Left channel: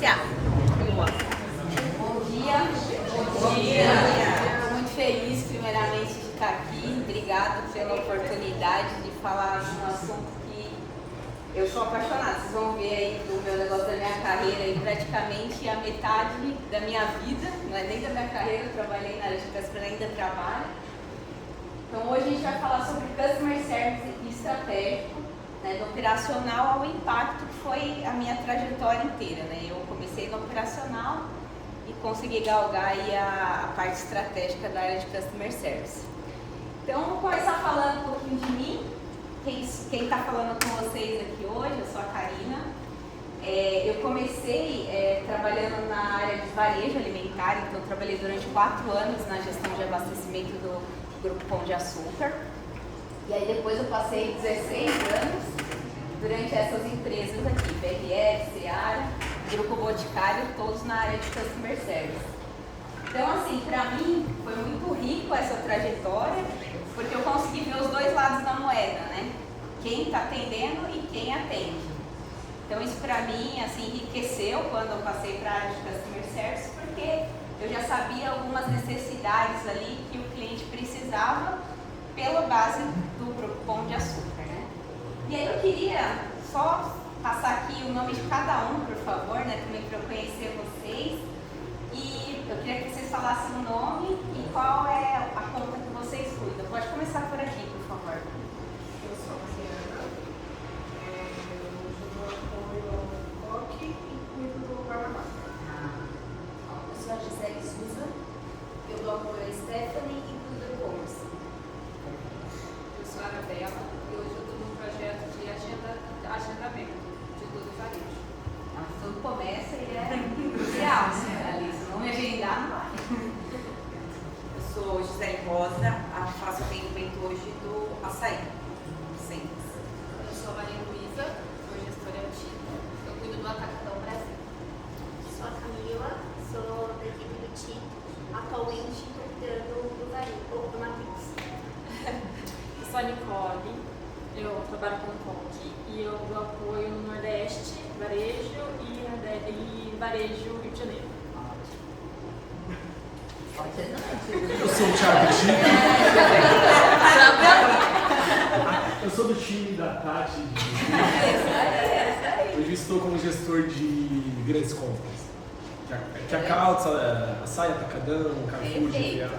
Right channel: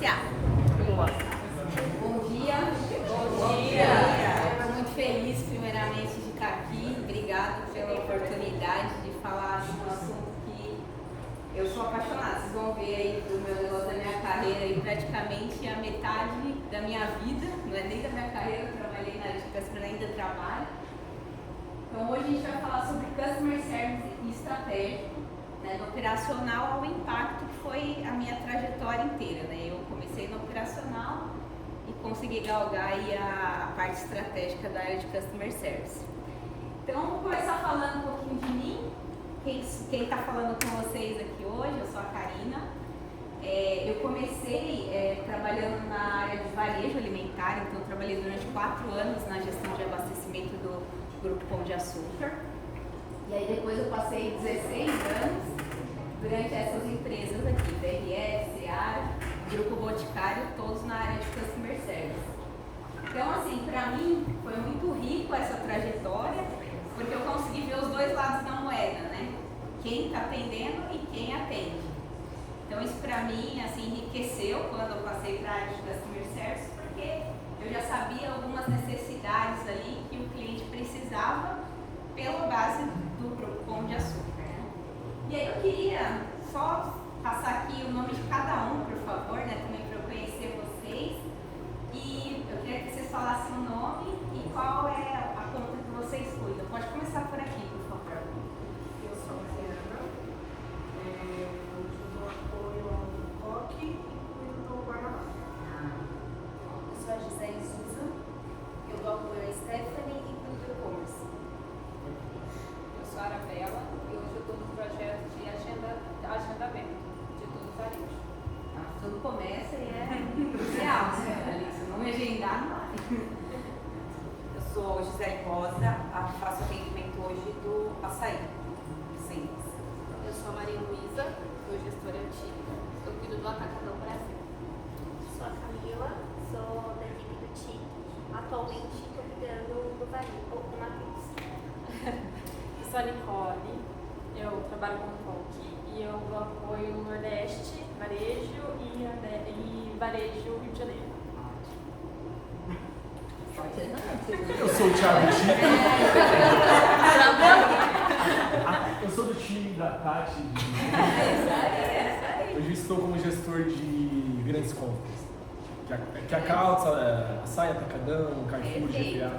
iniciar. Bom dia. Bom dia. Estou muito feliz, primeiramente, de estar aqui. Obrigado pela oportunidade de falar de um assunto que eu sou apaixonada. Vocês vão ver aí do meu negócio da minha carreira e praticamente a metade da minha vida, não é nem da minha carreira, eu trabalhei na área de customer, ainda trabalho. Então hoje a gente vai falar sobre Customer Service e estratégico, né, do operacional ao impacto, que foi a minha trajetória inteira. Né? Eu comecei no operacional e consegui galgar aí a parte estratégica da área de Customer Service. Então vou começar falando um pouquinho de mim. Quem está falando com vocês aqui hoje, eu sou a Karina. Eu comecei trabalhando na área de varejo alimentar, então eu trabalhei durante 4 anos na gestão de abastecimento do Grupo Pão de Açúcar. E aí depois eu passei 16 anos durante essas empresas aqui, BRF, Seara, Grupo Boticário, todos na área de Customer Service. Então assim, para mim foi muito rico essa trajetória, porque eu consegui ver os dois lados da moeda, né? Quem está atendendo e quem atende. Então isso para mim assim, enriqueceu quando eu passei para a área de Customer Service, porque eu já sabia algumas necessidades ali que o cliente precisava pela base do Grupo Pão de Açúcar, né? E aí eu queria só passar aqui o nome de cada um, por favor, né? Também para eu conhecer vocês. E eu queria que vocês falassem o nome e qual é a conta que vocês cuidam. Pode começar por aqui, por favor. Eu sou a Adriana, eu dou apoio ao COC e cuido do guarda-mar. Eu sou a Gisele Souza, eu dou apoio a Stephanie e cuido do e-commerce. Eu sou a Arabella e hoje eu estou num projeto de agendamento de tudo e varejo. Então, tudo começa e é crucial, né, Alice? Não me agendar, não vai. Eu sou Gisele Rosa, faço atendimento hoje do açaí. Sim. Eu sou a Maria Luísa, sou gestora antiga, eu cuido do Atacadão Brasil. Sou a Camila, sou da equipe do TI, atualmente estou liderando o varejo na Wix. Sou a Nicole, eu trabalho com COC e eu dou apoio no Nordeste, varejo e varejo Rio de Janeiro. Eu sou o Thiago Chico. Eu sou do time da Tati. Hoje estou como gestor de grandes compras. Que a calça, a saia, Atacadão, Carrefour, GPA.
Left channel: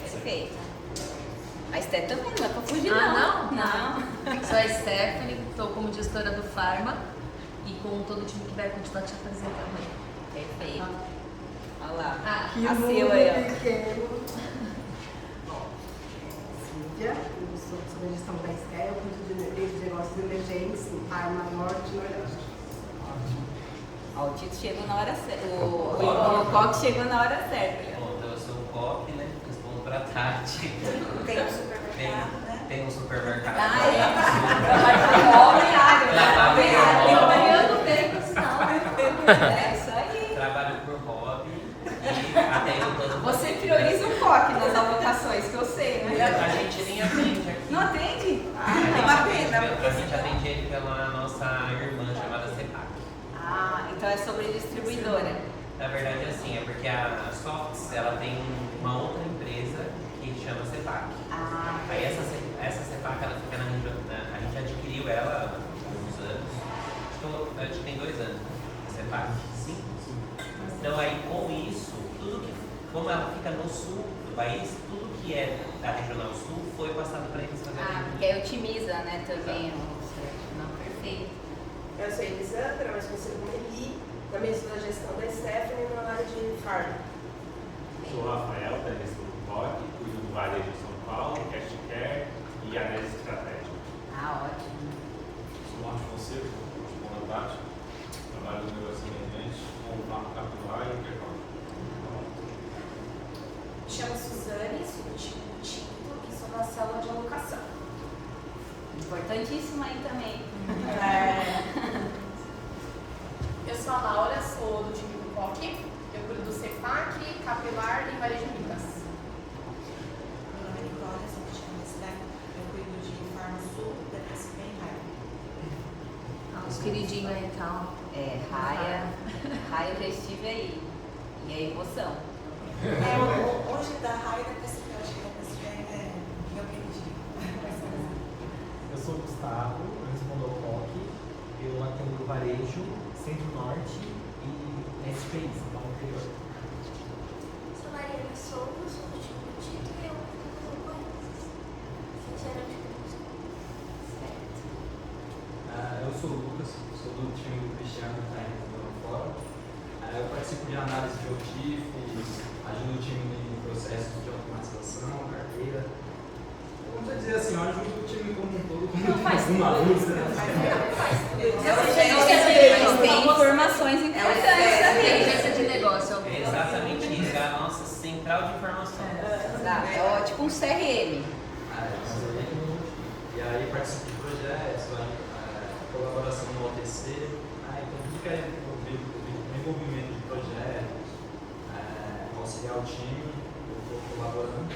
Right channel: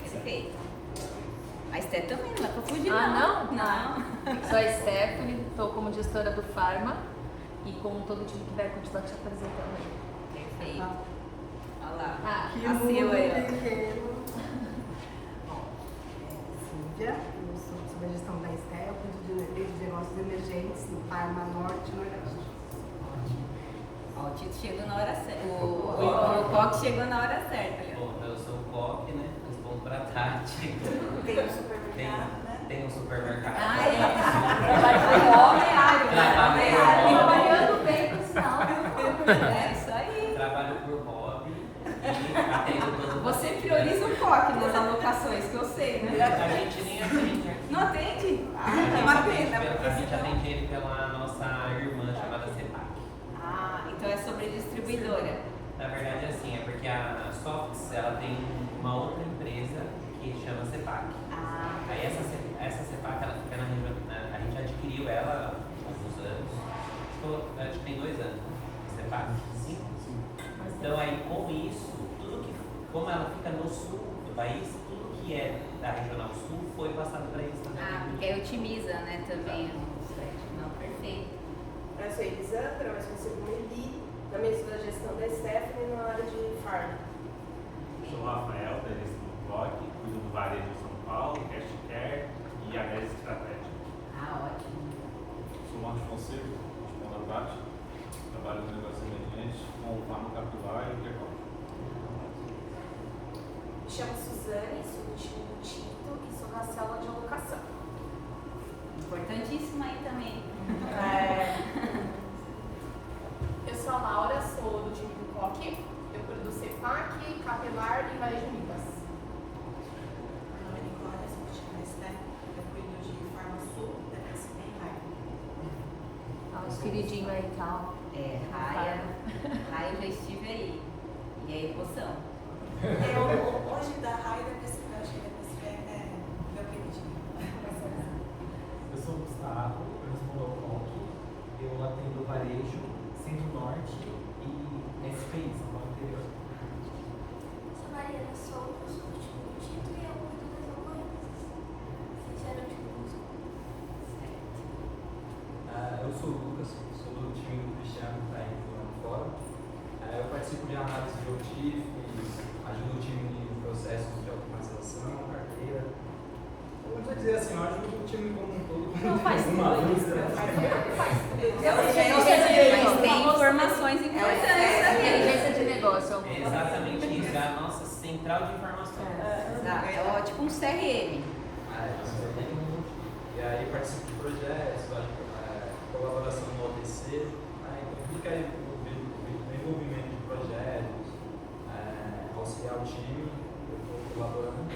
Perfeito. A Esté também não é pra fugir, não. Não. Sou a Stephanie, estou como gestora do Pharma e com todo o time que vai continuar te apresentando. Perfeito. Olha lá. Ah, A Sila aí, ó. Cíntia, eu sou da gestão da Esté, eu cuido de negócios emergentes no Parma Norte e Nordeste. Ó, o Tito chegou na hora certa. O Coque chegou na hora certa. Ali, ó. Bom, eu sou o Coque, né? Respondo pra Tati. Tem um supermercado, né? Tem um supermercado. Ah, é. Homem-área, né? Homem-área. Bem, é isso aí. Trabalho por hobby e atendo todo mundo. Você prioriza o Coque nas alocações, que eu sei, né? A gente nem atende aqui. Não atende? Ah, Não não. atende. A gente atende ele pela nossa irmã chamada CEPAC. Ah, então é sobre distribuidora. Na verdade, assim, é porque a Softs, ela tem uma outra empresa que chama CEPAC. Ah, Aí essa CEPAC, ela fica a gente adquiriu ela há alguns anos. Acho que tem 2 anos. CEPAC, sim. Então aí com isso, como ela fica no sul do país, tudo que é da Regional Sul foi passado para eles também. ah, porque aí otimiza, né, também. Não, perfeito. Eu sou a Elisandra, mas consigo Meli, também sou da gestão da Stephanie na área de Pharma. Sou o Rafael, da gestão do COC, cuido do varejo de São Paulo, Cash Care e análise estratégica. Ah, ótimo. Sou o Marcos Fonseca, com a Tati, trabalho no negócio independente com o Marco Capivara e o Quebra. Me chamo Suzane, sou do time do Tinto e sou da sala de alocação. Importantíssimo aí também. Eu sou a Laura, sou do time do COC, eu cuido do CEPAC, Capilar e Varejo Minas. Meu nome é Nicole, sou do time da Esté, eu cuido de Farm Sul, PTSP e Raia. Os queridinhos aí, calma. Raia lá eu já estive aí. E é emoção. Hoje da Raia da pessoa, eu achei que eu entendi. Eu sou o Gustavo, eu respondo ao toque, eu atendo do varejo, centro-norte e SPI, São Paulo interior. Sou Mariana Souza, sou do time do Tito e eu estou Eu sou o Lucas, sou do time do Cristiano, que está lá fora. Eu participo de análise de OTIF, ajudo o time em processos de automatização, carteira. Vamos dizer assim, eu ajudo o time como um todo. Não faz uma luz, Mas tem informações importantes também. Inteligência de negócio. É exatamente isso, é a nossa central de informações. É tipo um CRM. E aí participo de projetos, colaboração no OTC, então tudo que é envolvimento de projetos, auxiliar o time, eu estou colaborando.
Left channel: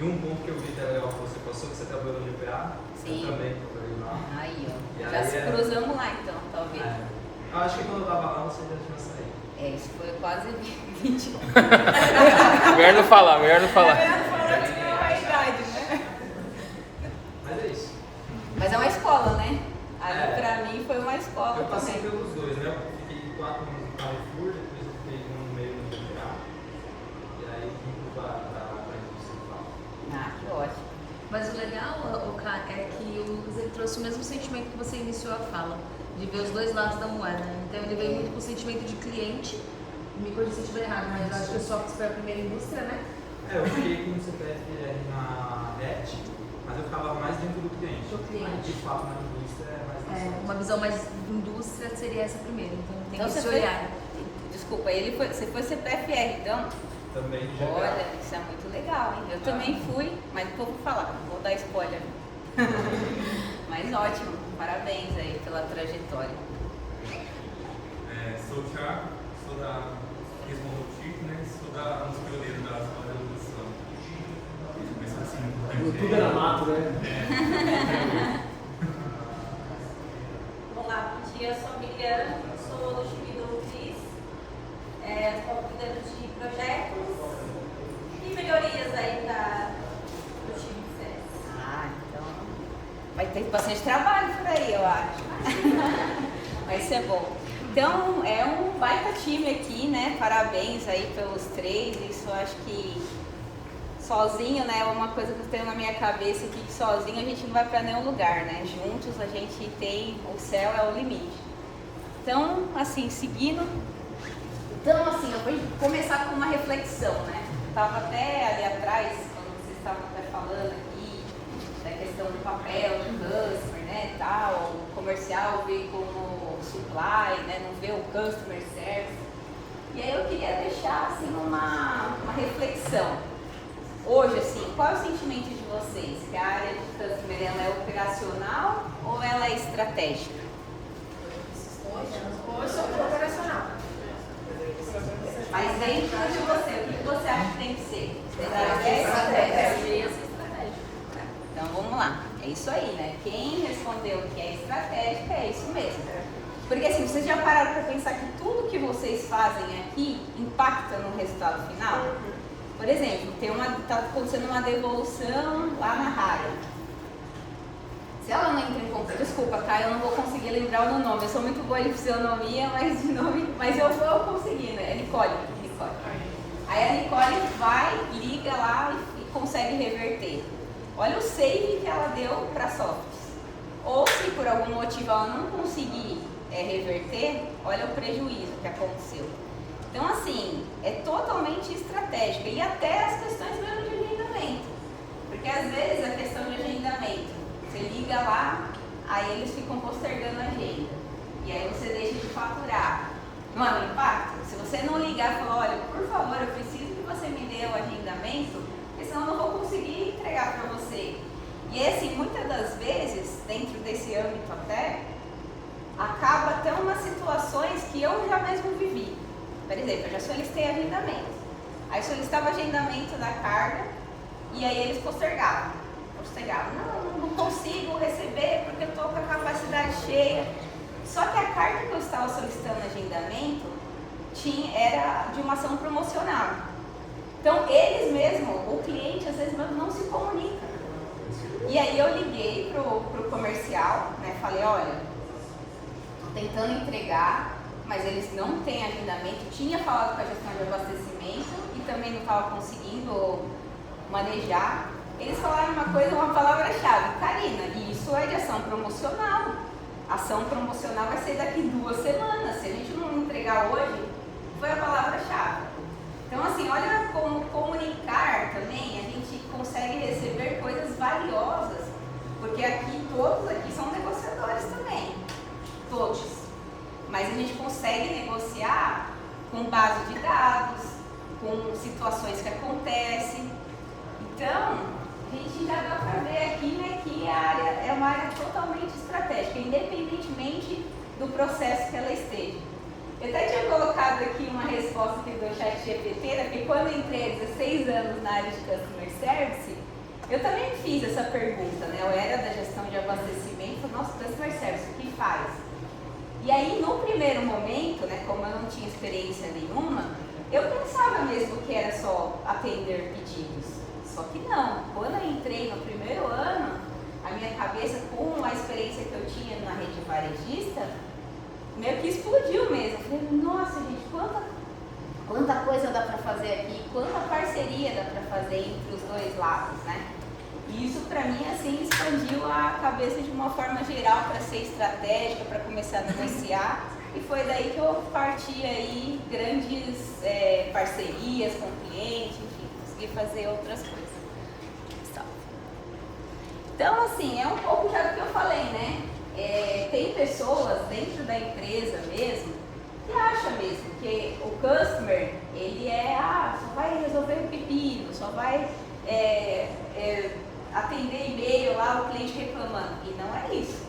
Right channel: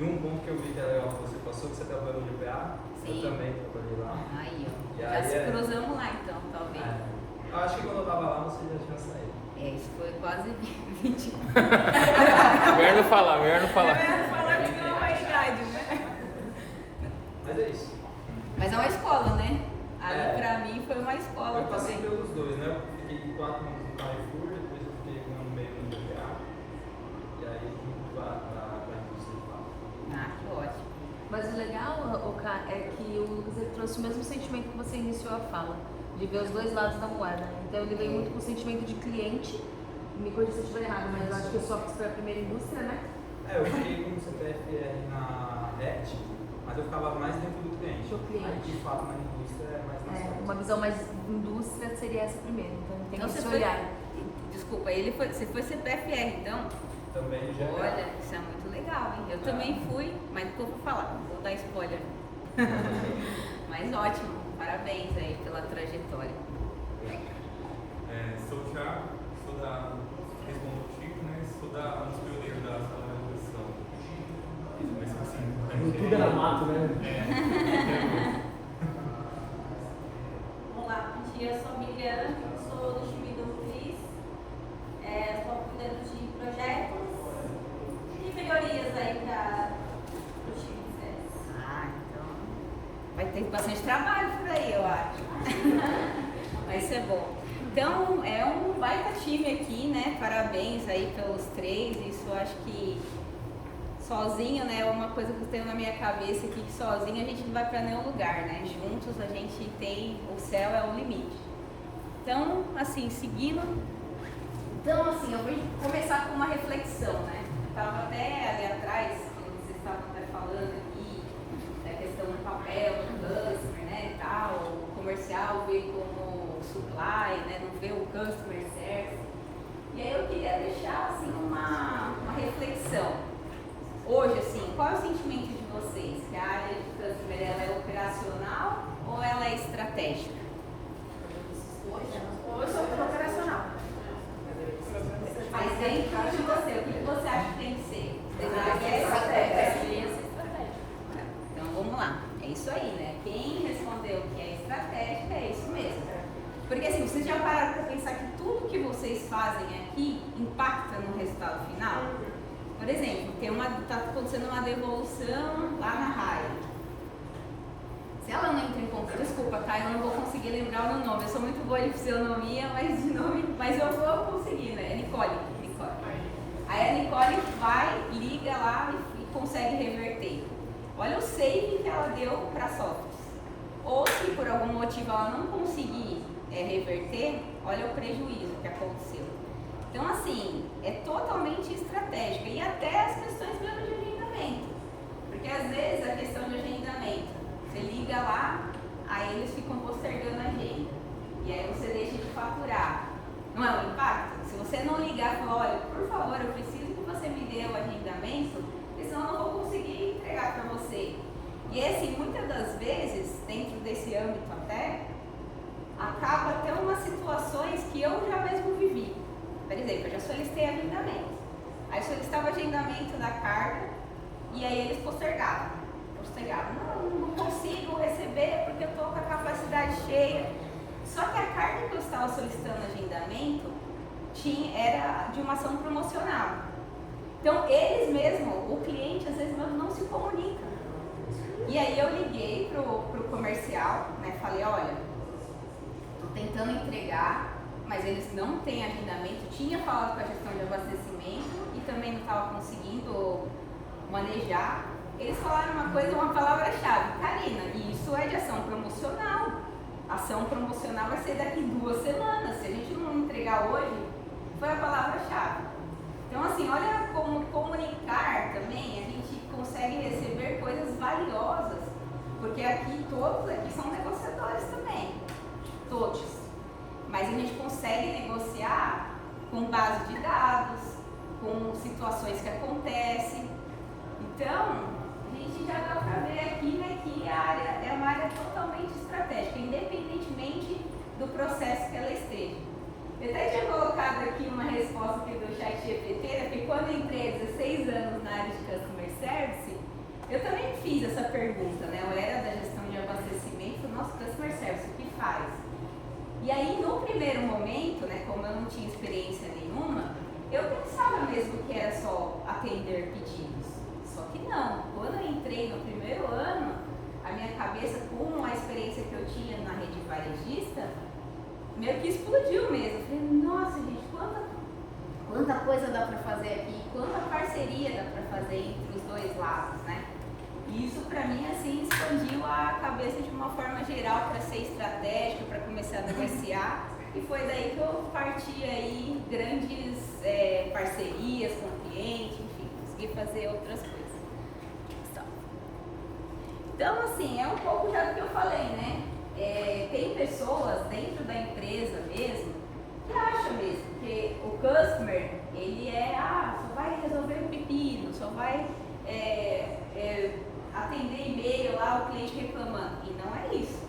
E um ponto que eu vi que é legal que você passou, que você trabalhou no IPA, eu também trabalhei lá. Aí, ó. E Já aí se cruzamos lá então, talvez. Eu acho que quando eu estava lá, você já tinha saído. Isso foi quase 20 anos. Melhor não falar, melhor não falar. Mas é isso. Mas é uma escola, né? Ali pra mim foi uma escola Eu passei também. pelos dois, né? Eu fiquei 4 anos no Carrefour, depois eu fiquei um ano e meio no IPA. E aí vim para a indústria. Que ótimo. Mas o legal, é que o Lucas ele trouxe o mesmo sentimento que você iniciou a fala, de ver os dois lados da moeda. Então ele veio muito com o sentimento de cliente. Me corrija se eu estiver errado, mas eu acho que o Softs foi a primeira indústria, né? Eu fiquei com o CPF na RET, mas eu ficava mais dentro do cliente. Do cliente. De fato, na indústria é mais Uma visão mais indústria seria essa primeira, então tem Então que se você olhar. Desculpa, você foi CPFR, então? Também de GPA. Olha, isso é muito legal, hein? Eu também fui, mas não vou falar, não vou dar spoiler. Mas ótimo, parabéns aí pela trajetória. Sou o Thiago, sou da Respondo Chico, né? Sou da pioneiro da segunda revolução. Começou assim, Tudo era mato, né? Olá, bom dia, eu sou a Miriam, sou do time do Cris, estou cuidando de projetos e melhorias aí do time de SES. Então vai ter bastante trabalho por aí, eu acho. Vai ser bom. Então, é um baita time aqui, né? Parabéns aí pelos 3. Isso eu acho que sozinho, né? É uma coisa que eu tenho na minha cabeça aqui, que sozinho a gente não vai para nenhum lugar, né? Juntos a gente tem, o céu é o limite. Então, assim, seguindo. Então, assim, eu vou começar com uma reflexão, né? Estava até ali atrás, quando vocês estavam até falando aqui, da questão do papel, do customer, né? Tal, o comercial veio como supply, né? Não vê o customer service. E aí eu queria deixar, assim, uma reflexão. Hoje, assim, qual é o sentimento de vocês? Que a área de customer, ela é operacional ou ela é estratégica? Hoje é operacional. Mas dentro de você, o que você acha que tem que ser? Estratégia. Então vamos lá, é isso aí, né? Quem respondeu que é estratégica é isso mesmo. Porque assim, vocês já pararam para pensar que tudo que vocês fazem aqui impacta no resultado final? Por exemplo, está acontecendo uma devolução lá na Raia. Se ela não entra em contato, desculpa, Caio, eu não vou conseguir lembrar o meu nome. Eu sou muito boa em fisionomia, mas de nome, mas eu vou conseguir, né? Nicole. Aí a Nicole vai, liga lá e consegue reverter. Olha o save que ela deu para a Softs. Ou se por algum motivo ela não conseguir reverter, olha o prejuízo que aconteceu. Então, assim, é totalmente estratégico. E até as questões mesmo de agendamento. Porque às vezes a questão de agendamento, você liga lá, aí eles ficam postergando a agenda. E aí você deixa de faturar. Não é um impacto? Se você não ligar e falar, olha, por favor, eu preciso que você me dê o agendamento, porque senão eu não vou conseguir entregar para você. E assim, muitas das vezes, dentro desse âmbito até, acaba até umas situações que eu já mesmo vivi. Por exemplo, eu já solicitei agendamento. Aí solicitava agendamento da carga e aí eles postergavam. Não consigo receber porque eu estou com a capacidade cheia. Só que a carga que eu estava solicitando agendamento era de uma ação promocional. Então, eles mesmos, o cliente às vezes não se comunica. E aí eu liguei pro comercial, né? Falei, olha, estou tentando entregar, mas eles não têm agendamento. Tinha falado com a gestão de abastecimento e também não estava conseguindo manejar. Eles falaram uma palavra-chave, Karina, e isso é de ação promocional. Ação promocional vai ser daqui 2 semanas. Se a gente não entregar hoje, foi a palavra-chave. Então, assim, olha como comunicar também, a gente consegue receber coisas valiosas, porque aqui, todos aqui são negociadores também, todos. Mas a gente consegue negociar com base de dados, com situações que acontecem. Então, a gente já dá para ver aqui, né, que a área é uma área totalmente estratégica, independentemente do processo que ela esteja. Eu até tinha colocado aqui uma resposta que do chat GPT, né, porque quando eu entrei há 16 anos na área de Customer Service, eu também fiz essa pergunta, né? Eu era da gestão de abastecimento, falei, nossa, Customer Service, o que faz? E aí, no primeiro momento, né, como eu não tinha experiência nenhuma, eu pensava mesmo que era só atender pedidos. Só que não. Quando eu entrei no primeiro ano, a minha cabeça, com a experiência que eu tinha na rede varejista, meio que explodiu mesmo. Eu falei, nossa, gente, quanta coisa dá para fazer aqui, quanta parceria dá para fazer entre os dois lados, né? E isso, para mim, assim, expandiu a cabeça de uma forma geral para ser estratégica, para começar a negociar. E foi daí que eu parti aí grandes parcerias com clientes, enfim, consegui fazer outras coisas. Então, assim, é um pouco já do que eu falei, né? Tem pessoas dentro da empresa mesmo que acham mesmo que o customer, ele só vai resolver o pepino, só vai atender e-mail lá, o cliente reclamando. E não é isso.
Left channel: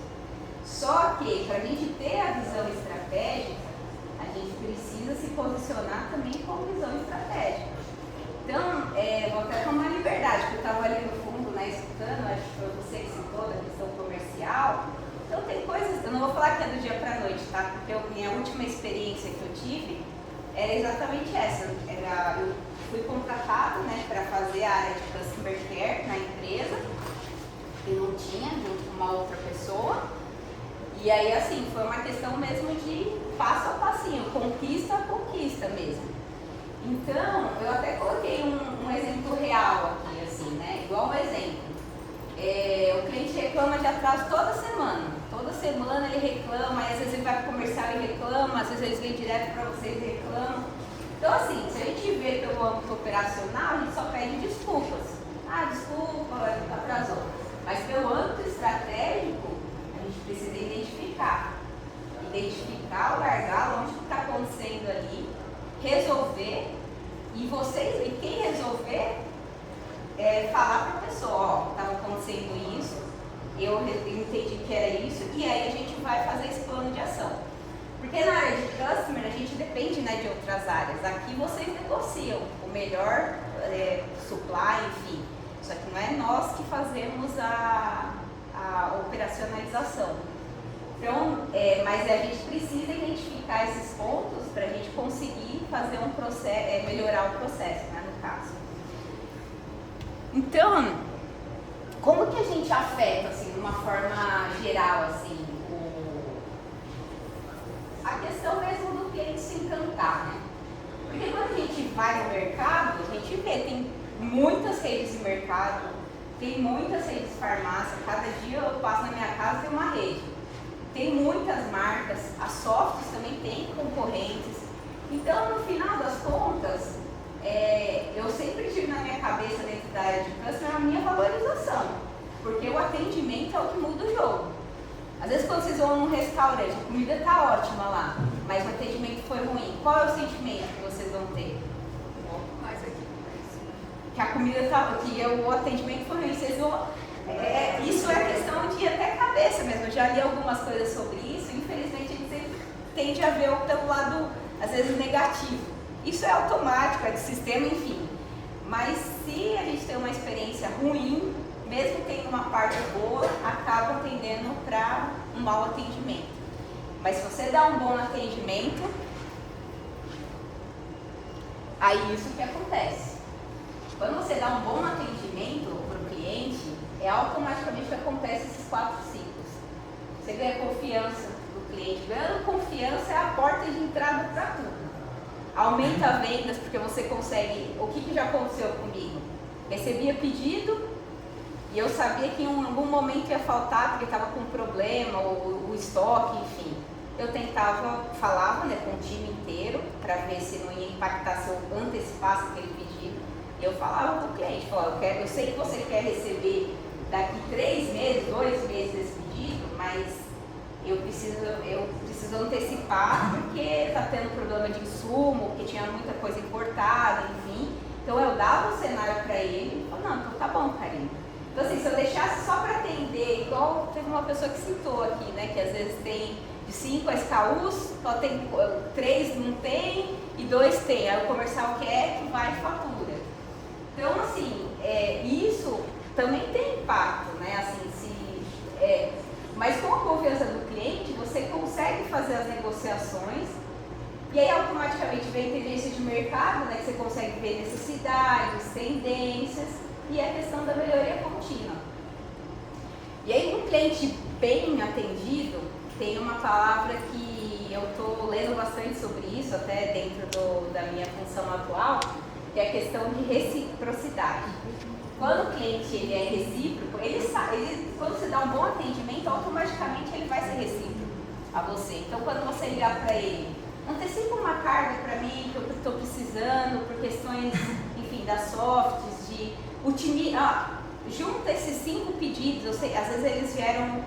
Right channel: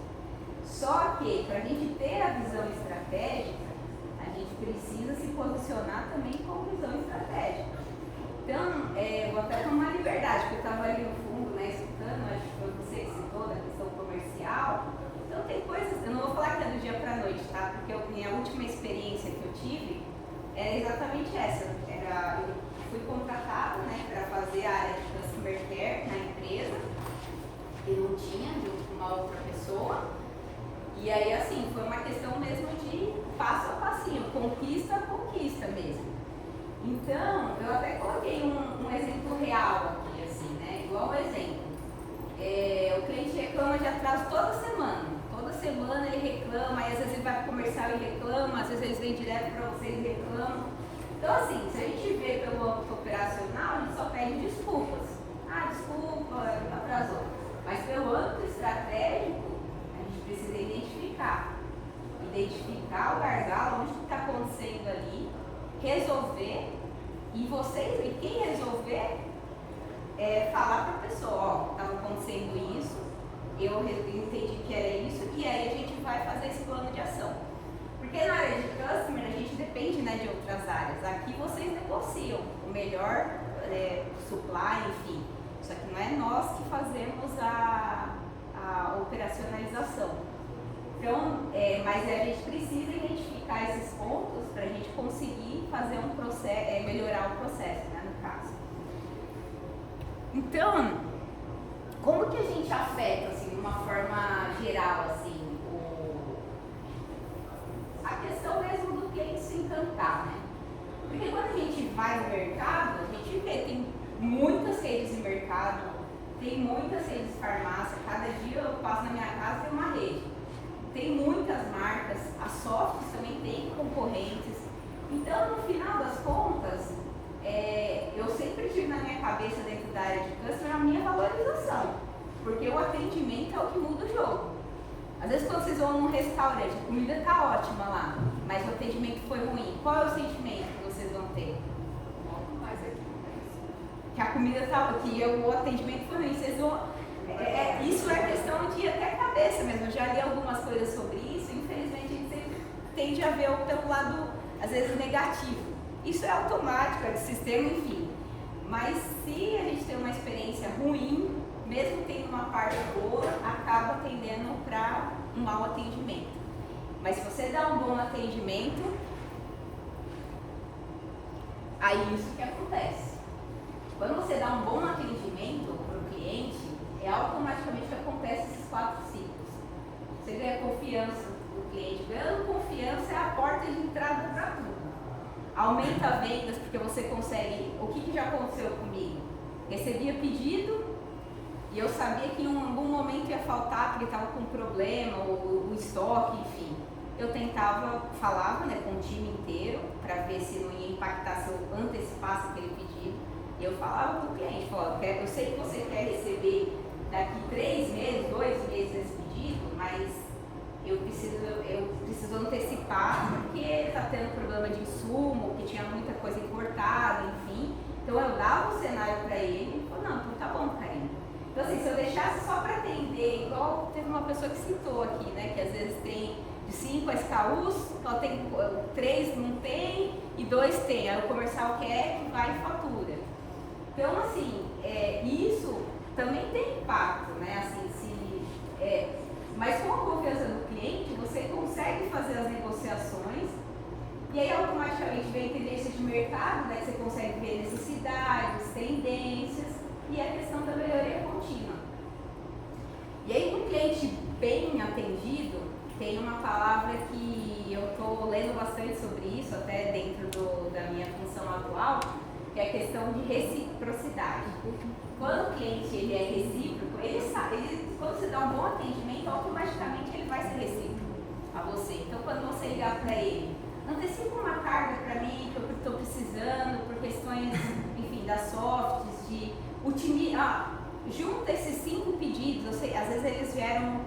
Só que, para a gente ter a visão estratégica, a gente precisa se posicionar também com visão estratégica. Então, vou até tomar liberdade, porque eu estava ali no fundo, né, escutando, acho que foi você que citou da questão comercial. Então, tem coisas, eu não vou falar que é do dia para a noite, tá? Porque a minha última experiência que eu tive era exatamente essa. Eu fui contratada, né, para fazer a área de Customer Care na empresa, e não tinha, junto com uma outra pessoa. E aí, assim, foi uma questão mesmo de passo a passinho, conquista a conquista mesmo. Então, eu até coloquei um exemplo real aqui, assim, né? Igual um exemplo. O cliente reclama de atraso toda semana. Toda semana ele reclama, aí às vezes ele vai para o comercial e reclama, às vezes eles vêm direto para vocês e reclamam. Então, assim, se a gente vê pelo âmbito operacional, a gente só pede desculpas. Desculpa, atrasou. Mas pelo âmbito estratégico, a gente precisa identificar o gargalo, onde está acontecendo ali, resolver, e quem resolver, falar para a pessoa, estava acontecendo isso, eu entendi que era isso, e aí a gente vai fazer esse plano de ação. Porque na área de customer a gente depende, né, de outras áreas. Aqui vocês negociam o melhor supply, enfim. Só que não é nós que fazemos a operacionalização. Então, mas a gente precisa identificar esses pontos para a gente conseguir fazer um processo, melhorar o processo, né, no caso. Então, como que a gente afeta, assim, de uma forma geral, assim, a questão mesmo do cliente se encantar, né? Porque quando a gente vai no mercado, a gente vê, tem muitas redes de mercado, tem muitas redes de farmácia, cada dia eu passo na minha casa tem uma rede. Tem muitas marcas, as softs também tem concorrentes. Então, no final das contas, eu sempre tive na minha cabeça, dentro da área de customer, a minha valorização. Porque o atendimento é o que muda o jogo. Às vezes, quando vocês vão num restaurante, a comida está ótima lá, mas o atendimento foi ruim. Qual é o sentimento que vocês vão ter? Que a comida que o atendimento foi ruim. Vocês vão, isso é questão de até cabeça mesmo. Eu já li algumas coisas sobre isso. Infelizmente, a gente sempre tende a ver pelo lado, às vezes, negativo. Isso é automático, é do sistema, enfim. Mas se a gente tem uma experiência ruim, mesmo tendo uma parte boa, acaba tendendo para um mau atendimento. Mas se você dá um bom atendimento, Aí isso que acontece. Quando você dá um bom atendimento para o cliente, automaticamente acontece esses 4 ciclos. Você ganha confiança do cliente. Ganhando confiança é a porta de entrada para tudo. Aumenta vendas porque você consegue... O que já aconteceu comigo? Recebia pedido e eu sabia que em algum momento ia faltar porque estava com problema, o estoque, enfim. Eu tentava, falava, né, com o time inteiro para ver se não ia impactar, se eu antecipasse aquele pedido. E eu falava com o cliente, falava, eu sei que você quer receber daqui 3 meses, 2 meses esse pedido, mas eu preciso antecipar porque está tendo problema de insumo, porque tinha muita coisa importada, enfim. Então eu dava o cenário para ele e falou, não, então tá bom, Karine. Então assim, se eu deixasse só para atender, igual teve uma pessoa que citou aqui, né, que às vezes tem de 5 SKUs, só tem 3 não tem e 2 tem. Aí o comercial quer que vai e fatura. Então assim, isso também tem impacto, né? Assim, mas com a confiança do cliente, você consegue fazer as negociações e aí automaticamente vem a inteligência de mercado, né? Que você consegue ver necessidades, tendências e a questão da melhoria contínua. E aí um cliente bem atendido, tem uma palavra que eu estou lendo bastante sobre isso, até dentro da minha função atual, que é a questão de reciprocidade. Quando o cliente ele é recíproco, quando você dá um bom atendimento, automaticamente ele vai ser recíproco a você. Então, quando você ligar para ele, antecipa uma carga para mim, que eu estou precisando, por questões, enfim, das softs, de junta esses 5 pedidos, eu sei, às vezes eles vieram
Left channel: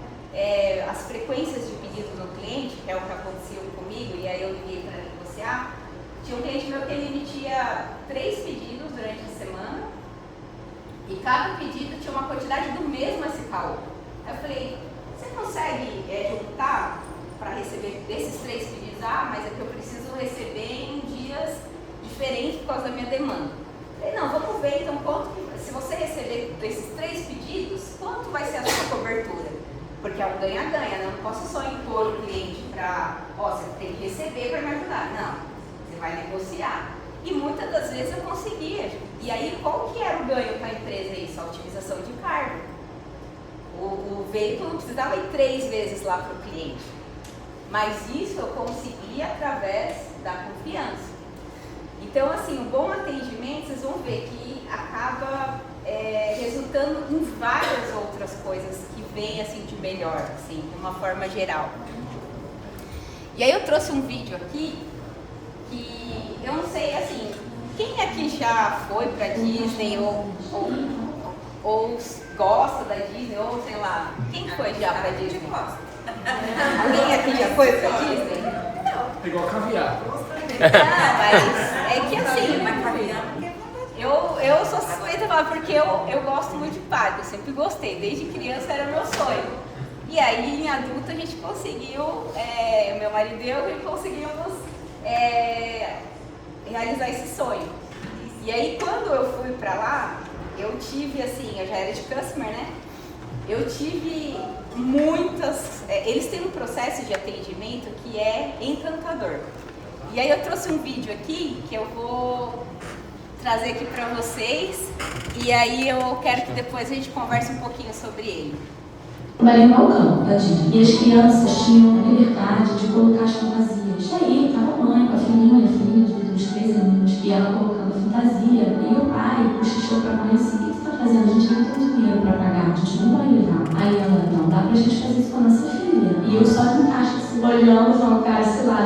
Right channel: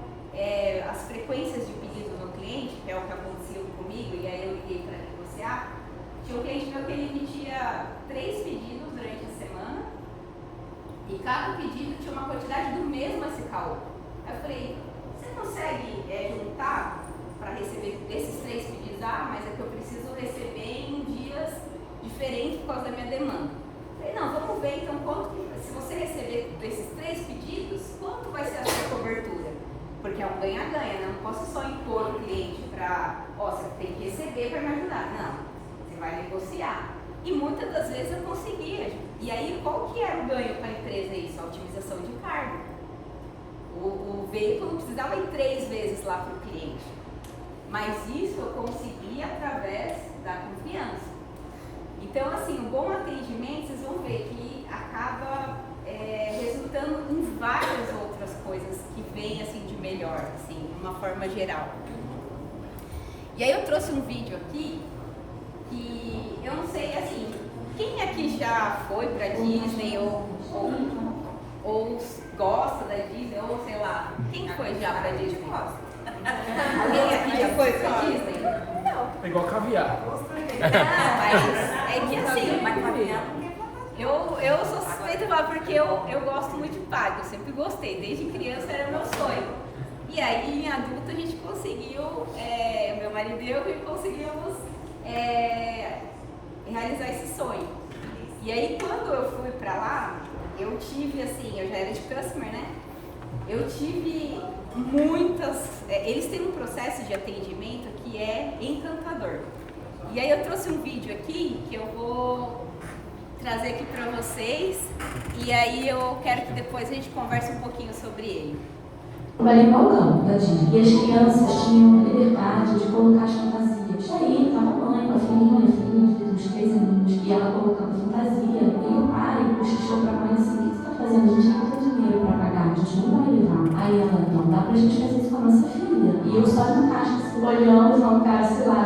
as frequências de pedidos no cliente, que é o que acontecia comigo, e aí eu liguei para negociar. Tinha um cliente meu que ele emitia 3 pedidos durante a semana e cada pedido tinha uma quantidade do mesmo SKU. Aí eu falei, você consegue juntar para receber desses 3 pedidos? Mas é que eu preciso receber em dias diferentes por causa da minha demanda. Eu falei, não, vamos ver então se você receber desses 3 pedidos, quanto vai ser a sua cobertura? Porque é um ganha-ganha, né? Eu não posso só impor o cliente para, você tem que receber para me ajudar. Não, você vai negociar. E muitas das vezes eu conseguia. E aí, qual que era o ganho para a empresa isso? A otimização de carga. O veículo não precisava ir 3 vezes lá para o cliente. Mas isso eu conseguia através da confiança. Então, assim, um bom atendimento, vocês vão ver que acaba resultando em várias outras coisas que vêm assim de melhor, assim, de uma forma geral. E aí eu trouxe um vídeo aqui que eu não sei, assim, quem aqui já foi pra Disney ou gosta da Disney, ou sei lá, quem foi já pra Disney? Alguém aqui já foi pra Disney? Pegou a caviar. Mas é que assim, eu sou suspeita lá porque eu gosto muito de parque, eu sempre gostei, desde criança era meu sonho. E aí em adulto a gente conseguiu, meu marido e eu conseguimos realizar esse sonho. E aí quando eu fui pra lá, eu tive assim, eu já era de customer, né? Eu tive muitas, eles têm um processo de atendimento que é encantador. E aí eu trouxe um vídeo aqui que eu vou trazer aqui para vocês e aí eu quero que depois a gente converse um pouquinho sobre ele. Trabalhei no balcão da Disney e as crianças tinham liberdade de colocar as fantasias. E aí estava a mãe com a filhinha dos 3 aninhos e ela colocando fantasia e o pai cochichou para a mãe assim, o que você está fazendo? A gente não tem dinheiro para pagar, a gente não vai levar. Aí ela, não dá pra gente fazer isso com a nossa filha. E eu só no caixa assim, olhando, falando, cara, sei lá,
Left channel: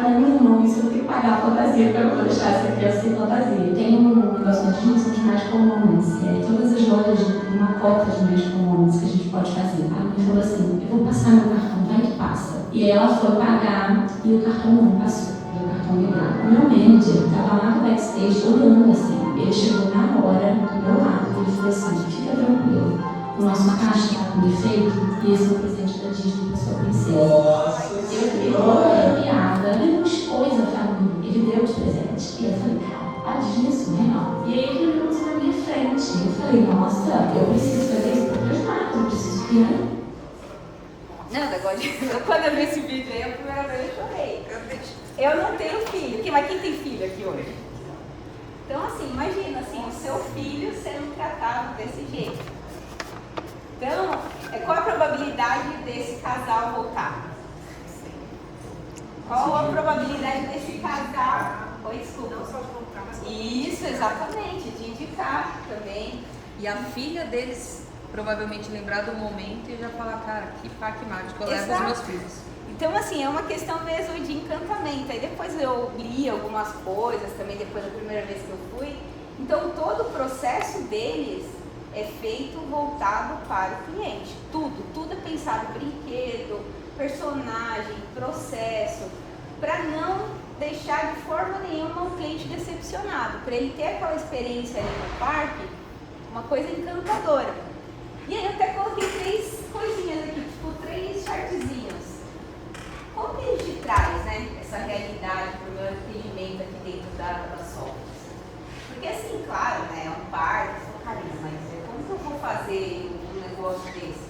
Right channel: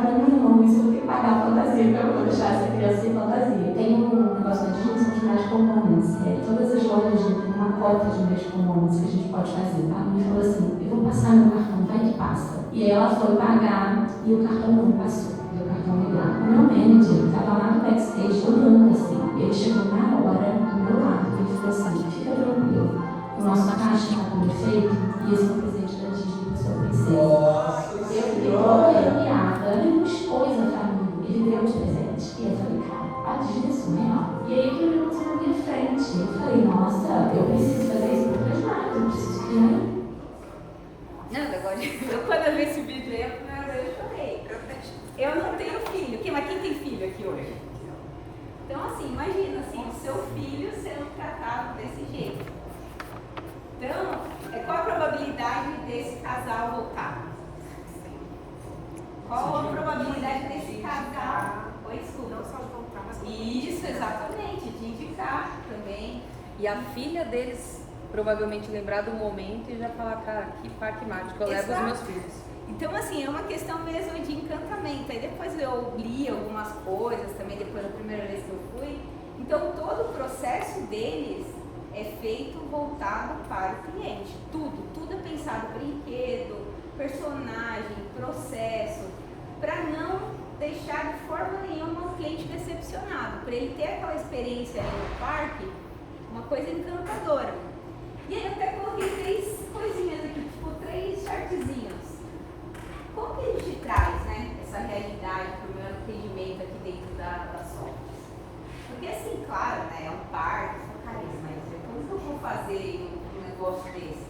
para, meu irmão, isso eu tenho que pagar a fantasia para eu deixar essa criança sem fantasia. Tem um negócio de Disney, são de Magical Moments, todas as lojas têm uma cota de Magical Moments que a gente pode fazer. A mãe falou assim, eu vou passar meu cartão, vai que passa. E ela foi pagar e o cartão não passou. O cartão ligado. O meu manager estava lá no backstage olhando assim. Ele chegou na hora do meu lado e ele falou assim, fica tranquilo, o nosso caixa está com defeito e esse é o presente da Disney para sua princesa. Eu fiquei arrepiada, ele não expôs a família, ele deu de presente. E eu falei, cara, a Disney é surreal. E aí ele me botou na minha frente. Eu falei, nossa, eu preciso fazer isso para os lados, eu preciso que quando eu vi esse vídeo aí, a primeira vez eu chorei. Eu não tenho filho. Mas quem tem filho aqui hoje? Então, assim, imagina assim, o seu filho sendo tratado desse jeito. Então, qual a probabilidade desse casal voltar? Qual a probabilidade desse casal? Oi, desculpa. Não só de voltar, mas Isso, exatamente, de indicar também. E a filha deles provavelmente lembrar do momento e já falar, cara, que parque mágico, eu levo os Exato. meus filhos. Então, assim, é uma questão mesmo de encantamento. Aí depois eu li algumas coisas também, depois da primeira vez que eu fui. Então, todo o processo deles é feito voltado para o cliente. Tudo é pensado, brinquedo, personagem, processo, para não deixar de forma nenhuma o cliente decepcionado, para ele ter aquela experiência ali no parque, uma coisa encantadora. E aí eu até coloquei 3 coisinhas aqui, tipo 3 chartzinhos. Como que a gente traz, né, essa realidade para o meu atendimento aqui dentro das softwares? Porque assim, claro, né, é um parque, mas como que eu vou fazer um negócio desse?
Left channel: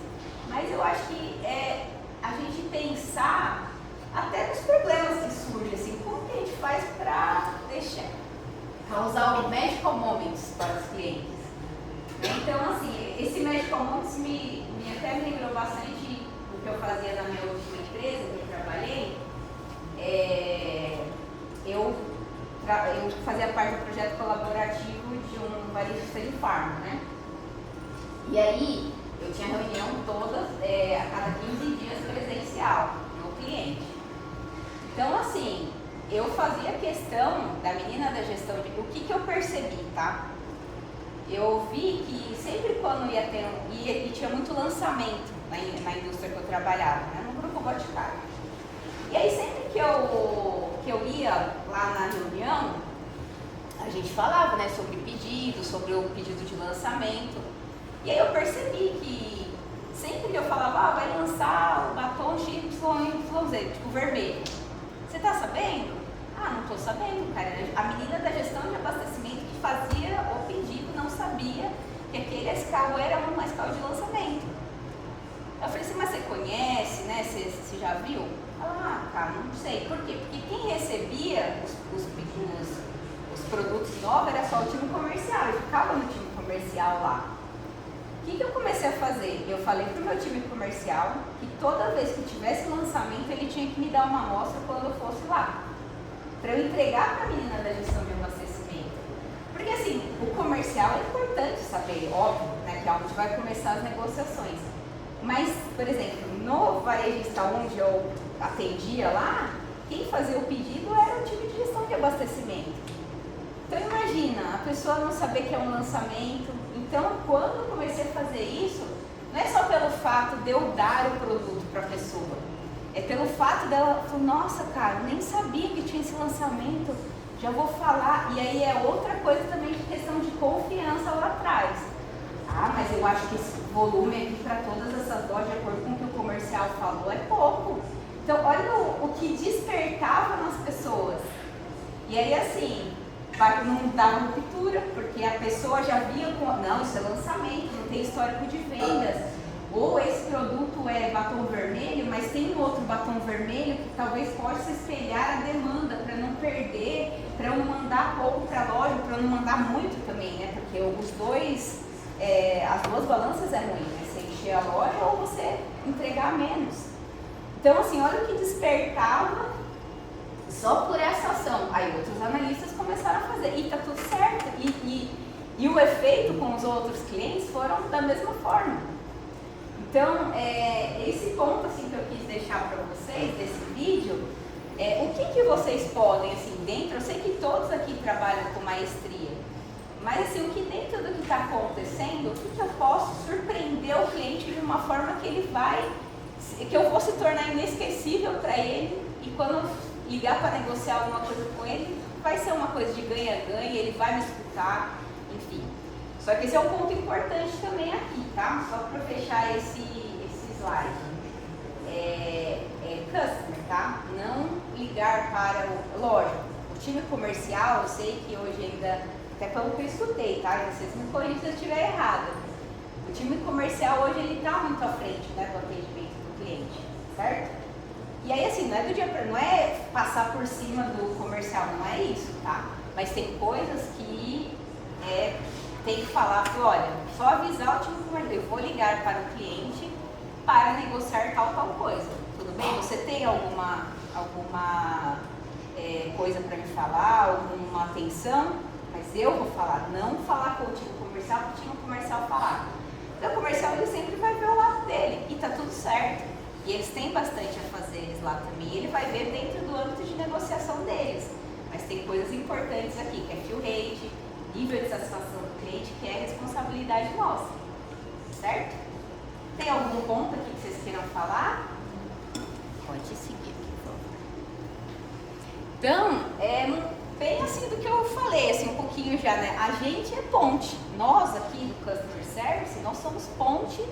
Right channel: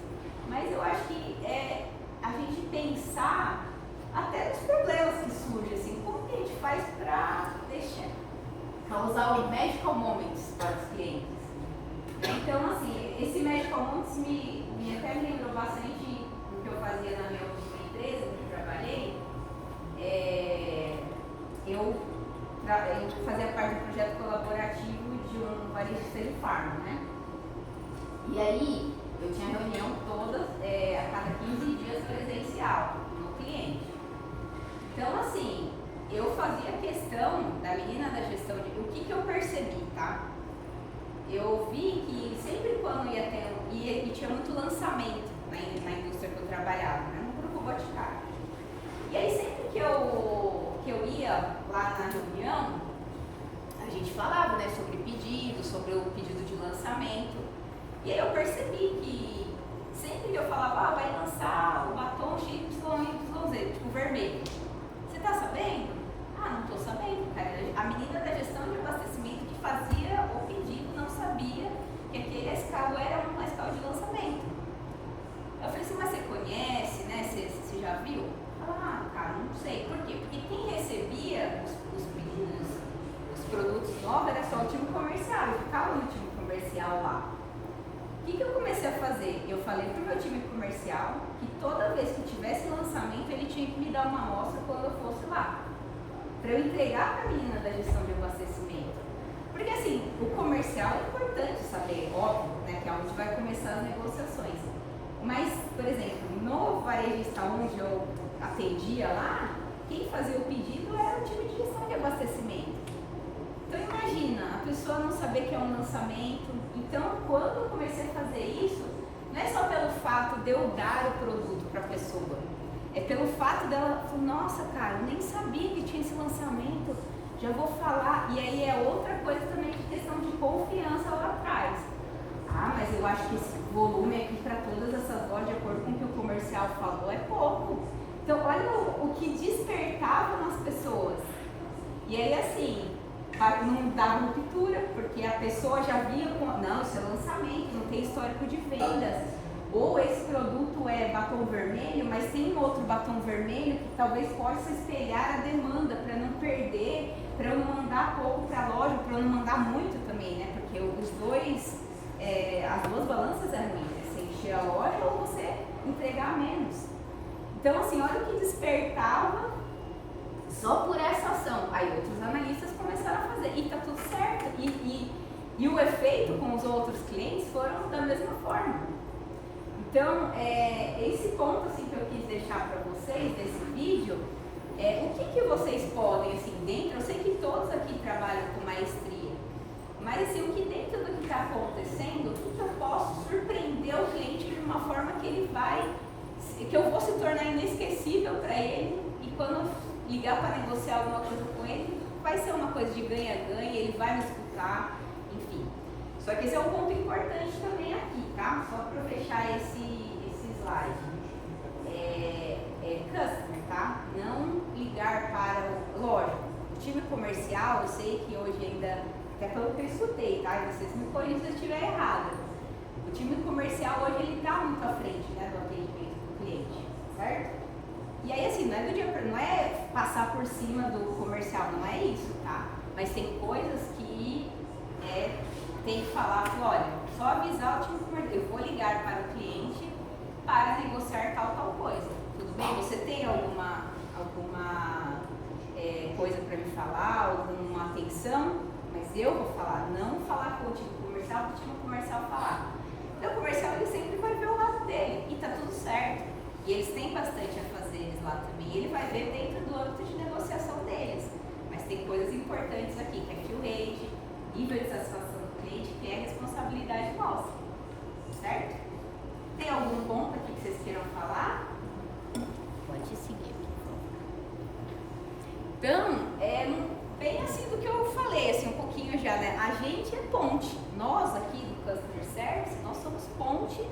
Mas eu acho que é a gente pensar até nos problemas que surgem, assim, como que a gente faz para causar o magical moments para os clientes? Então, assim, esse magical moments até me lembrou bastante do que eu fazia na minha última empresa, que eu trabalhei. Eu fazia parte do projeto colaborativo de um varejista de farma, né? E aí, eu tinha reunião todas, a cada 15 dias presencial no cliente. Então, assim, eu fazia questão da menina da gestão de... O que eu percebi, tá? Eu vi que sempre quando ia ter... E tinha muito lançamento na indústria que eu trabalhava, né? No Grupo Boticário. E aí, sempre que eu ia lá na reunião, a gente falava, né, sobre pedido, sobre o pedido de lançamento. E aí eu percebi que sempre que eu falava, vai lançar o batom XYZ, tipo vermelho. Você tá sabendo? Ah, não tô sabendo, cara. A menina da gestão de abastecimento que fazia o pedido não sabia que aquele carro era um carro de lançamento. Eu falei assim, mas você conhece, né? Você já viu? Ah, cara, não sei. Por quê? Porque quem recebia os produtos novos era só o time comercial. Eu ficava no time comercial lá. O que eu comecei a fazer? Eu falei pro meu time comercial que toda vez que tivesse lançamento, ele tinha que me dar uma amostra quando eu fosse lá. Para eu entregar para a menina da gestão de abastecimento. Porque assim, o comercial é importante saber, óbvio, né, que é onde vai começar as negociações. Mas, por exemplo, no varejista onde eu atendia lá, quem fazia o pedido era o time de gestão de abastecimento. Então imagina, a pessoa não saber que é um lançamento. Então, quando eu comecei a fazer isso, não é só pelo fato de eu dar o produto para a pessoa, é pelo fato dela falar, nossa, cara, eu nem sabia que tinha esse lançamento, já vou falar. E aí é outra coisa também de questão de confiança lá atrás. Ah, mas eu acho que esse volume aqui para todas essas lojas, de acordo com o que o comercial falou, é pouco. Então, olha o que despertava nas pessoas. E aí, assim, não dava ruptura, porque a pessoa já via não, isso é lançamento, não tem histórico de vendas. Ou esse produto é batom vermelho, mas tem outro batom vermelho que talvez possa espelhar a demanda para não perder, para eu não mandar pouco para a loja, para eu não mandar muito também, né? Porque os dois, as duas balanças é ruim, né? Você encher a loja ou você entregar menos. Então, assim, olha o que despertava só por essa ação. Aí outros analistas começaram a fazer, e tá tudo certo. E o efeito com os outros clientes foram da mesma forma. Então, esse ponto assim, que eu quis deixar para vocês, desse vídeo, o que vocês podem, assim, dentro, eu sei que todos aqui trabalham com maestria, mas assim, o que dentro do que está acontecendo, o que eu posso surpreender o cliente de uma forma que eu vou se tornar inesquecível para ele, e quando eu ligar para negociar alguma coisa com ele, vai ser uma coisa de ganha-ganha, ele vai me escutar, enfim. Só que esse é um ponto importante também aqui, tá? Só para fechar esse slide. Customer, tá? Não ligar para lógico, o time comercial, eu sei que hoje ainda, até pelo que eu escutei, tá? E vocês me corrigem se eu estiver errado. O time comercial hoje, ele está muito à frente, né, do atendimento do cliente, certo? E aí, assim, não é passar por cima do comercial, não é isso, tá? Mas tem coisas que tem que falar, olha, só avisar o time comercial, eu vou ligar para o cliente para negociar tal coisa. Tudo bem? Você tem alguma coisa para me falar, alguma atenção? Mas eu vou falar, não falar com o time comercial, para o time comercial falar. Então o comercial ele sempre vai ver o lado dele e tá tudo certo. E eles têm bastante a fazer eles lá também. E ele vai ver dentro do âmbito de negociação deles. Mas tem coisas importantes aqui, que é fill rate, nível de satisfação do cliente, que é responsabilidade nossa. Certo? Tem algum ponto aqui que vocês queiram falar? Pode seguir aqui, por favor. Então, bem assim do que eu falei, assim, um pouquinho já, né? A gente é ponte. Nós aqui do Customer Service, nós somos ponte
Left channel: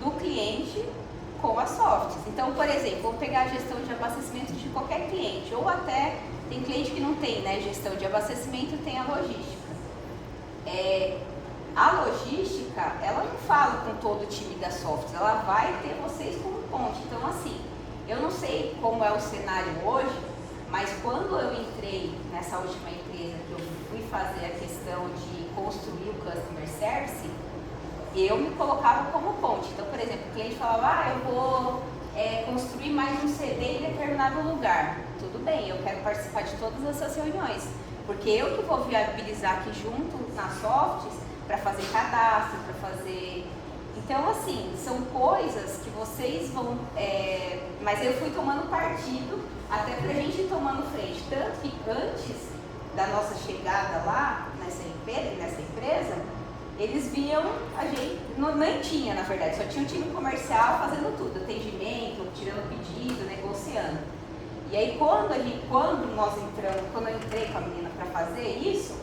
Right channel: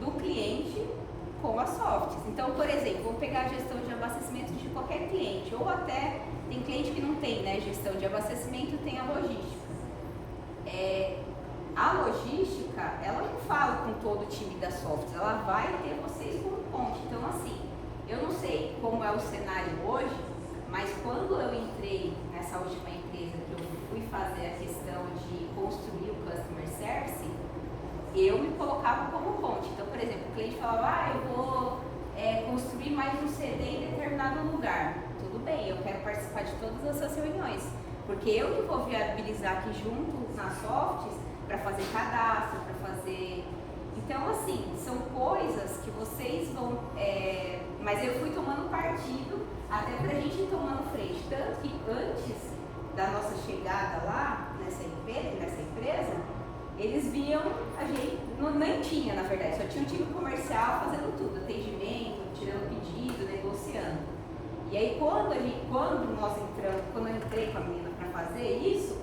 do cliente com as softs. Então, por exemplo, vamos pegar a gestão de abastecimento de qualquer cliente, ou até tem cliente que não tem, né, gestão de abastecimento, tem a logística. A logística, ela não fala com todo o time da softs, ela vai ter vocês como ponte. Então, assim, eu não sei como é o cenário hoje, mas quando eu entrei nessa última empresa que eu fui fazer a questão de construir o Customer Service, eu me colocava como ponte. Então, por exemplo, o cliente falava, eu vou construir mais um CD em determinado lugar. Tudo bem, eu quero participar de todas essas reuniões, porque eu que vou viabilizar aqui junto nas softs para fazer cadastro, para fazer... Então, assim, são coisas que vocês vão... Mas eu fui tomando partido até pra gente ir tomando frente. Tanto que antes da nossa chegada lá, nessa empresa, eles viam a gente... Nem tinha, na verdade, só tinha um time comercial fazendo tudo. Atendimento, tirando pedido, negociando. E aí, quando eu entrei com a menina para fazer isso,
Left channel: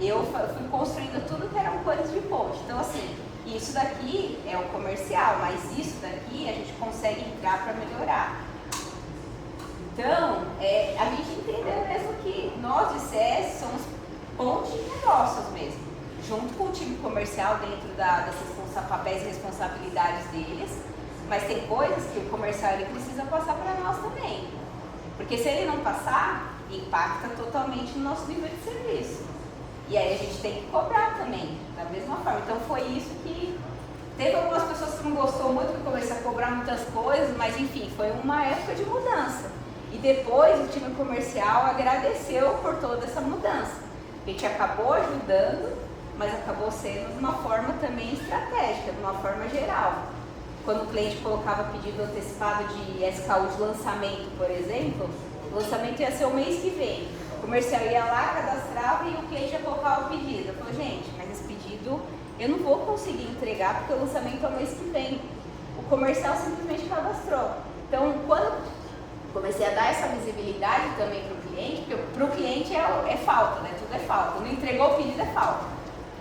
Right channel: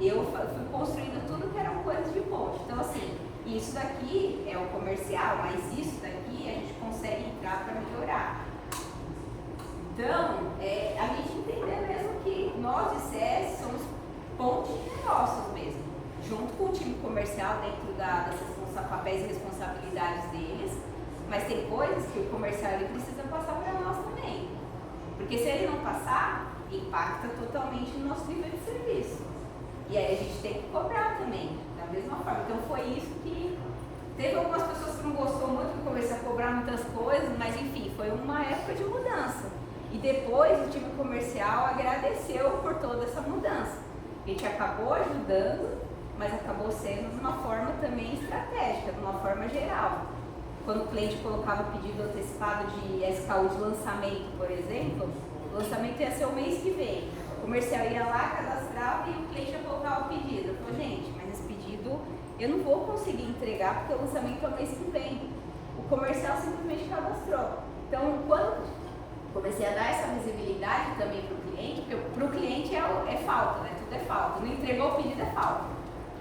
eu fui construindo tudo que eram coisas de ponte. Então, assim, isso daqui é o comercial, mas isso daqui a gente consegue entrar para melhorar. Então, a gente entendeu mesmo que nós de CS somos ponte de negócios mesmo, junto com o time comercial dentro desses papéis e responsabilidades deles, mas tem coisas que o comercial ele precisa passar para nós também. Porque se ele não passar, impacta totalmente no nosso nível de serviço. E aí a gente tem que cobrar também, da mesma forma. Então foi isso que... Teve algumas pessoas que não gostou muito, que começou a cobrar muitas coisas, mas enfim, foi uma época de mudança. E depois o time comercial agradeceu por toda essa mudança. A gente acabou ajudando, mas acabou sendo de uma forma também estratégica, de uma forma geral. Quando o cliente colocava pedido antecipado de SKU de lançamento, por exemplo, o lançamento ia ser o mês que vem. O comercial ia lá, cadastrava e o cliente ia colocar o pedido. Eu falei, gente, mas esse pedido eu não vou conseguir entregar porque o lançamento é o mês que vem. O comercial simplesmente cadastrou. Então, quando comecei a dar essa visibilidade também para o cliente, porque para o cliente é falta, né? Tudo é falta. Não entregou o pedido, é falta.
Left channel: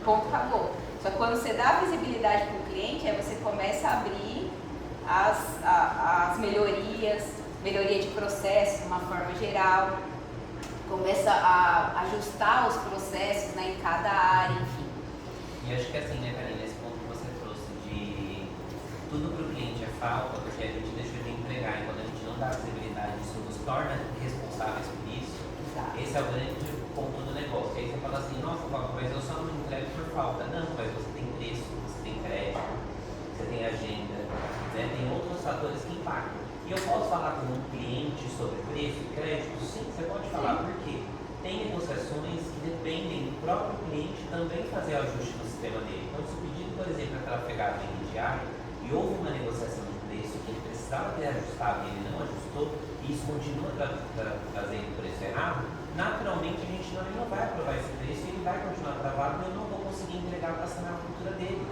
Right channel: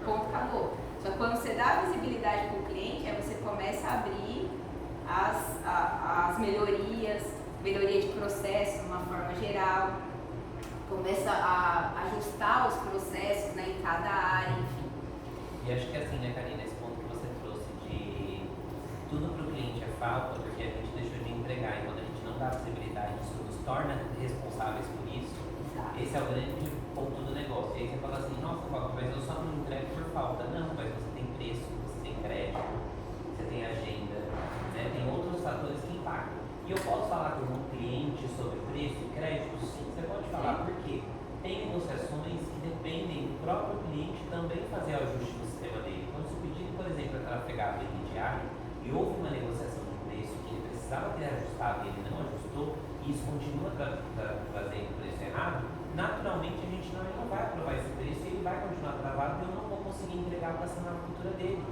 Ponto, acabou. Só que quando você dá visibilidade para o cliente, aí você começa a abrir as melhorias, melhoria de processo de uma forma geral, começa a ajustar os processos, né, em cada área, enfim. E acho que assim, né, Karina, esse ponto que você trouxe de tudo para o cliente é falta, porque a gente deixou de entregar, e quando a gente não dá visibilidade, isso nos torna responsáveis por isso. Exato. Esse é o grande ponto do negócio. E aí você fala assim, nossa, mas eu só não entrego por falta. Não, mas você tem preço, você tem crédito, você tem agenda, né? Tem outros fatores que impactam. E eu posso falar com um cliente sobre preço e crédito? Sim, você pode falar, porque tem negociações que dependem do próprio cliente também fazer o ajuste do sistema dele. Então, se o pedido, por exemplo, é trafegado em diário e houve uma negociação de preço que ele precisava ter ajustado e ele não ajustou, e isso continua trazendo preço errado, naturalmente a gente não vai aprovar esse preço e ele vai continuar travado e eu não vou conseguir entregar para essa na cultura dele.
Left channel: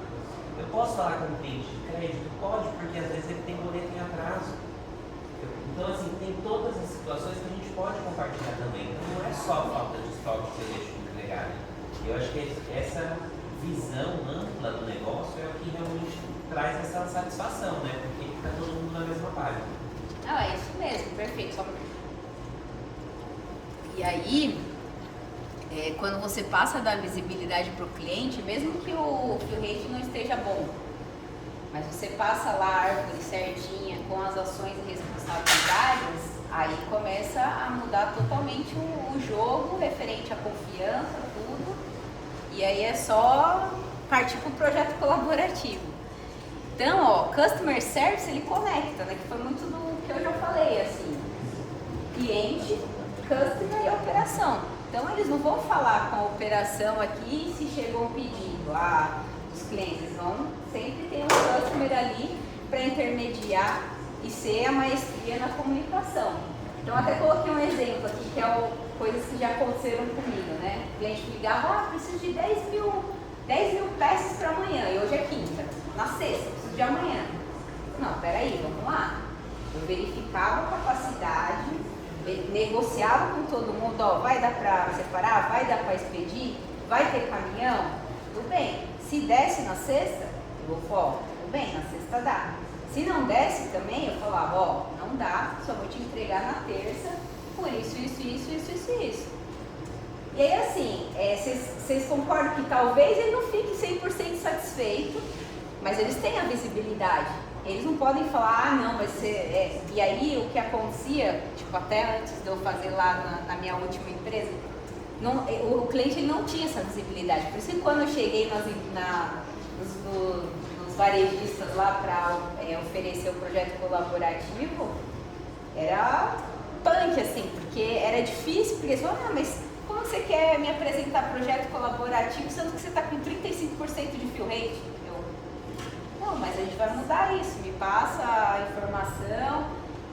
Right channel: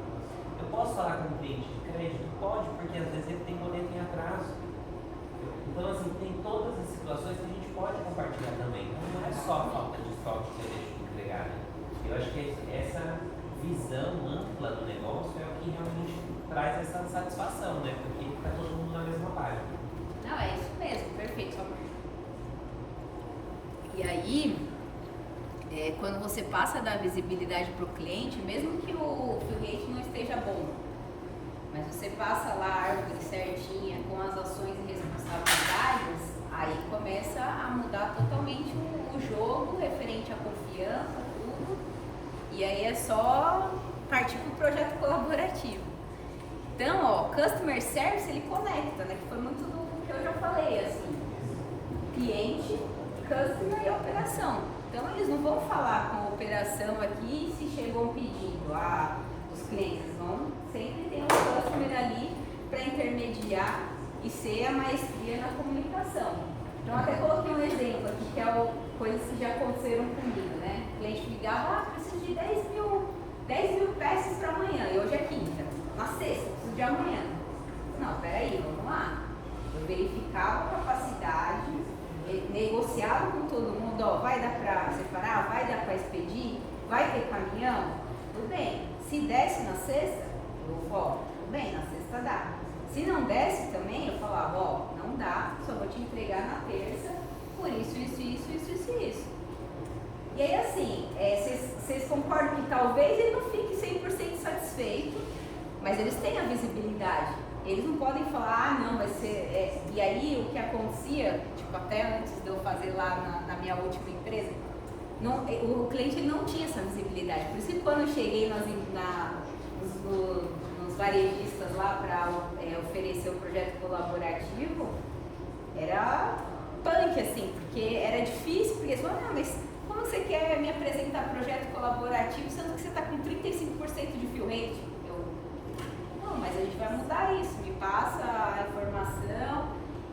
Eu posso falar com um cliente de crédito? Pode, porque às vezes ele tem boleto em atraso. Então, assim, tem todas as situações que a gente pode compartilhar também. Então, não é só a falta de estoque que eu deixo de entregar. Eu acho que essa visão ampla do negócio é o que realmente traz essa satisfação, né? Porque está todo mundo na mesma página. Não, é isso mesmo, perfeito. E aí, quando você passa a dar visibilidade para o cliente, mesmo que o rate não esteja bom, mas você passa lá a árvore certinha, com as ações e responsabilidades, Aí começa a mudar totalmente o jogo referente à confiança, tudo. E aí é só partir para o projeto colaborativo. Então, ó, Customer Service, ele conecta, né? Que foi muito do que eu já falei, assim. Cliente, Customer e operação. Então, eles não vão falar com a operação aqui se chegou um pedido. Os clientes vão sempre ter um Customer ali para intermediar e ser a maestria na comunicação. Então, até coloquei um exemplo aqui, que é coisas que já aconteceram comigo, né? O cliente ligava, preciso de 10 mil peças para amanhã, e hoje é quinta. Na sexta, preciso de amanhã. Não, peraí, vamos lá. Eu verificava a capacidade, negociava com todo mundo, ó, vai dar para separar, vai dar para expedir, vai ter caminhão, tudo bem. Se desce na sexta, eu vou falar, tudo bem, na sexta dá. Se não desce também, eu falava, ó, não dá, só vou te entregar na terça, por isso. E aí assim, vocês concordam que talvez ele não fique 100% satisfeito, mas eles têm a visibilidade. Eles não podem falar, não, vai ser... E aí o que acontecia, tipo, até antes de eu fazer lá na minha última empresa, o cliente ele não tinha essa visibilidade. Por isso que quando eu cheguei nos varejistas lá para oferecer o projeto colaborativo, era punk, assim, porque era difícil, porque eles falaram, não, mas como você quer me apresentar projeto colaborativo, sendo que você está com 35% de fill rate? Não, mas a gente vai mudar isso, me passa a informação.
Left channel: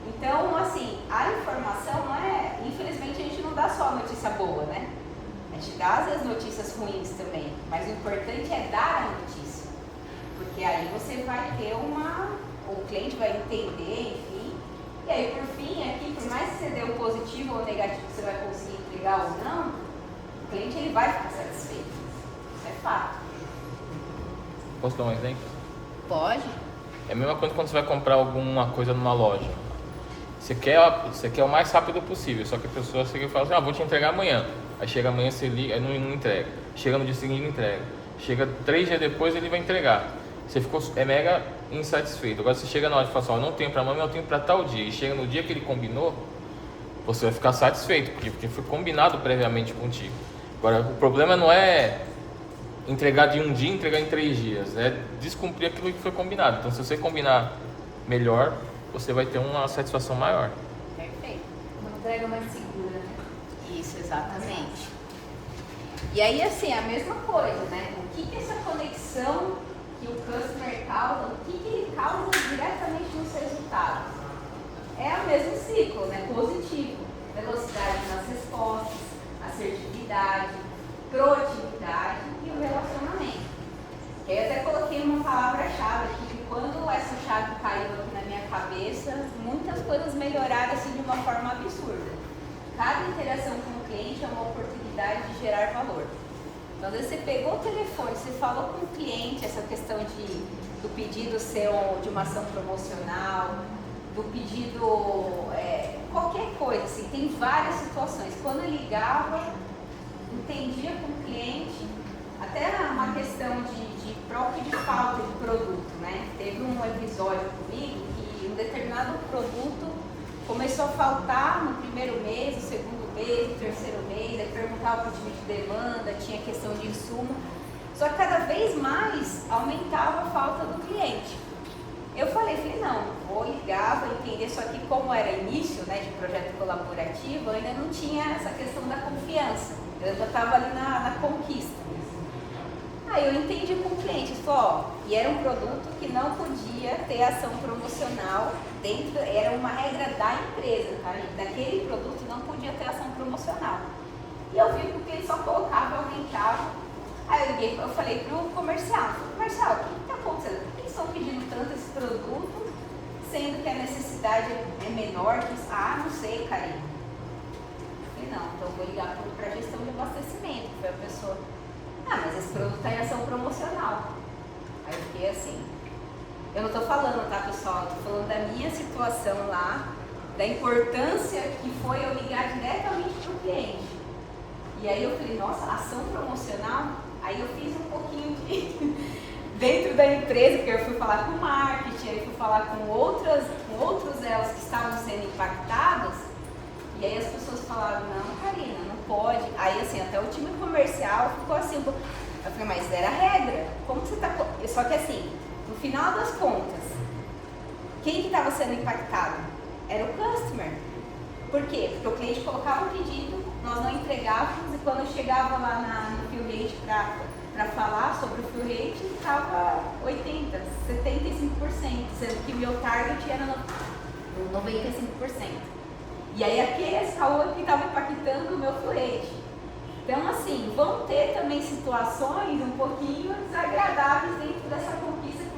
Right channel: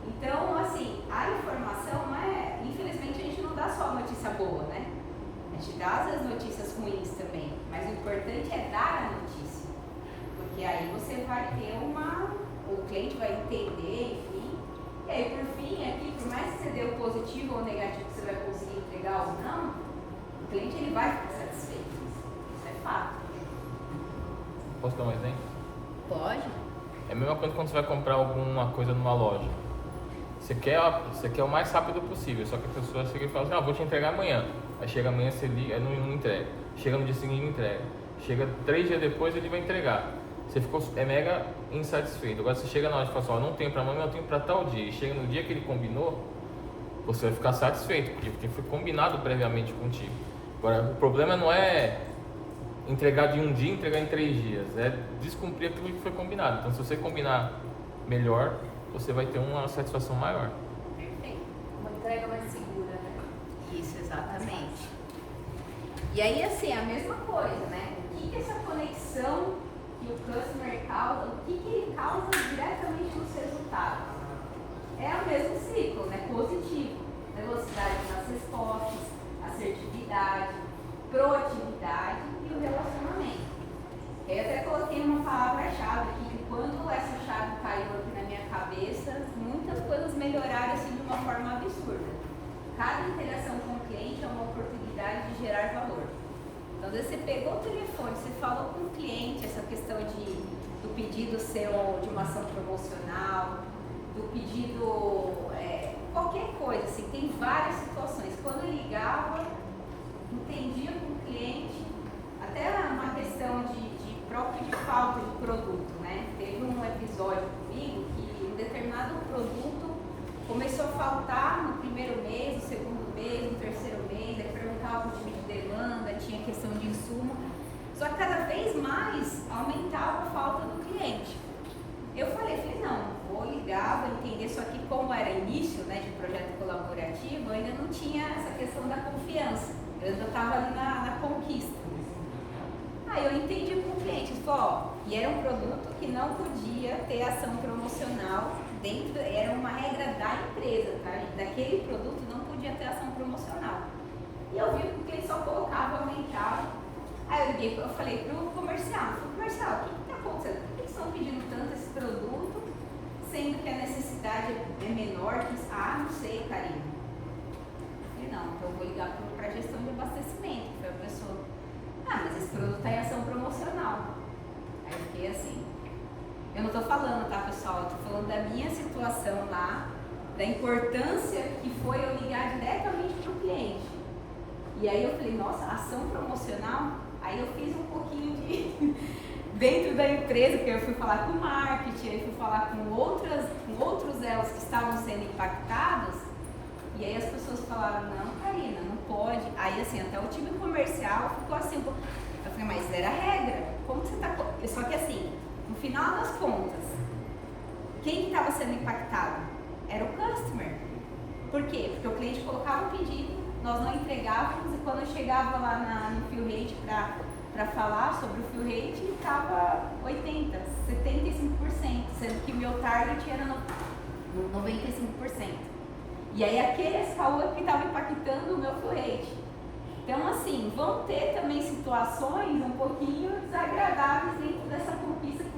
Então, assim, a informação não é... Infelizmente, a gente não dá só notícia boa, né? A gente dá, às vezes, notícias ruins também. Mas o importante é dar a notícia. Porque aí você vai ter o cliente vai entender, enfim. E aí, por fim, aqui, por mais que você dê o positivo ou o negativo que você vai conseguir entregar ou não, o cliente ele vai ficar satisfeito. Isso é fato. Posso dar um exemplo? Pode. É a mesma coisa quando você vai comprar alguma coisa numa loja. Você quer o mais rápido possível, só que a pessoa chega e fala assim, vou te entregar amanhã. Aí chega amanhã, você liga, não entrega. Chega no dia seguinte, não entrega. Chega 3 dias depois, ele vai entregar. Você ficou mega insatisfeito. Agora você chega na hora e fala assim, não tenho para amanhã, não tenho para tal dia. E chega no dia que ele combinou, você vai ficar satisfeito, porque foi combinado previamente contigo. Agora, o problema não é entregar de um dia, entregar em 3 dias, é descumprir aquilo que foi combinado. Então, se você combinar melhor, você vai ter uma satisfação maior. Perfeito. Uma entrega mais segura, né? Isso, exatamente. E aí, assim, a mesma coisa, né? O que essa conexão que o customer causa, o que ele causa diretamente nos resultados? É o mesmo ciclo, né? Positivo. Velocidade nas respostas, assertividade, proatividade e o relacionamento. Eu até coloquei uma palavra-chave aqui, que quando essa chave caiu aqui na minha cabeça, muitas coisas melhoraram assim de uma forma absurda. Cada interação com o cliente é uma oportunidade de gerar valor. Então, às vezes você pegou o telefone, você falou com o cliente, essa questão do pedido ser de uma ação promocional, do pedido, qualquer coisa, assim, tem várias situações. Quando eu ligava, entendia com o cliente, até uma questão de próprio de falta de produto, né? Teve um episódio comigo que um determinado produto começou a faltar no primeiro mês, no segundo mês, no terceiro mês, aí perguntava por time de demanda, tinha questão de insumo, só que cada vez mais aumentava a falta do cliente. Eu falei, não, vou ligar, vou entender, só que como era início, né, de projeto colaborativo, eu ainda não tinha essa questão da confiança, eu já estava ali na conquista. Aí eu entendi com o cliente, e era um produto que não podia ter ação promocional dentro, era uma regra da empresa, tá? Daquele produto não podia ter ação promocional. E eu vi que o cliente só colocava, aumentava. Aí eu liguei, eu falei pro comercial, o que está acontecendo? Por que eles estão pedindo tanto esse produto, sendo que a necessidade é menor? Não sei, carinho. Eu falei, não, então eu vou ligar para a gestão de abastecimento, foi a pessoa. Mas esse produto está em ação promocional. Aí eu fiquei assim. Eu não estou falando, tá, pessoal? Eu estou falando da minha situação lá, da importância que foi eu ligar diretamente para o cliente. E aí eu falei, nossa, ação promocional? Aí eu fiz um pouquinho de... dentro da empresa, porque eu fui falar com o marketing, aí fui falar com outros elos que estavam sendo impactados. E aí as pessoas falaram, não, Karina, não pode. Aí assim, até o time comercial ficou assim, eu falei, mas era a regra, como que você tá... Só que assim, no final das contas, quem que estava sendo impactado? Era o customer. Por quê? Porque o cliente colocava o pedido, nós não entregávamos, e quando eu chegava lá no fill rate para falar sobre o fill rate, estava 80%, 75%, sendo que meu target era 95%. E aí aquele SKU que estava impactando o meu fill rate. Então assim, vão ter também situações um pouquinho desagradáveis dentro dessa conquista que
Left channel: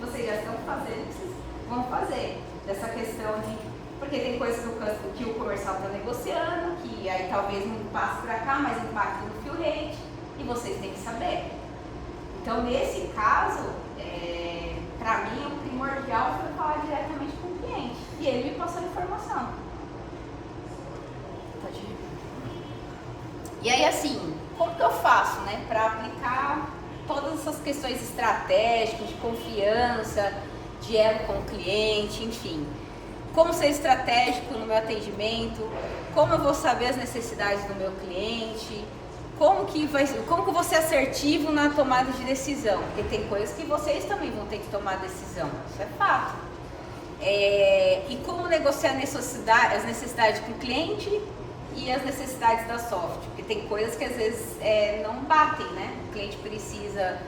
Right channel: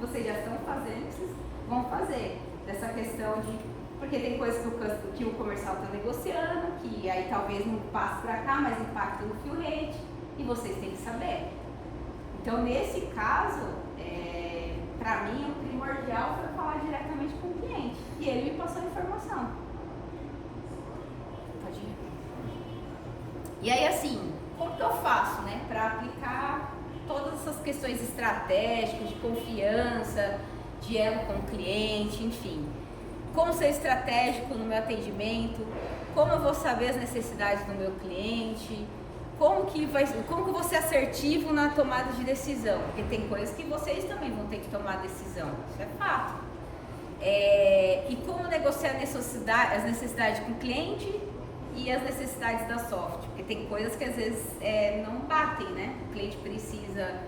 vocês já estão fazendo, que vocês vão fazer. Dessa questão de... Porque tem coisas que o comercial está negociando, que aí talvez não passe para cá, mas impacta no fill rate, e vocês têm que saber. Então, nesse caso, para mim, o primordial foi falar diretamente com o cliente. E ele me passou a informação. Pode ir. E aí, assim, como que eu faço, né, para aplicar todas essas questões estratégicas, de confiança, de elo com o cliente, enfim. Como ser estratégico no meu atendimento, como eu vou saber as necessidades do meu cliente, como que eu vou ser assertivo na tomada de decisão, porque tem coisas que vocês também vão ter que tomar decisão, isso é fato. E como negociar as necessidades do cliente e as necessidades da software, porque tem coisas que às vezes não batem, né? O cliente precisa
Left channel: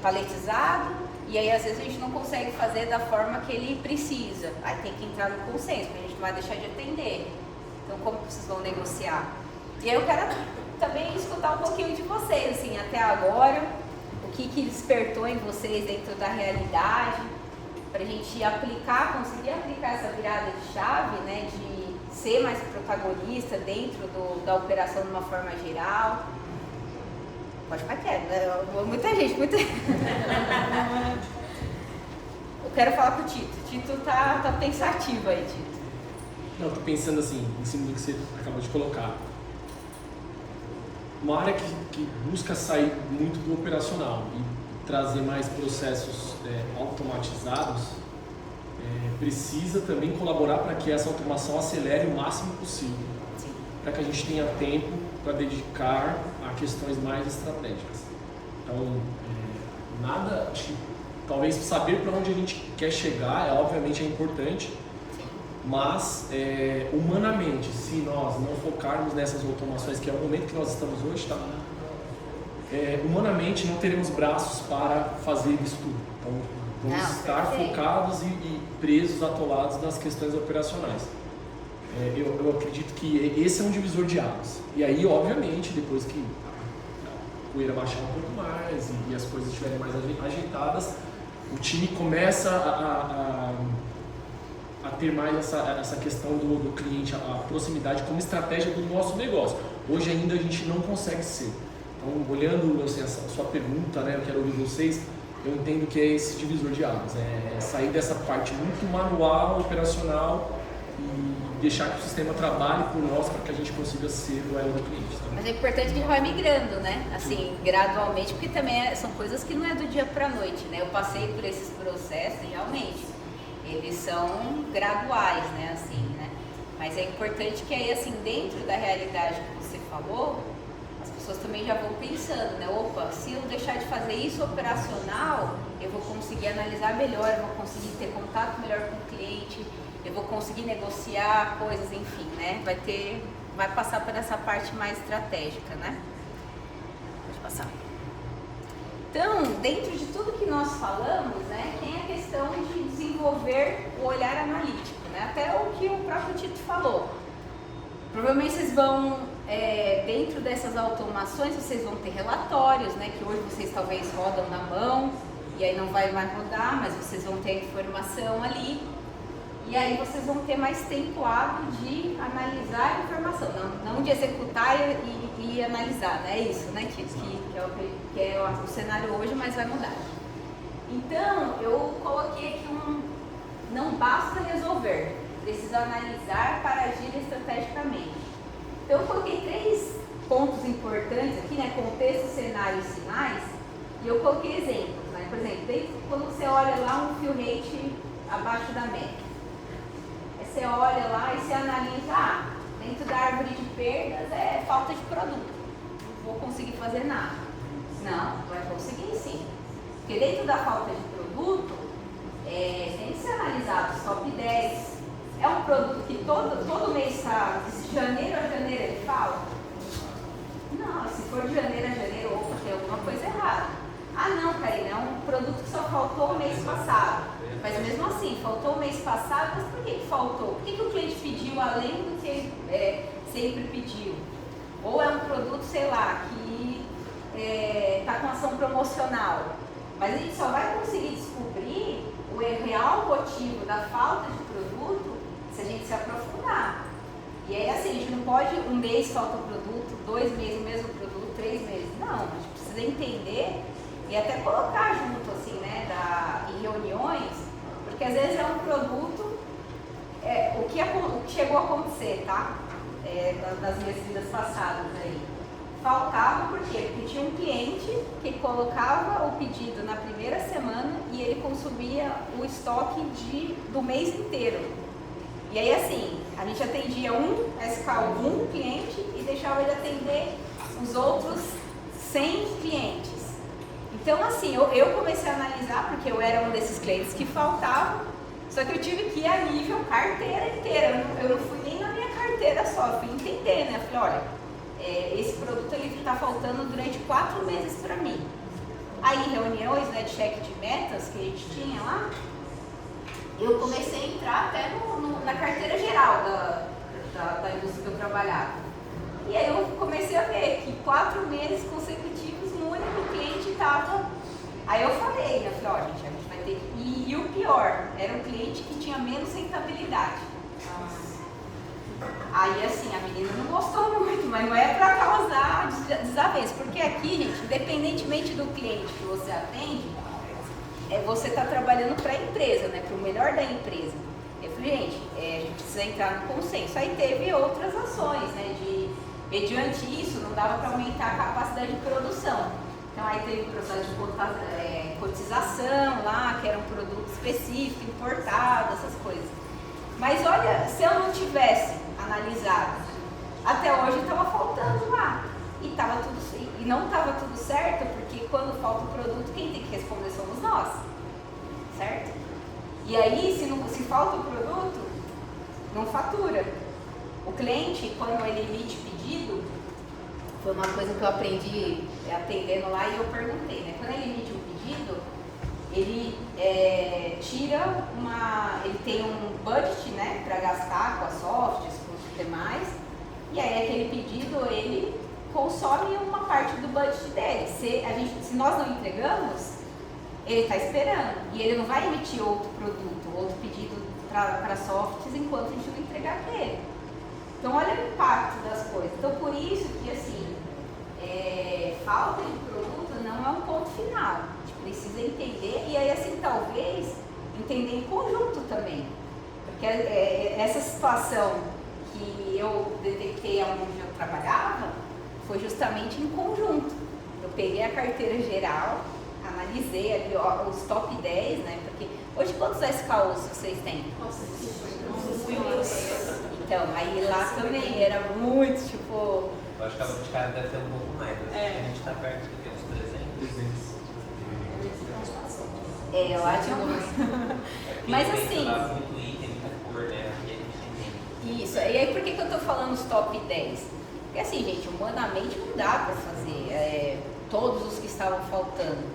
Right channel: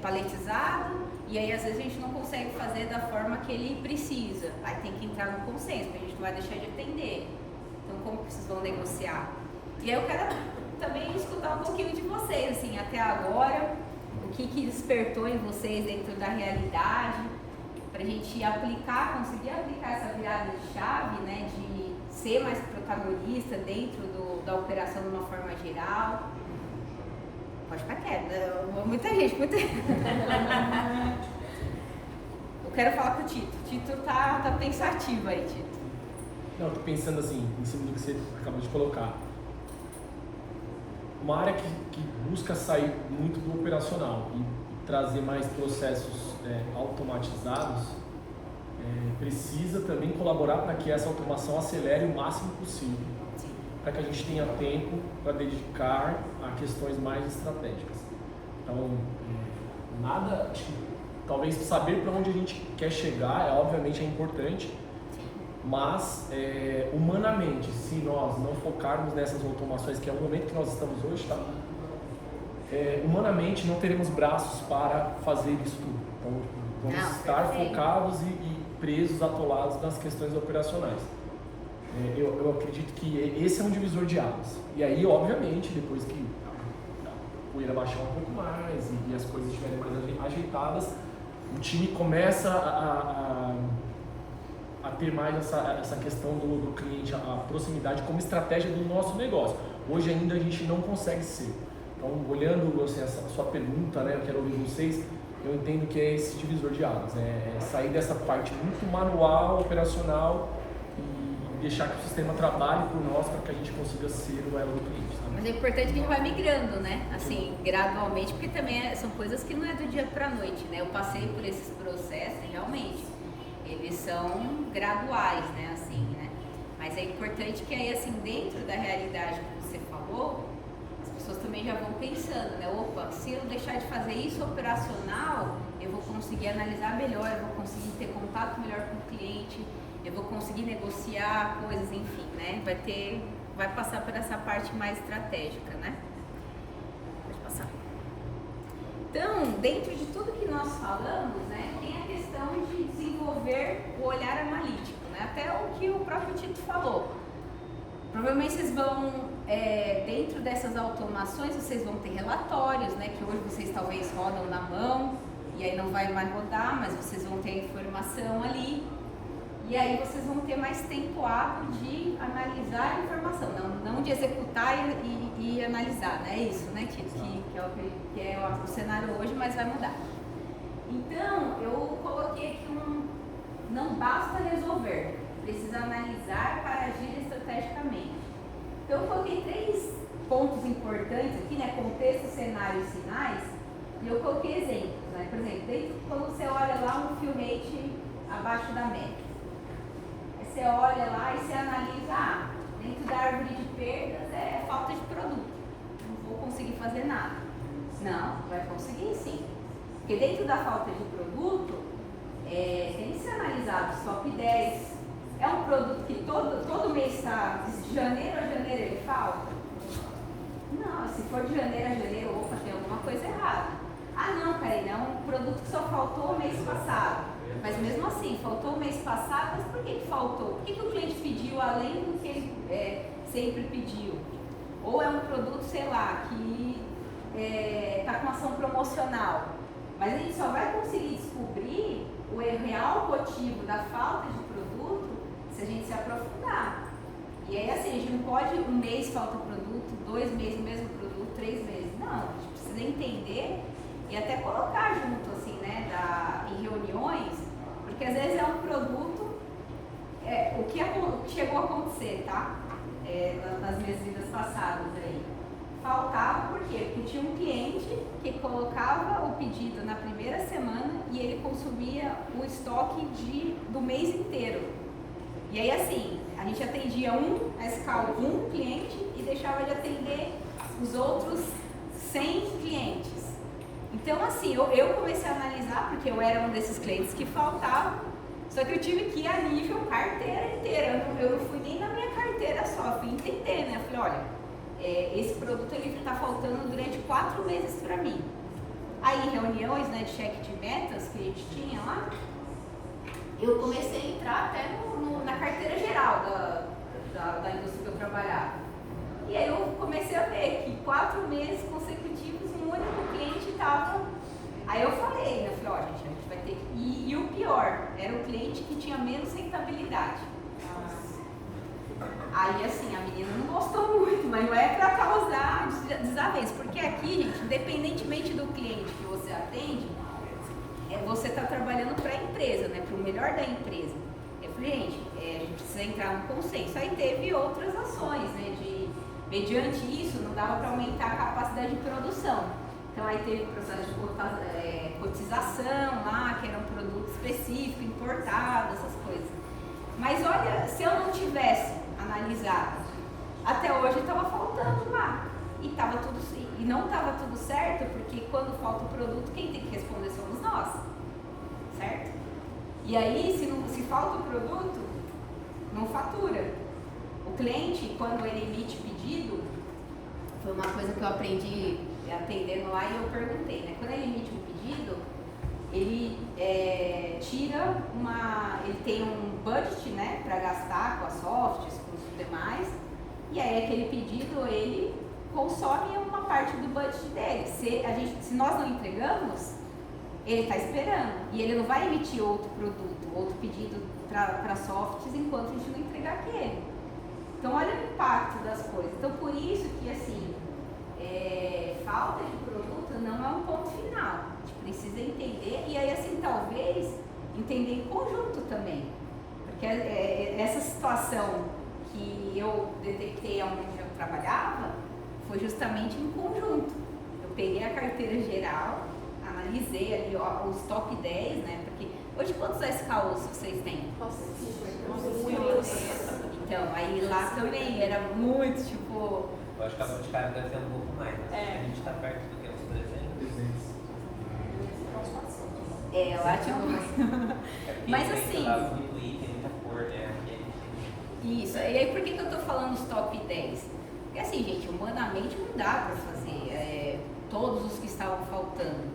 paletizado, e aí às vezes a gente não consegue fazer da forma que ele precisa. Aí tem que entrar no consenso, porque a gente não vai deixar de atender. Então como que vocês vão negociar? E aí eu quero também escutar um pouquinho de vocês, assim, até agora, o que despertou em vocês dentro da realidade, pra gente conseguir aplicar essa virada de chave, né, de ser mais protagonista dentro da operação de uma forma geral. Pode ficar quieto, né? Muita gente. Eu quero falar com o Tito. Tito tá pensativo aí, Tito. Não, tô pensando assim, em cima do que você acabou de colocar. Uma área que busca sair muito do operacional e trazer mais processos automatizados, precisa também colaborar para que essa automação acelere o máximo possível, para que a gente tenha tempo para dedicar a questões mais estratégicas. Então, acho que talvez saber para onde a gente quer chegar, obviamente é importante, mas humanamente, se nós não focarmos nessas automações, que é o momento que nós estamos hoje, tá? Humanamente não teremos braços para fazer isso tudo. Então, vamos estar focados e presos, atolados nas questões operacionais. Eu acredito que esse é um divisor de águas. E aí, obviamente, depois que a poeira baixar um pouco mais e as coisas estiverem mais ajeitadas, o time começa a ter mais essa questão do cliente, a proximidade como estratégia do nosso negócio. Hoje ainda a gente não consegue ser. Então, olhando assim, essa sua pergunta, né, eu quero ouvir vocês, eu entendo que é esse divisor de águas, sair dessa parte muito manual, operacional, e deixar que o sistema trabalhe por nós para que a gente consiga ser o elo do cliente. Tá? Mas é importante que a gente vai migrando, né? Assim, gradualmente, porque também são coisas que não é do dia para a noite, né? Eu passei por esses processos, realmente, eles são graduais, né? Assim, né? Mas é importante que aí, assim, dentro da realidade que você falou, as pessoas também já vão pensando, né? Opa, se eu deixar de fazer isso operacional, eu vou conseguir analisar melhor, eu vou conseguir ter contato melhor com o cliente, eu vou conseguir negociar coisas, enfim, né? Vai passar por essa parte mais estratégica, né? Pode passar. Então, dentro de tudo que nós falamos, né, tem a questão de desenvolver o olhar analítico, né? Até o que o próprio Tito falou. Provavelmente vocês vão, dentro dessas automações, vocês vão ter relatórios, né? Que hoje vocês talvez rodam na mão, e aí não vai mais rodar, mas vocês vão ter a informação ali. E aí vocês vão ter mais tempo hábil de analisar a informação, não de executar e analisar, né? É isso, né, Tito? Que é o cenário hoje, mas vai mudar. Então, eu coloquei aqui não basta resolver, preciso analisar para agir estrategicamente. Então, eu coloquei 3 pontos importantes aqui, né? Contexto, cenário e sinais, e eu coloquei exemplos, né? Por exemplo, quando você olha lá um fill rate abaixo da média, você olha lá e você analisa, dentro da árvore de perdas é falta de produto. Não vou conseguir fazer nada. Não, vai conseguir sim. Porque dentro da falta de produto, tem que ser analisado os top 10. É um produto que todo mês está, de janeiro a janeiro ele falta? Não, se for de janeiro a janeiro, opa, tem alguma coisa errada. Ah não, Karina, é um produto que só faltou o mês passado. Mas mesmo assim, faltou o mês passado, mas por que faltou? Por que o cliente pediu além do que ele sempre pediu? Ou é um produto, sei lá, que está com ação promocional. Mas a gente só vai conseguir descobrir o real motivo da falta de produto se a gente se aprofundar. E aí assim, a gente não pode um mês falta o produto, 2 meses o mesmo produto, 3 meses. Não, a gente precisa entender e até colocar junto assim, né, em reuniões, porque às vezes é um produto, o que chegou a acontecer, tá? Das minhas vidas passadas aí. Faltava por quê? Porque tinha um cliente que colocava o pedido na primeira semana e ele consumia o estoque do mês inteiro. E aí assim, a gente atendia a escala de um cliente e deixava de atender os outros 100 clientes. Então assim, eu comecei a analisar, porque eu era um desses clientes que faltavam, só que eu tive que ir a nível carteira inteira. Eu não fui nem na minha carteira só, eu fui entender, né? Eu falei, olha, esse produto ele está faltando durante 4 meses para mim. Aí em reuniões, né, de cheque de metas que a gente tinha lá, eu comecei a entrar até na carteira geral da indústria que eu trabalhava. E aí eu comecei a ver que 4 meses consecutivos um único cliente estava. Aí eu falei, né, olha, gente, a gente vai ter que. E o pior, era um cliente que tinha menos rentabilidade. Aí assim, a menina não gostou muito, mas não é para causar desavença, porque aqui, gente, independentemente do cliente que você atende, você está trabalhando para a empresa, né, para o melhor da empresa. Eu falei, gente, a gente precisa entrar no consenso. Aí teve outras ações, né, mediante isso, não dava para aumentar a capacidade de produção. Então aí teve processo de cotização lá, que era um produto específico, importado, essas coisas. Mas olha, se eu não tivesse analisado, até hoje estava faltando lá. E não estava tudo certo, porque quando falta o produto, quem tem que responder somos nós. Certo? E aí, se falta o produto, não fatura. O cliente, quando ele emite pedido, foi uma coisa que eu aprendi atendendo lá e eu perguntei, né? Quando ele emite um pedido, ele ele tem um budget, né, para gastar com as softs, com os demais, e aí aquele pedido ele consome uma parte do budget dele. Se nós não entregamos, ele está esperando e ele não vai emitir outro produto, outro pedido para softs enquanto a gente não entregar aquele. Então olha o impacto das coisas. Então por isso que assim, falta de produto não é um ponto final. A gente precisa entender e aí assim talvez entender em conjunto também. Porque essa situação que eu detectei onde eu trabalhava foi justamente em conjunto. Eu peguei a carteira geral, analisei ali os top 10, né? Porque hoje quantos SKUs vocês têm? Então, aí lá também era muito, tipo... Eu acho que a Boticário deve ter um pouco mais, né? A gente tá perto dos 300. Lá tinha um... Mas assim... Isso, e aí por que eu tô falando os top 10? Porque assim, gente, humanamente não dá pra fazer todos os que estavam faltando.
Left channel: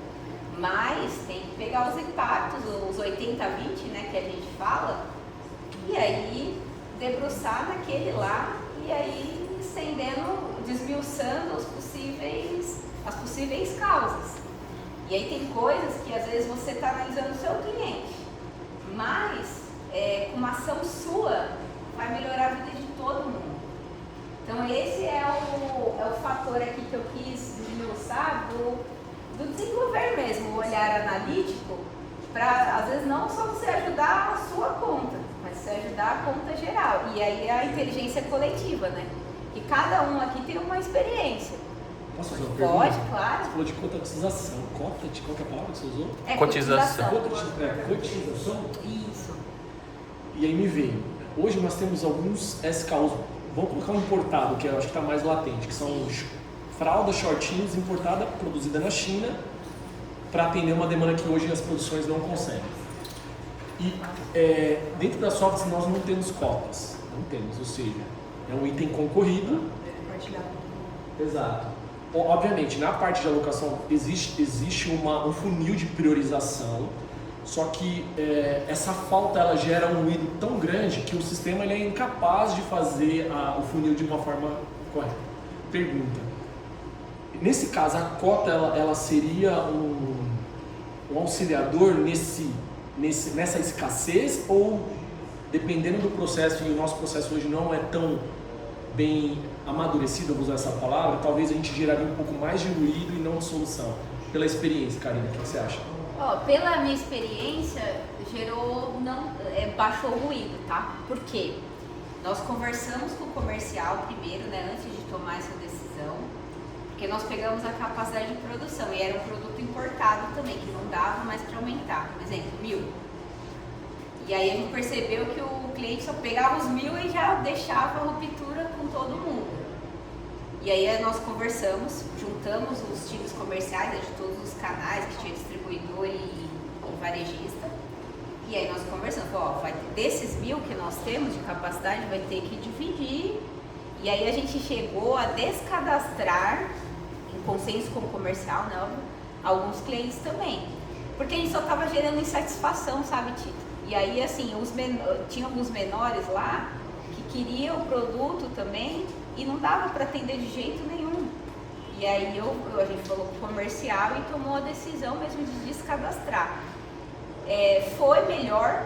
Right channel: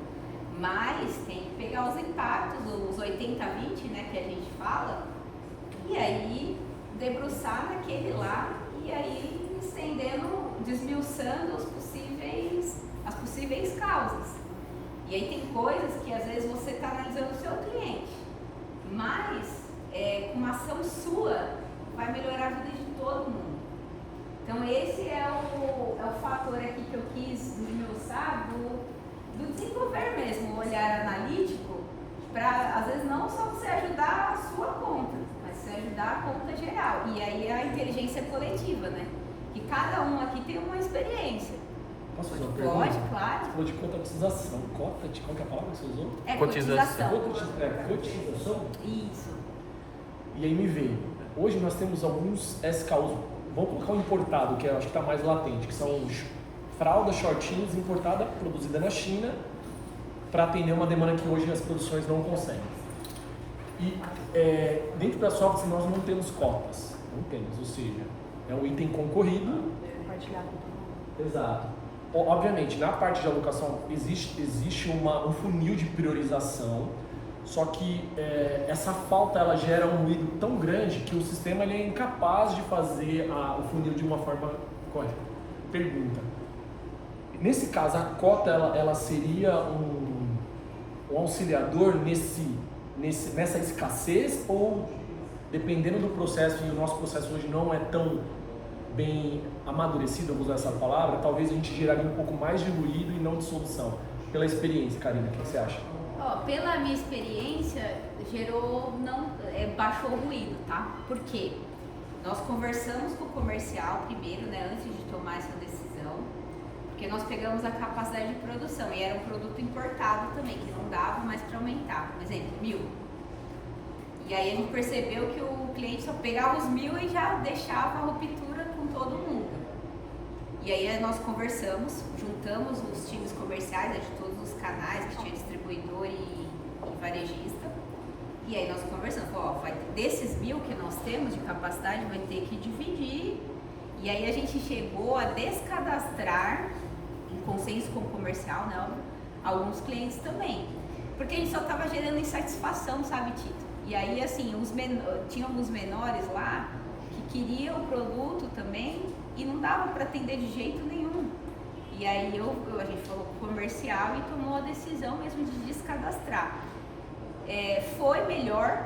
Mas tem que pegar os impactos, os 80-20, né, que a gente fala, e aí debruçar naquele lá, e aí estendendo, desmiuçando as possíveis causas. E aí tem coisas que às vezes você está analisando o seu cliente, mas com uma ação sua vai melhorar a vida de todo mundo. Então esse é o fator aqui que eu quis desmiuçar do desenvolver mesmo, o olhar analítico, para às vezes não só você ajudar a sua conta, mas você ajudar a conta geral. E aí a inteligência coletiva, né? Que cada um aqui tem uma experiência. Posso fazer uma Pode, pergunta? claro. Você falou de cotização. Qual que é a palavra que você usou? Cotização. Cotização? Isso. E aí me veio. Hoje nós temos alguns SKUs, vamos colocar um importado, que eu acho que está mais latente, que são fraldas, shortinhos importada, produzida na China, para atender uma demanda que hoje as produções não conseguem. E dentro da Softs nós não temos cotas, não temos, ou seja, é um item concorrido. Exato. Obviamente, na parte de alocação existe um funil de priorização, só que essa falta ela gera um ruído tão grande que o sistema ele é incapaz de fazer o funil de uma forma correta. Pergunta: nesse caso, a cota ela seria um auxiliador nessa escassez, ou dependendo do processo, e o nosso processo hoje não é tão bem amadurecido, eu vou usar essa palavra, talvez a gente geraria um pouco mais de ruído e não de solução? Pela experiência, Karina, o que você acha? Pela minha experiência, baixou o ruído, tá? Por quê? Nós conversamos com o comercial primeiro, né, antes de tomar essa decisão, porque nós pegamos a capacidade de produção e era um produto importado também, que não dava mais para aumentar. Por exemplo, 1.000. E aí a gente percebeu que o cliente só pegava os 1.000 e já deixava a ruptura com todo mundo. E aí nós conversamos, juntamos os times comerciais de todos os canais, que tinha distribuidor e varejista. E aí nós conversamos, desses 1.000 que nós temos de capacidade, vai ter que dividir. E aí a gente chegou a descadastrar, em consenso com o comercial, né, alguns clientes também. Porque a gente só estava gerando insatisfação, sabe, Tito? E aí, assim, tinha alguns menores lá que queriam o produto também e não dava para atender de jeito nenhum. E aí a gente falou com o comercial e tomou a decisão mesmo de descadastrar. Foi melhor,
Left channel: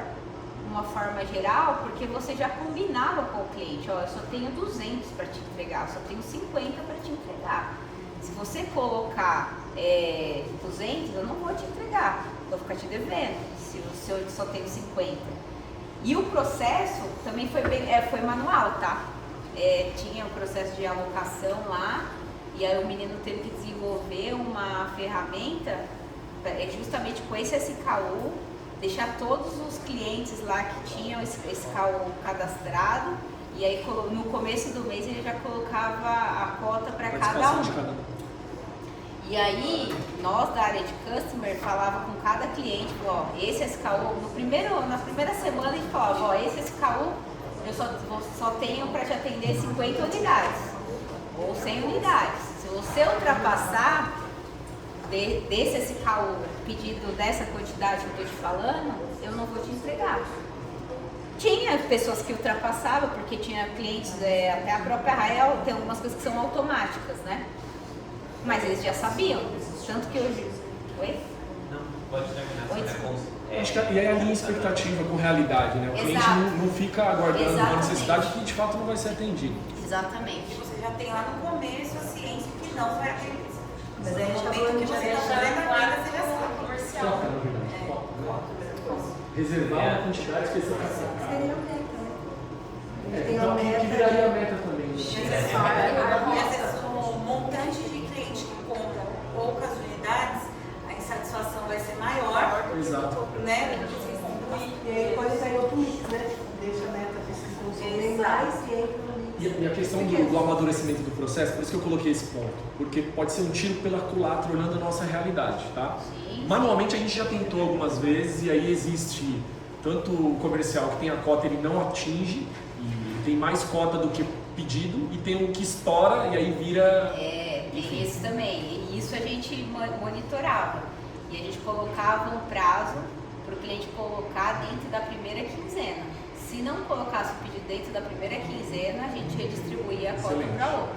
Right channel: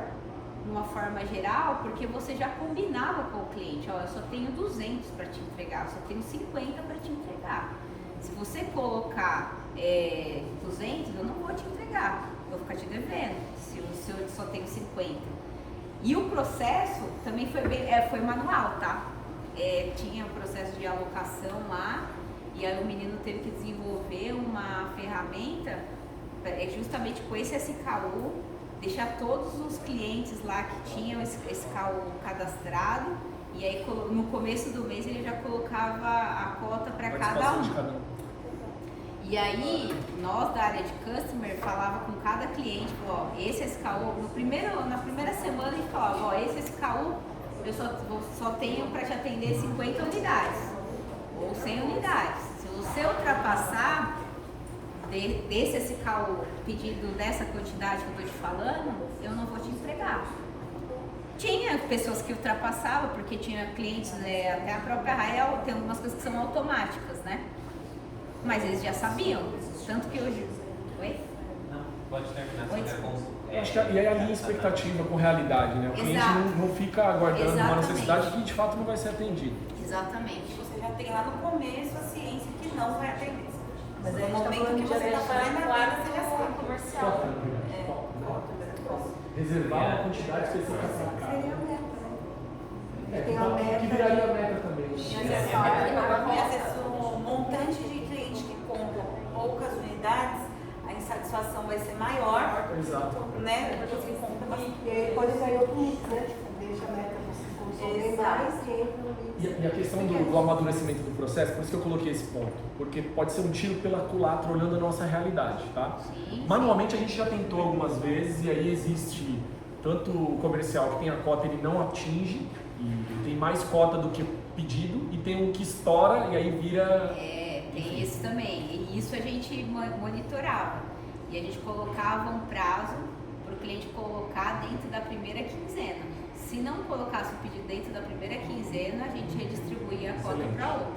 de uma forma geral, porque você já combinava com o cliente: eu só tenho 200 para te entregar, eu só tenho 50 para te entregar. Se você colocar 200, eu não vou te entregar, vou ficar te devendo, se eu só tenho 50. E o processo também foi manual, tá? Tinha um processo de alocação lá, e aí o menino teve que desenvolver uma ferramenta justamente com esse SKU, deixar todos os clientes lá que tinham esse SKU cadastrado, e aí no começo do mês ele já colocava a cota para cada um. E aí, nós da área de Customer falava com cada cliente, esse SKU, na primeira semana a gente falava, esse SKU eu só tenho para te atender 50 unidades, ou 100 unidades. Se você ultrapassar desse SKU pedido dessa quantidade que eu estou te falando, eu não vou te entregar. Tinha pessoas que ultrapassavam, porque tinha clientes, até a própria Rael tem algumas coisas que são automáticas, né? Mas eles já sabiam, tanto que hoje... Oi? Não, pode terminar. Oi, desculpa. Acho que é a linha expectativa com realidade, né? O cliente não fica aguardando uma necessidade que de fato não vai ser atendido. Exatamente. Você já tem lá no começo a ciência que não vai atender. Mas no momento que você está fazendo a venda, você já sabe. Comercial. Reservar uma quantidade específica. Seria o tempo, né? Tem uma meta. Que viraria a meta também. O montante de cliente que compra poucas unidades, a insatisfação vai ser maior. Exato. Né? Do que você compra. E aí depois tem outro mix, né? Deixa a meta funcionar mais e entra no mix. E a questão do amadurecimento do processo, por isso que eu coloquei esse ponto, porque pode ser um tiro pela culatra olhando a nossa realidade, tá? Sim. Manualmente a gente já tentou algumas vezes e aí existe tanto o comercial que tem a cota, ele não atinge e tem mais cota do que pedido, e tem um que estoura e aí vira... Tem esse também, e isso a gente monitorava, e a gente colocava um prazo para o cliente colocar dentro da primeira quinzena. Se não colocasse o pedido dentro da primeira quinzena, a gente redistribuía a cota para outra.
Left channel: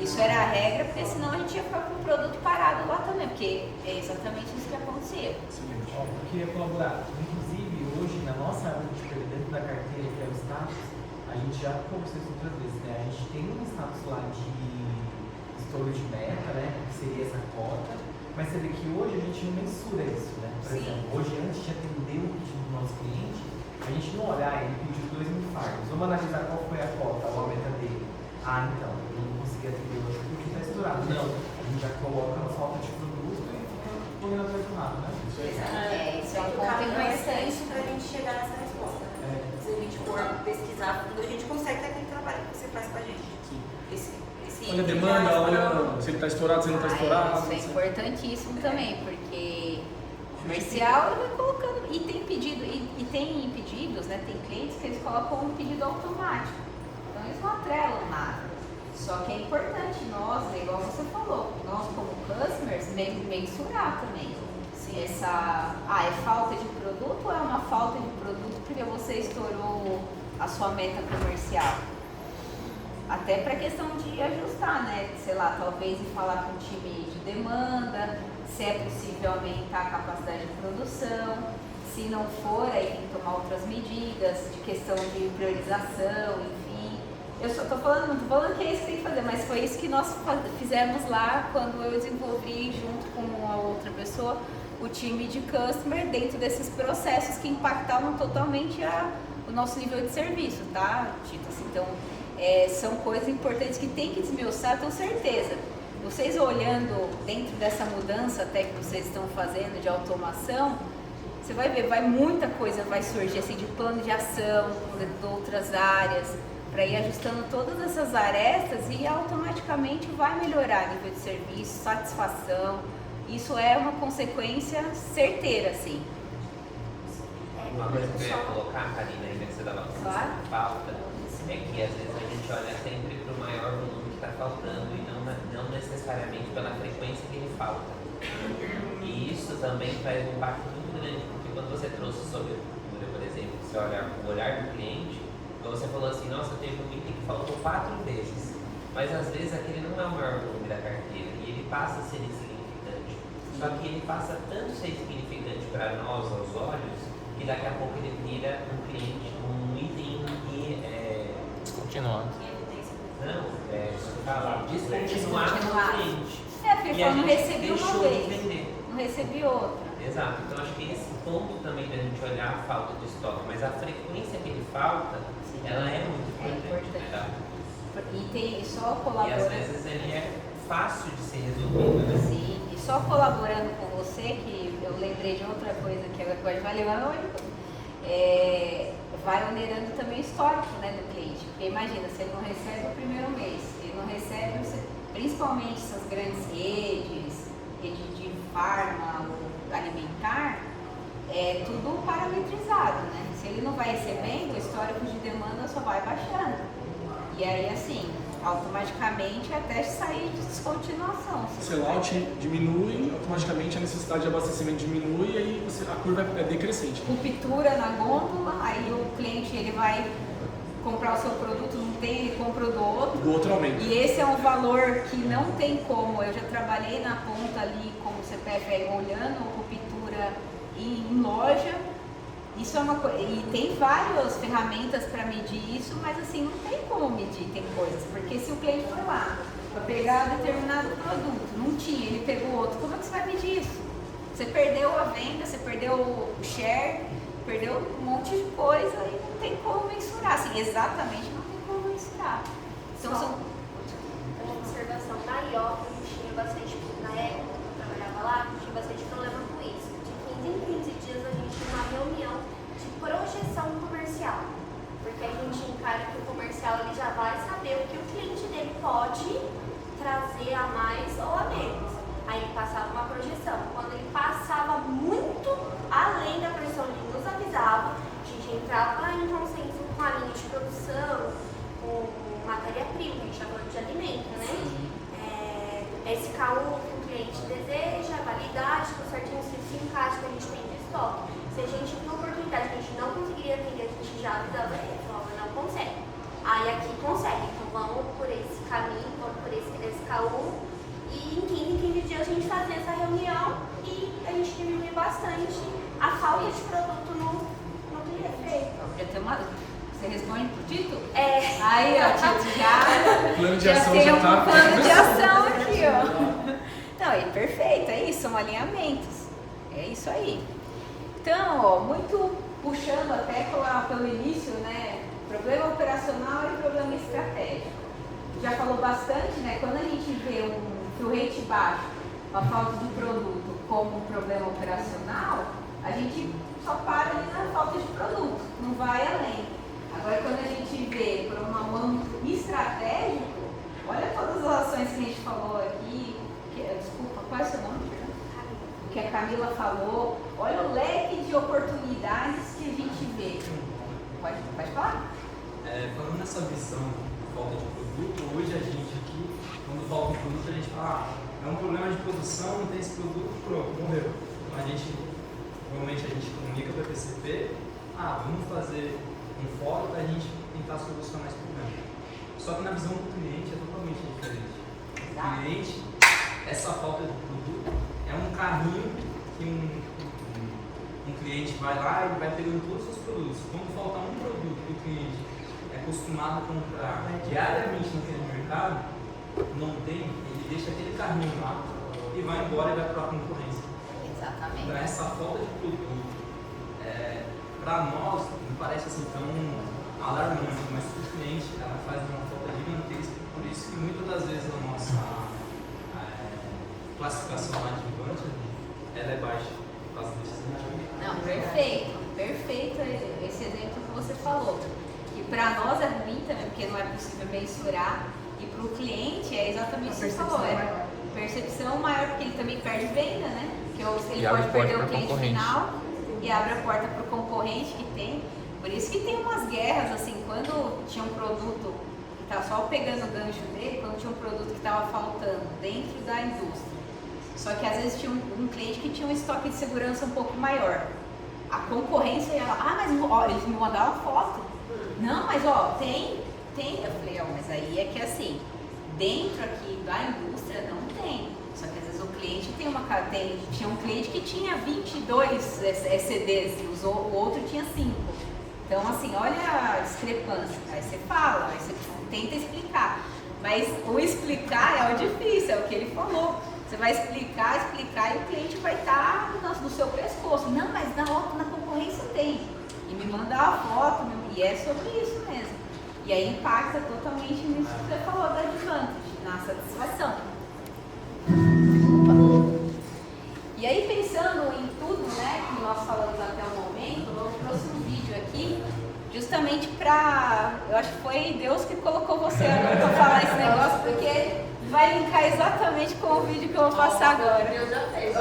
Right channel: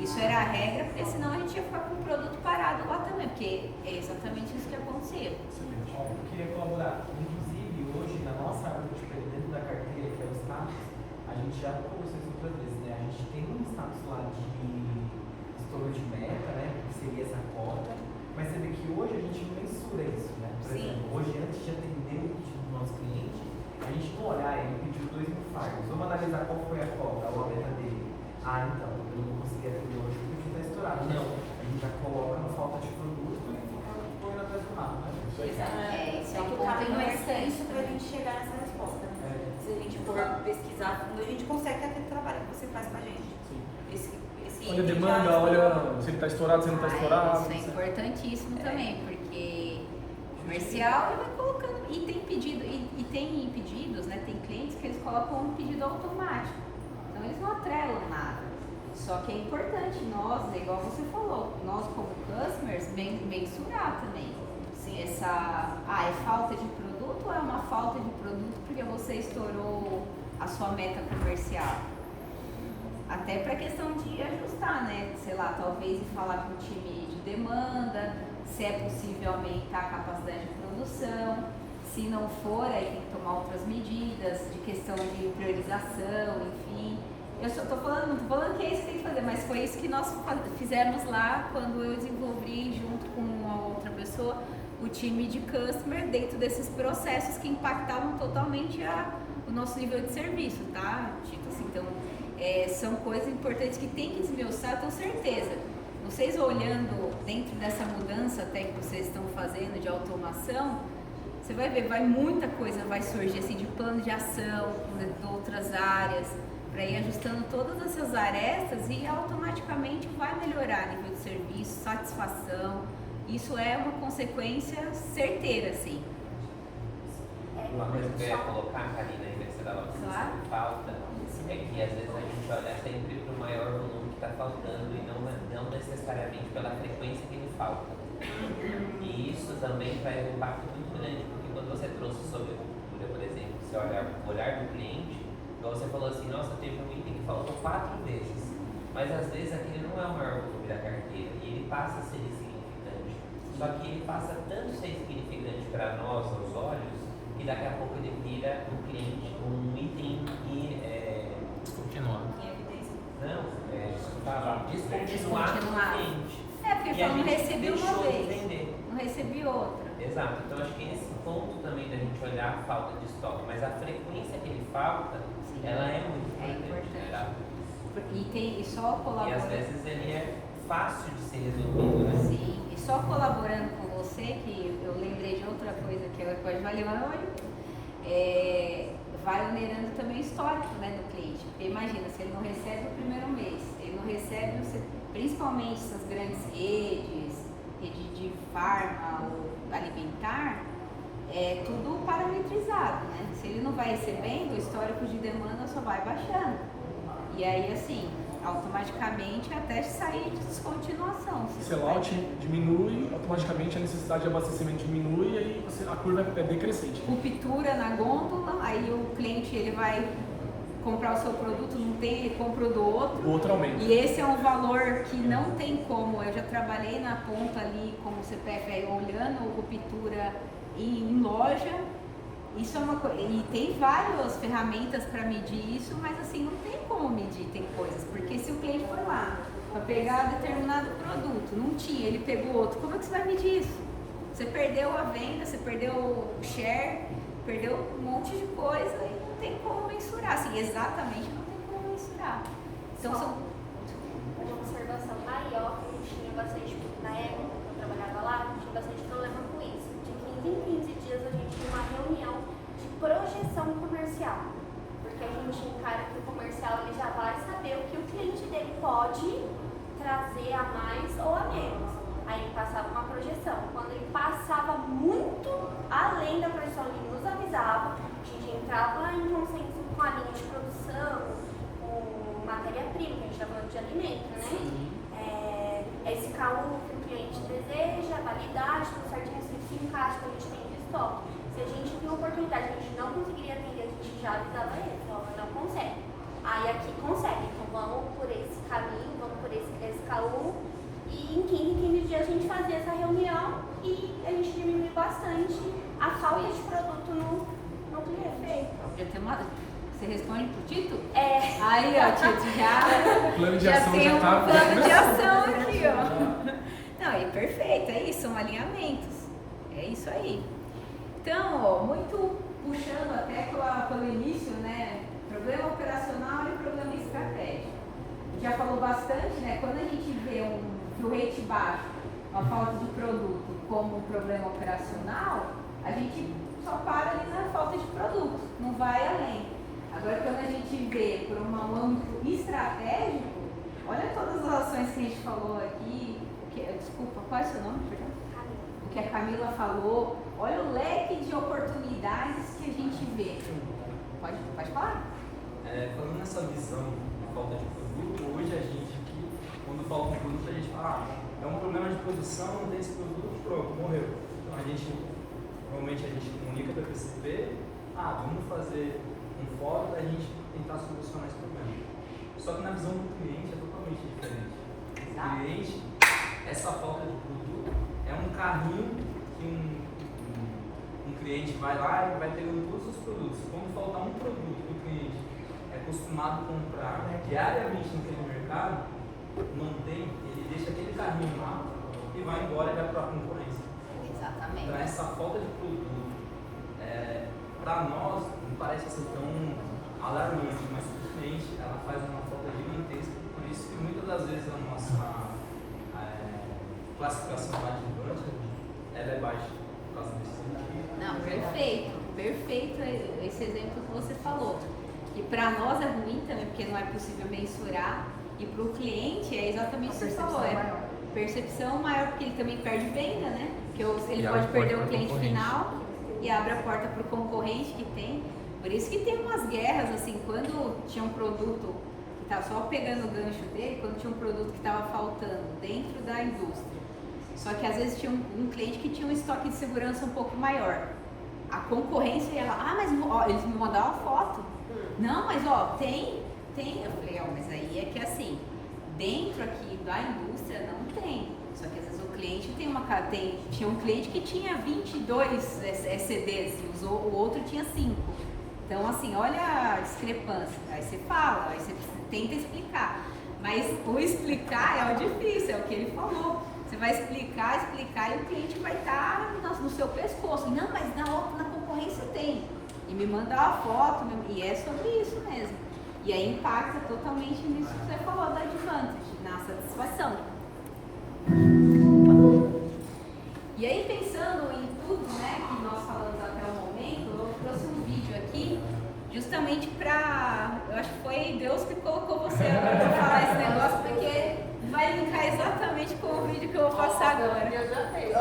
Isso era a regra, porque senão a gente ia ficar com o produto parado lá também, porque é exatamente isso que acontecia. Eu queria colaborar. Inclusive, hoje, na nossa área de dentro da carteira, que é o status, a gente já conversou isso outras vezes, né? A gente tem um status lá de estouro de meta, né? Que seria essa cota, mas você vê que hoje a gente não mensura isso, né? Por exemplo, hoje, antes de atender o pedido do nosso cliente, a gente não olhar, ele pediu 2.000 fardos. Vamos analisar qual foi a cota, a meta dele. Então, eu não consegui atender hoje porque está estourado. Não, a gente já coloca a falta de produto e põe na tomada, né? Isso é um ponto importante para a gente chegar nessa resposta. Se a gente for pesquisar Se ele está estourado, se ele não está estourado. Isso é importantíssimo também, porque comercial ele vai colocando. E tem pedido, e tem pedidos, né? Tem clientes que eles colocam um pedido automático. Então eles não atrelam nada. Só que é importante nós, igual você falou, nós como customers, mensurar também. Se essa é falta de produto ou é uma falta de produto porque você estourou a sua meta comercial? Até para questão de ajustar, né? Sei lá, talvez falar com o time de demanda, se é possível aumentar a capacidade de produção. Se não for, aí tem que tomar outras medidas de questão de priorização, enfim. Eu só tô falando, não tô falando que é isso que tem que fazer, mas foi isso que nós fizemos lá quando eu desenvolvi junto com uma outra pessoa o time de customer dentro desses processos que impactavam totalmente o nosso nível de serviço, tá, Tito? Assim, então, são coisas importantes que tem que desmiuçar, tenho certeza. Vocês olhando dentro dessa mudança até que vocês estão fazendo de automação, você vai ver, muita coisa vai surgir assim de plano de ação, de outras áreas, para ir ajustando todas essas arestas e automaticamente vai melhorar nível de serviço, satisfação. Isso é uma consequência certeira, assim. Uma coisa que eu ia colocar, Karina, ainda que você estava falando de falta, é que às vezes a gente olha sempre para o maior volume que está faltando e não necessariamente pela frequência que ele falta. E isso também faz um impacto muito grande, porque quando você trouxe sobre, por exemplo, se olhar o olhar do cliente, você falou assim, nossa, teve um item que faltou 4 vezes, mas às vezes aquele não é o maior volume da carteira e ele passa a ser insignificante. Só que ele passa tanto ser insignificante para nós, aos olhos, que daqui a pouco ele vira um cliente, um item que é... Continuado. Não, descontinuado no cliente. Porque eu não recebi uma vez, não recebi outra. Exato, então acho que esse ponto também da gente olhar a falta do estoque, mas a frequência que ele falta, ela é muito importante. E só colaborando. E às vezes ele é fácil de ser resolvido, né? Sim, e só colaborando com você, que eu lembrei de outra coisa que a coisa vai levando hoje, vai onerando também o histórico, né, do cliente. Porque imagina, se ele não recebe o primeiro mês, ele não recebe, principalmente essas grandes redes, rede de farma, alimentar, é tudo parametrizado, né? Se ele não vai recebendo, o histórico de demanda só vai baixando. E aí, assim, automaticamente até sair de descontinuação. O sellout diminui, automaticamente a necessidade de abastecimento diminui e aí a curva é decrescente. Ruptura na gôndola, aí o cliente ele vai comprar o seu produto, não tem, ele compra o do outro. O outro aumenta. E esse é um valor que não tem como. Eu já trabalhei na ponta ali como CPF aí, olhando ruptura em loja. Isso é uma coisa. E tem várias ferramentas para medir isso, mas assim, não tem como medir, tem coisas. Porque se o cliente foi lá para pegar determinado produto, não tinha, ele pegou outro, como é que você vai medir isso? Você perdeu a venda, você perdeu o share, perdeu um monte de coisa e não tem como mensurar. Assim, exatamente não tem como mensurar. Então são. Uma observação maior, que a gente tinha bastante, na época que eu trabalhava lá, a gente tinha bastante problema com isso. De 15 em 15 dias a gente tinha uma reunião de projeção comercial. Porque a gente encara que o comercial ele já vai saber o que o cliente dele pode trazer a mais ou a menos. Aí ele passava uma projeção. Quando ele passava muito além da projeção, ele nos avisava, a gente entrava em consenso com a linha de produção, com matéria-prima, que a gente está falando de alimento, né? SKU que o cliente deseja, validade, com certinho se encaixa que a gente tem de estoque. Se a gente tem oportunidade, a gente não conseguiria atender, a gente já avisava ele, falava, não consegue. Aí aqui consegue, então vamos por esse caminho, vamos por esse SKU. E em 15 dias a gente fazia essa reunião e a gente diminuía bastante a falta de produto no cliente. Já tem uma. Você responde pro Tito? É. Aí, ó, Tito, já tem um plano de ação aqui, ó. Não, e perfeito, é isso, são alinhamentos. É isso aí. Então, ó, muito puxando até pelo início, né? Problema operacional e problema estratégico. Já falou bastante, né? Quando a gente vê um fill rate baixo, uma falta de produto como um problema operacional, a gente só para ali na falta de produto, não vai além. Agora, quando a gente vê por um âmbito estratégico, olha todas as ações que a gente falou aqui. Desculpa, qual é o seu nome? O que a Camila falou. Olha o leque de oportunidades que a gente vê. Pode falar? Falando nessa visão de falta de produto, hoje a gente aqui, quando falta um produto, a gente fala, é um problema de produção, não tem esse produto, pronto, morreu. Então normalmente a gente comunica para a PCP, vamos fazer um fórum para a gente tentar solucionar esse problema. Só que na visão do cliente é totalmente diferente. O cliente, essa falta de produto é um carrinho que um cliente vai lá e vai pegando todos os produtos. Quando falta um produto que o cliente é acostumado a comprar diariamente naquele mercado, não tem, ele deixa aquele carrinho lá e vai embora e vai para a concorrência. Exatamente. Então essa falta de produto, para nós, não parece assim tão alarmante, mas para o cliente ela faz uma falta gigantesca. Por isso que muitas das vezes a nossa classificação adjuvante ela é baixa. Não, perfeito esse exemplo que você falou. E para nós é ruim também, porque não é possível mensurar. E para o cliente é exatamente o que você falou, percepção maior, porque ele também perde venda, né? Porque ele pode perder o cliente final e abre a porta para o concorrente que tem. Por isso que tem umas guerras, assim, quando tinha um produto que estava só pegando o gancho dele, quando tinha um produto que estava faltando dentro da indústria. Só que às vezes tinha um cliente que tinha um estoque de segurança um pouco maior. A concorrência ia lá, mas eles me mandaram foto. Não, mas tem. Eu falei, mas aí é que assim, dentro aqui da indústria não tem. Só que às vezes o cliente tinha um cliente que tinha 22 CDs e o outro tinha 5. Então assim, olha a discrepância. Aí você fala, aí você tenta explicar. Mas o explicar é o difícil, é o que ele falou. Você vai explicar e o cliente vai estar no seu pescoço. Não, mas na concorrência tem. E me mandar a foto, e é sobre isso mesmo. E aí impacta totalmente nisso que você falou da advantage, na satisfação. E aí pensando em tudo, né, que nós falamos até o momento, eu trouxe um vídeo aqui justamente eu acho que foi Deus que colocou você agora para falar esse negócio, porque vai linkar exatamente com o vídeo que eu vou passar agora. Eu já fiz.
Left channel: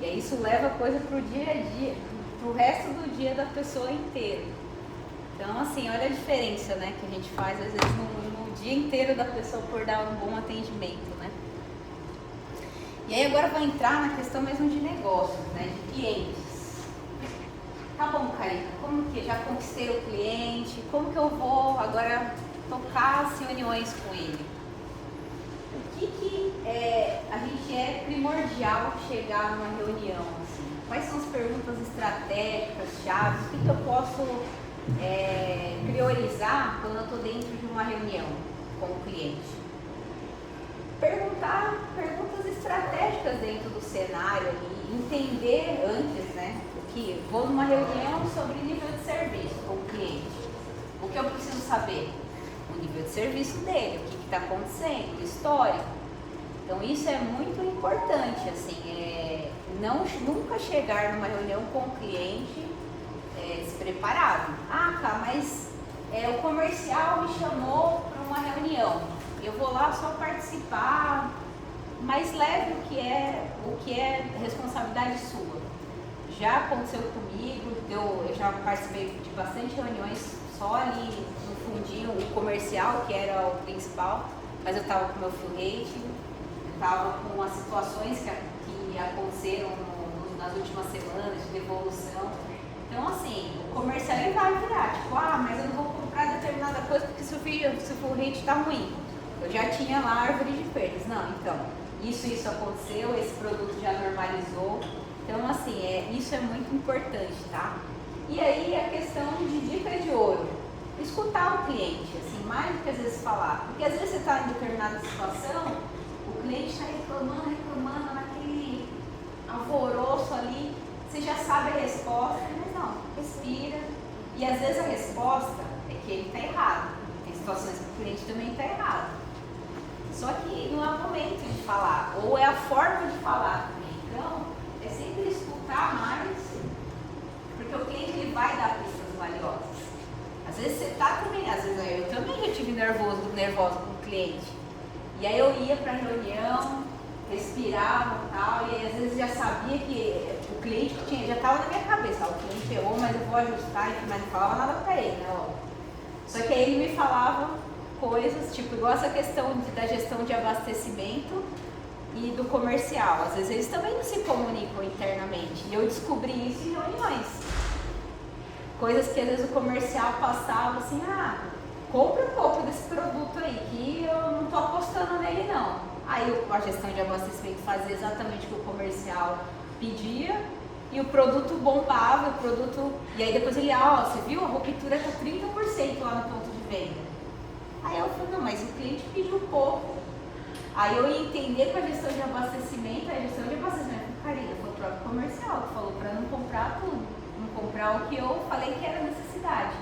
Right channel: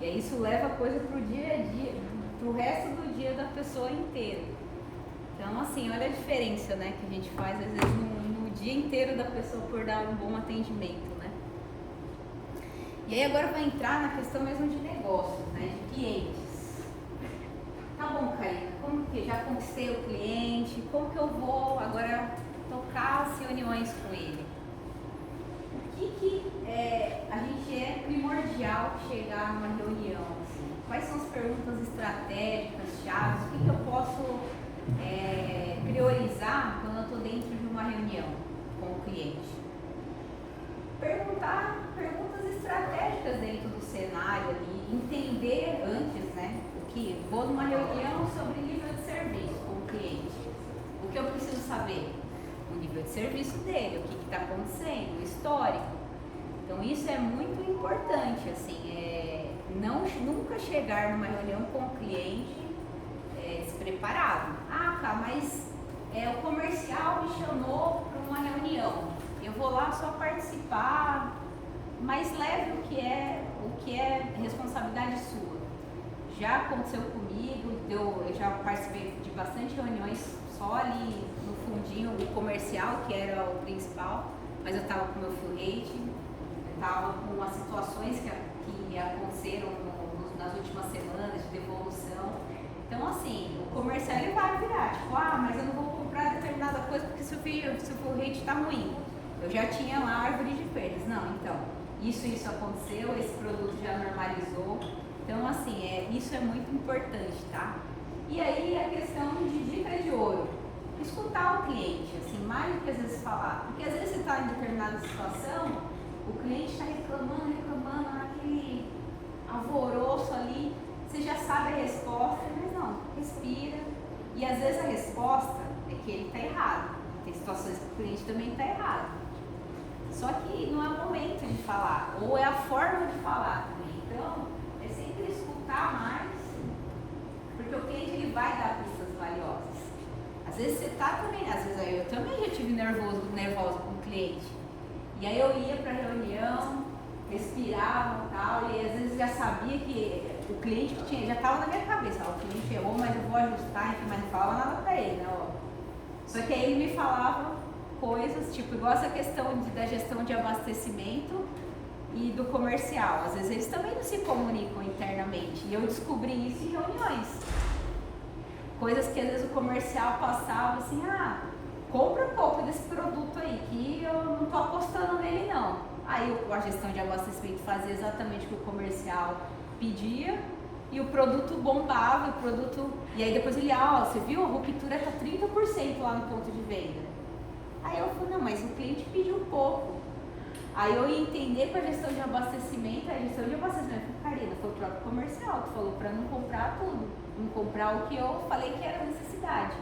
E aí isso leva a coisa pro dia a dia, pro resto do dia da pessoa inteira. Então, assim, olha a diferença, né, que a gente faz, às vezes, no dia inteiro da pessoa por dar um bom atendimento, né. E aí agora vai entrar na questão mesmo de negócios, né, de clientes. Tá bom, Karina, como que já conquistei o cliente, como que eu vou agora tocar as reuniões com ele? O que a gente é primordial chegar numa reunião, assim? Quais são as perguntas estratégicas, chaves? O que eu posso priorizar quando eu estou dentro de uma reunião com o cliente? Perguntar perguntas estratégicas dentro do cenário ali, entender antes, né? O que vou numa reunião sobre nível de serviço com o cliente. O que eu preciso saber? O nível de serviço dele, o que está acontecendo, o histórico. Então isso é muito importante, assim, nunca chegar numa reunião com o cliente despreparado. Ah, tá, mas o comercial me chamou para uma reunião. Eu vou lá só participar, mas leve o que é responsabilidade sua. Já aconteceu comigo, eu já participei de bastante reuniões só ali no fundinho, o comercial, que era o principal, mas eu estava com o meu fill rate, eu estava com as situações que aconteceram nas últimas semanas de devolução. Então, assim, o comercial ele vai virar, tipo, mas eu não vou comprar determinada coisa porque se o fill rate está ruim. Eu já tinha lá a árvore de perdas. Não, então, isso aconteceu, esse produto já normalizou. Então, assim, isso é muito importante, tá? E aí a questão de dica de ouro. Escutar o cliente, assim, mais do que às vezes falar. Porque às vezes você está em determinada situação, o cliente está reclamando, naquele alvoroço ali, você já sabe a resposta, mas não, respira. E às vezes a resposta é que ele está errado. Tem situações que o cliente também está errado. Só que não é o momento de falar, ou é a forma de falar também. Então, é sempre escutar mais, porque o cliente ele vai dar pistas valiosas. Às vezes você tá também, às vezes eu também já tive nervosa com o cliente. E aí eu ia para a reunião, respirava e tal, e às vezes já sabia que o cliente já estava na minha cabeça, o cliente errou, mas eu vou ajustar, mas não falava nada para ele, né? Só que aí ele me falava coisas, tipo, igual essa questão da gestão de abastecimento e do comercial. Às vezes eles também não se comunicam internamente. E eu descobri isso em reuniões. Coisas que às vezes o comercial passava assim, compra um pouco desse produto aí, que eu não tô apostando nele não. Aí a gestão de abastecimento fazia exatamente o que o comercial pedia e o produto bombava, e aí depois ele, você viu, a ruptura tá 30% lá no ponto de venda. Aí eu falei, não, mas o cliente pediu pouco. Aí eu ia entender com a gestão de abastecimento, Karina, foi o próprio comercial que falou para não comprar tudo, não comprar o que eu falei que era necessidade.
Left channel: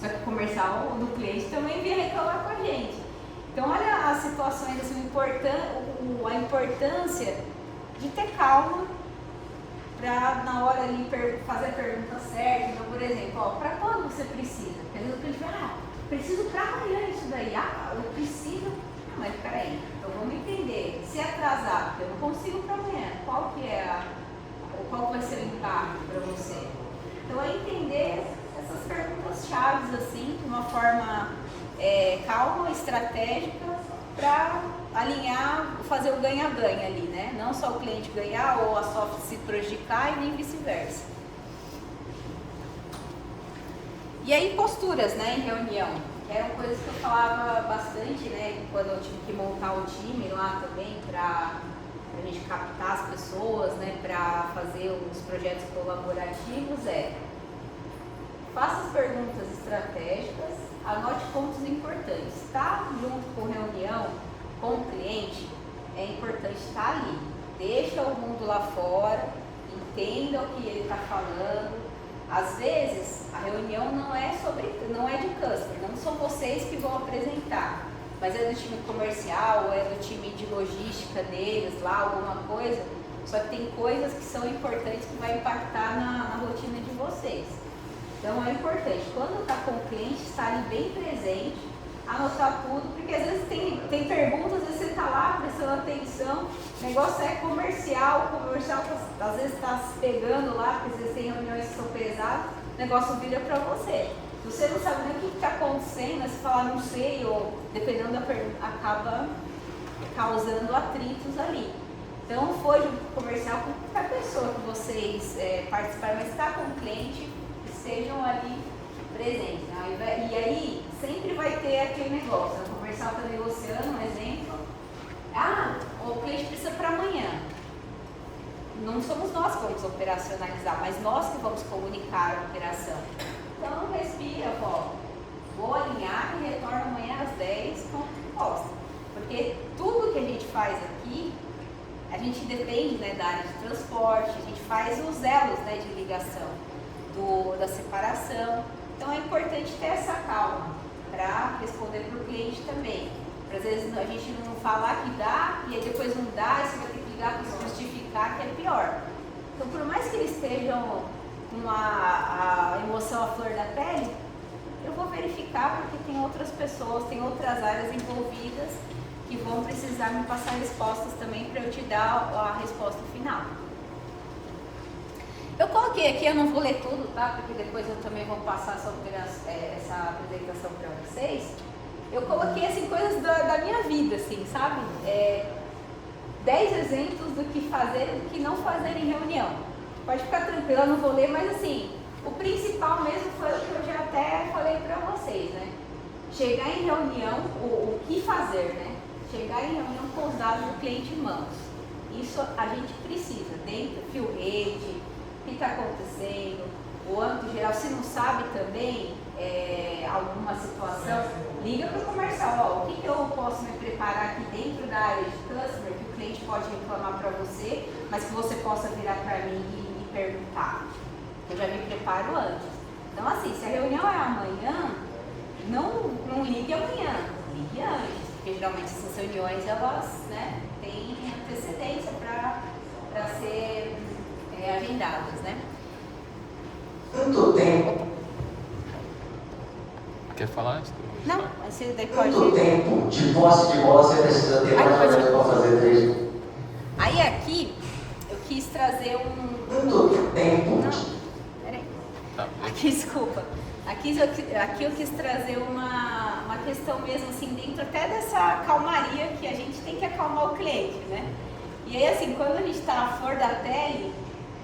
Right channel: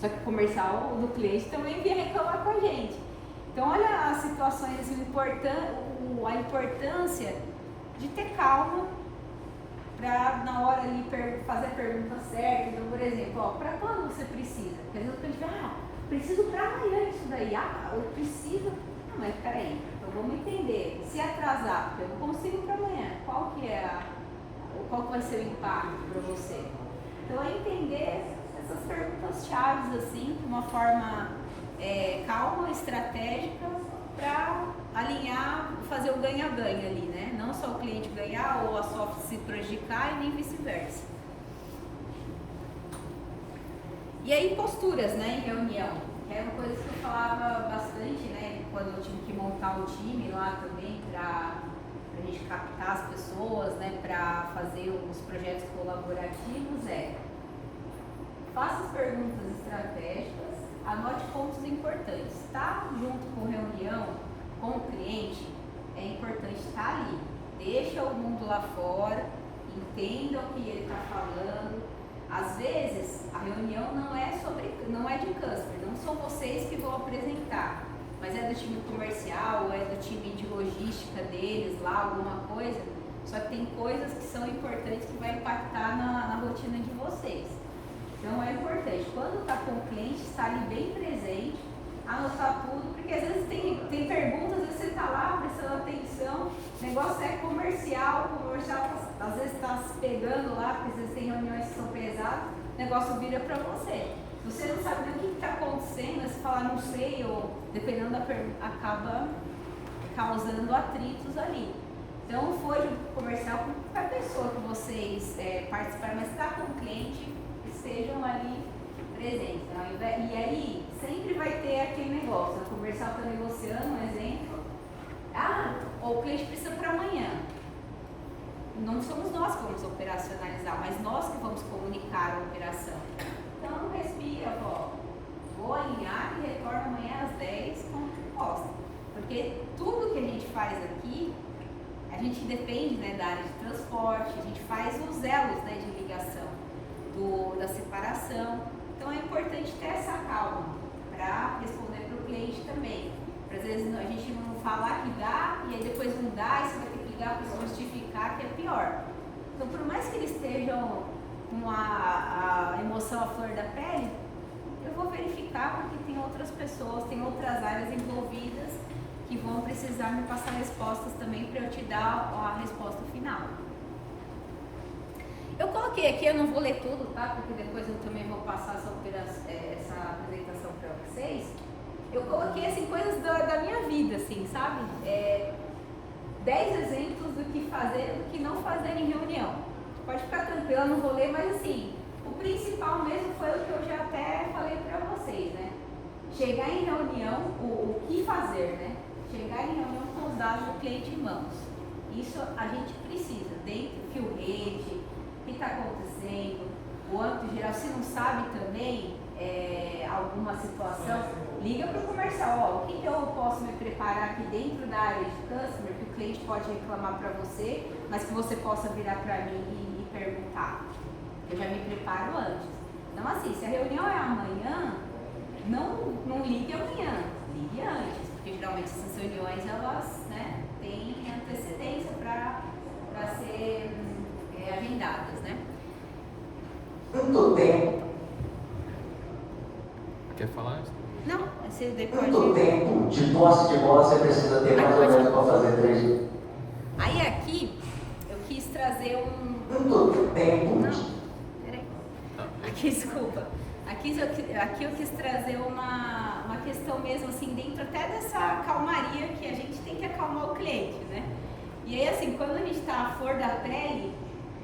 Só que o comercial do cliente também vinha reclamar com a gente. Então olha as situações, assim, a importância de ter calma para na hora ali fazer a pergunta certa. Então, por exemplo, para quando você precisa? Porque às vezes o cliente fala, preciso para amanhã isso daí. Eu preciso. Não, mas peraí, então vamos entender. Se atrasar, porque eu não consigo para amanhã, qual vai ser o impacto para você? Então é entender essas perguntas chaves assim, de uma forma calma, estratégica, para alinhar, fazer o ganha-ganha ali, né? Não só o cliente ganhar ou a soft se prejudicar e nem vice-versa. E aí posturas, né, em reunião, que eram coisas que eu falava bastante, né, quando eu tive que montar o time lá também, para a gente captar as pessoas, né, para fazer os projetos colaborativos, faça as perguntas estratégicas, anote pontos importantes. Tá junto com reunião, com o cliente, é importante estar ali. Deixa o mundo lá fora, entenda o que ele está falando. Às vezes, a reunião não é de customer, não são vocês que vão apresentar, mas é do time comercial, ou é do time de logística deles lá, alguma coisa. Só que tem coisas que são importantes que vai impactar na rotina de vocês. Então é importante, quando está com o cliente, estar ali bem presente, anotar tudo, porque às vezes tem perguntas, às vezes você está lá prestando atenção, O negócio é comercial, o comercial às vezes está se pegando lá, porque vocês têm reuniões que são pesadas, o negócio vira para você. Se você não sabe nem o que está acontecendo, você fala não sei, ou dependendo da pergunta, acaba causando atritos ali. Então foi de comercial com qualquer pessoa que vocês participarem, mas está com o cliente, que estejam ali presentes. Né? E aí sempre vai ter aquele negócio, o comercial está negociando, um exemplo. O cliente precisa para amanhã. Não somos nós que vamos operacionalizar, mas nós que vamos comunicar a operação. Então respira, vou alinhar e retorno amanhã às 10 com proposta. Porque tudo que a gente faz aqui, a gente depende, né, da área de transporte, a gente faz os elos, né, de ligação da separação. Então é importante ter essa calma para responder para o cliente também. Às vezes a gente não falar que dá e aí depois não dá e você vai ter que ligar para se justificar, que é pior. Então por mais que eles estejam com a emoção à flor da pele, eu vou verificar porque tem outras pessoas, tem outras áreas envolvidas que vão precisar me passar respostas também para eu te dar a resposta final. Eu coloquei aqui, eu não vou ler tudo, tá? Porque depois eu também vou passar essa apresentação para vocês. Eu coloquei assim, coisas da minha vida, assim, sabe? 10 exemplos do que fazer e do que não fazer em reunião. Pode ficar tranquilo, eu não vou ler, mas assim, o principal mesmo foi o que eu já até falei para vocês, né? Chegar em reunião, o que fazer, né? Chegar em reunião com os dados do cliente em mãos. Isso a gente precisa, dentro do fio rede, o que está acontecendo, o âmbito geral. Se não sabe também alguma situação, liga para o comercial, o que eu posso me preparar aqui dentro da área de customer, que o cliente pode reclamar para você, mas que você possa virar para mim e perguntar. Eu já me preparo antes. Então assim, se a reunião é amanhã, não ligue amanhã, ligue antes, porque geralmente essas reuniões elas, né, têm antecedência para ser agendadas, né? Quanto tempo? Quer falar isso? Não, você daí pode... Quanto tempo de posse de bola você precisa ter mais ou menos para fazer 3? Aí aqui, eu quis trazer Quanto tempo? Não, peraí. Aqui, desculpa. Aqui eu quis trazer uma questão mesmo, assim, dentro até dessa calmaria que a gente tem que acalmar o cliente, né? E aí, assim, quando a gente está à flor da pele,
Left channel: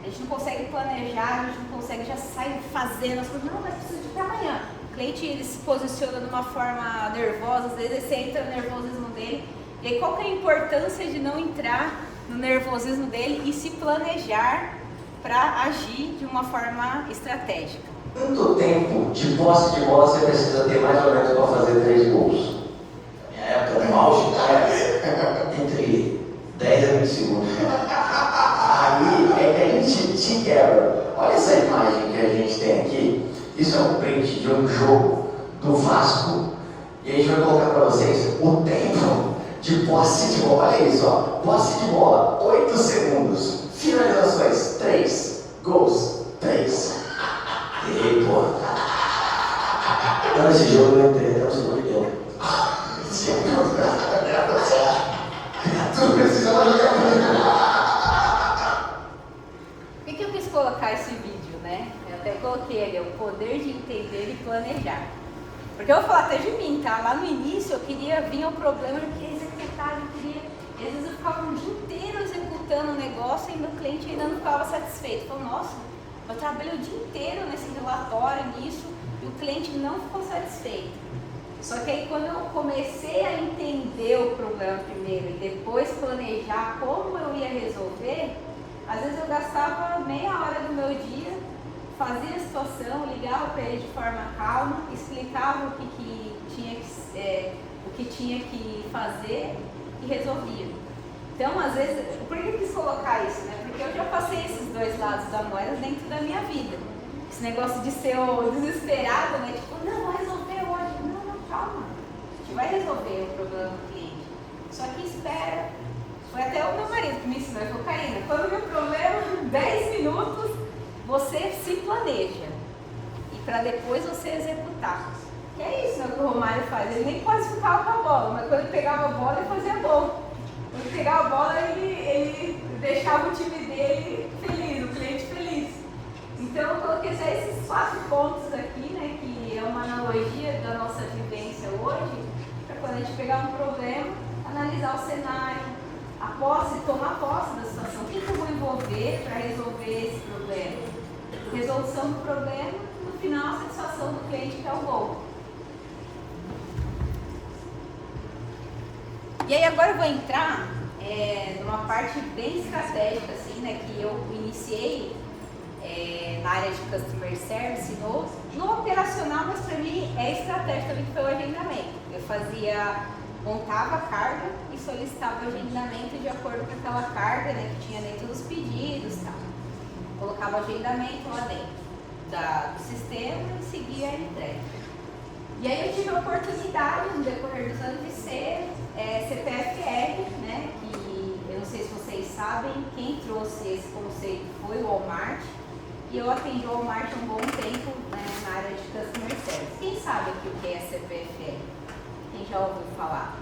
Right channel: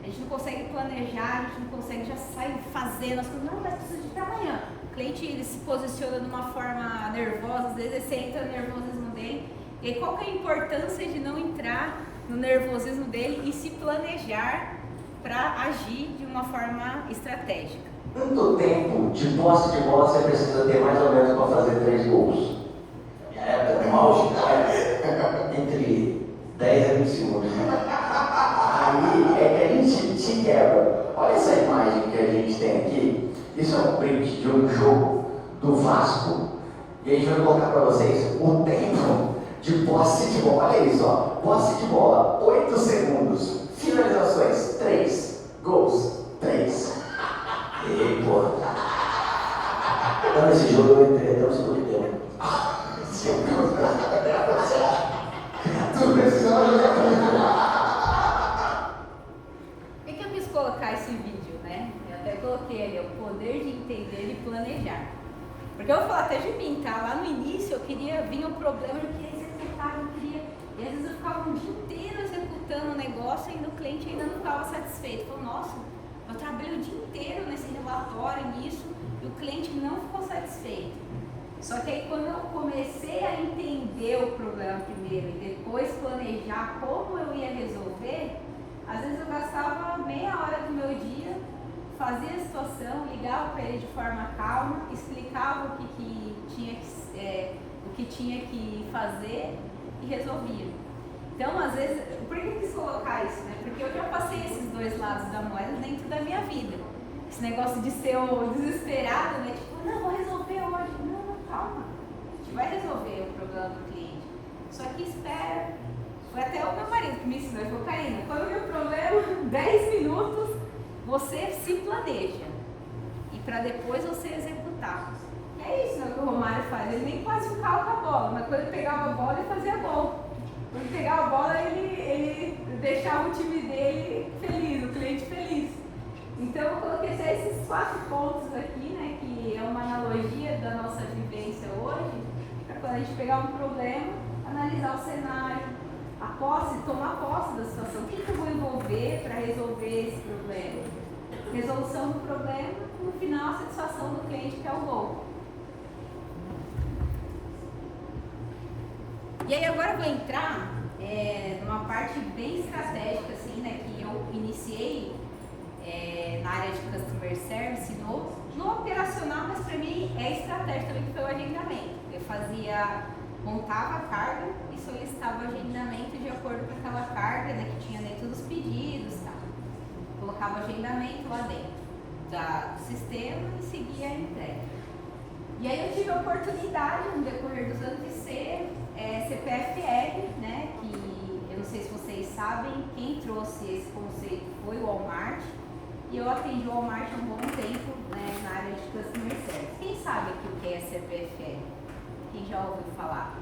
a gente não consegue planejar, a gente não consegue já sair fazendo as coisas. Não, mas precisa de para amanhã. O cliente, ele se posiciona de uma forma nervosa, às vezes você entra no nervosismo dele. E aí, qual que é a importância de não entrar no nervosismo dele e se planejar para agir de uma forma estratégica? Quanto tempo de posse de bola você precisa ter mais ou menos para fazer 3 gols? No auge, entre 10 a 20 segundos. Aí é que a gente se quebra. Olha essa imagem que a gente tem aqui. Isso é um print de um jogo do Vasco. E a gente vai colocar para vocês o tempo de posse de bola. Olha isso, ó. Posse de bola, 8 segundos. Finalizações, 3. Gols, 3. E pô. Nesse jogo eu entrei até o segundo tempo. Tu precisava jogar comigo. Por que eu quis colocar esse vídeo, né? Eu até coloquei ali, o poder de entender e planejar. Porque eu vou falar até de mim, tá? Lá no início eu queria vir o problema, eu queria executar, eu queria... E às vezes eu ficava um dia inteiro executando um negócio e o cliente ainda não ficava satisfeito. Então, nossa, eu trabalhei o dia inteiro nesse relatório, nisso, e o cliente não ficou satisfeito. Só que aí quando eu comecei a entender o problema primeiro e depois planejar como eu ia resolver, às vezes eu gastava meia hora do meu dia, fazia a situação, ligava para ele de forma calma, explicava o que tinha que fazer e resolvia. Então, às vezes, por que eu quis colocar isso, né? Porque eu já passei esses dois lados da moeda dentro da minha vida. Esse negócio de ser o desesperado, né? Tipo, não, vou resolver hoje. Não, calma. A gente vai resolver o problema do cliente. Só que espera. Foi até o meu marido que me ensinou, ele falou, Karina, quando o meu problema, 10 minutos, você se planeja. E para depois você executar. Que é isso, né, que o Romário faz. Ele nem quase ficava com a bola, mas quando ele pegava a bola, ele fazia gol. Quando ele pegava a bola, ele gente pegar um problema, analisar o cenário, tomar posse da situação. O que eu vou envolver para resolver esse problema? Resolução do problema, no final a satisfação do cliente, que é o gol. E aí agora eu vou entrar numa parte bem estratégica, assim, né, que eu iniciei na área de Customer Service, no operacional, mas para mim é estratégia também, que foi o agendamento. Eu montava a carga e solicitava o agendamento de acordo com aquela carga, né, que tinha dentro dos pedidos e tal. Colocava o agendamento lá dentro do sistema e seguia a entrega. E aí eu tive a oportunidade, no decorrer dos anos, de ser CPFL, né, que eu não sei se vocês sabem, quem trouxe esse conceito foi o Walmart, e eu atendi o Walmart há um bom tempo, né, na área de Customer Service. Quem sabe aqui o que é CPFL? Quem já ouviu falar?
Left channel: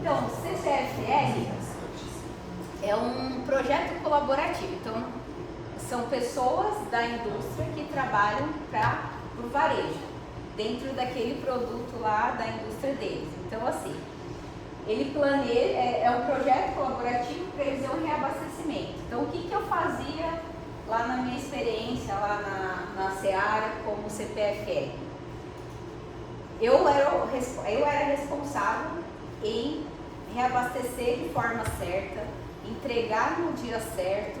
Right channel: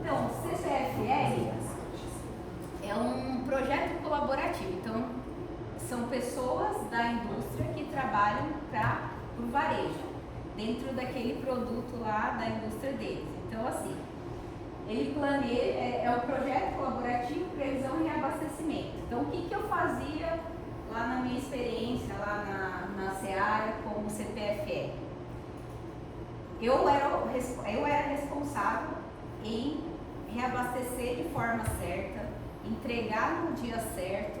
Então, o CPFL é um projeto colaborativo. Então, são pessoas da indústria que trabalham para o varejo, dentro daquele produto lá da indústria deles. Então, assim, ele planeja, é um projeto colaborativo, previsão e reabastecimento. Então, o que eu fazia lá na minha experiência, lá na Seara, como CPFL? Eu era responsável em reabastecer de forma certa, entregar no dia certo.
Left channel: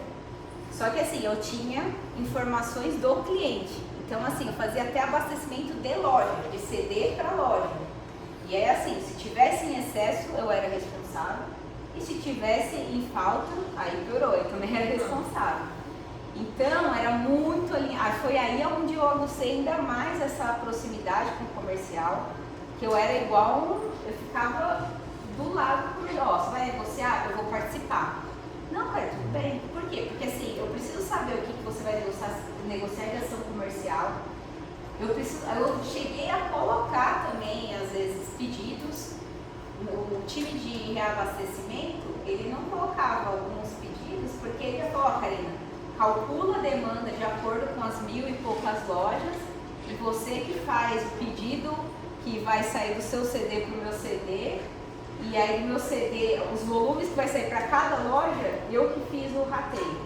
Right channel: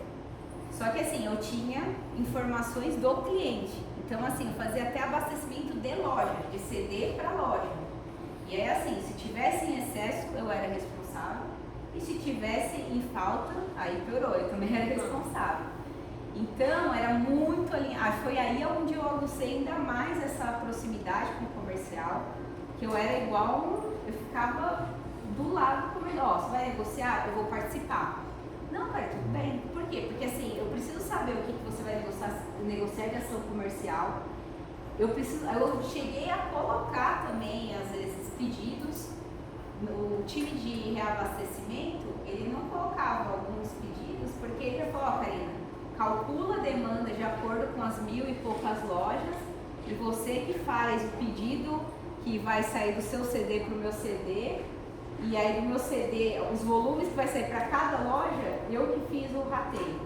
Só que assim, eu tinha informações do cliente. Então assim, eu fazia até abastecimento de loja, de CD para loja. E aí assim, se tivesse em excesso, eu era responsável. E se tivesse em falta, aí piorou, eu também era responsável. Então, era muito alinhado. Foi aí onde eu agucei ainda mais essa proximidade com o comercial, que eu era igual, eu ficava do lado do comercial. Você vai negociar? Eu vou participar. Não, cara, tudo bem. Por quê? Porque assim, eu preciso saber o que você vai negociar de ação comercial. Eu cheguei a colocar também, às vezes, pedidos. O time de reabastecimento, ele não colocava alguns pedidos, porque ele ia falar, Karina, calcula a demanda de acordo com as 1.000 e poucas lojas, e você que faz o pedido que vai sair do seu CD para o meu CD, e aí do meu CD, os volumes que vai sair para cada loja, eu que fiz o rateio,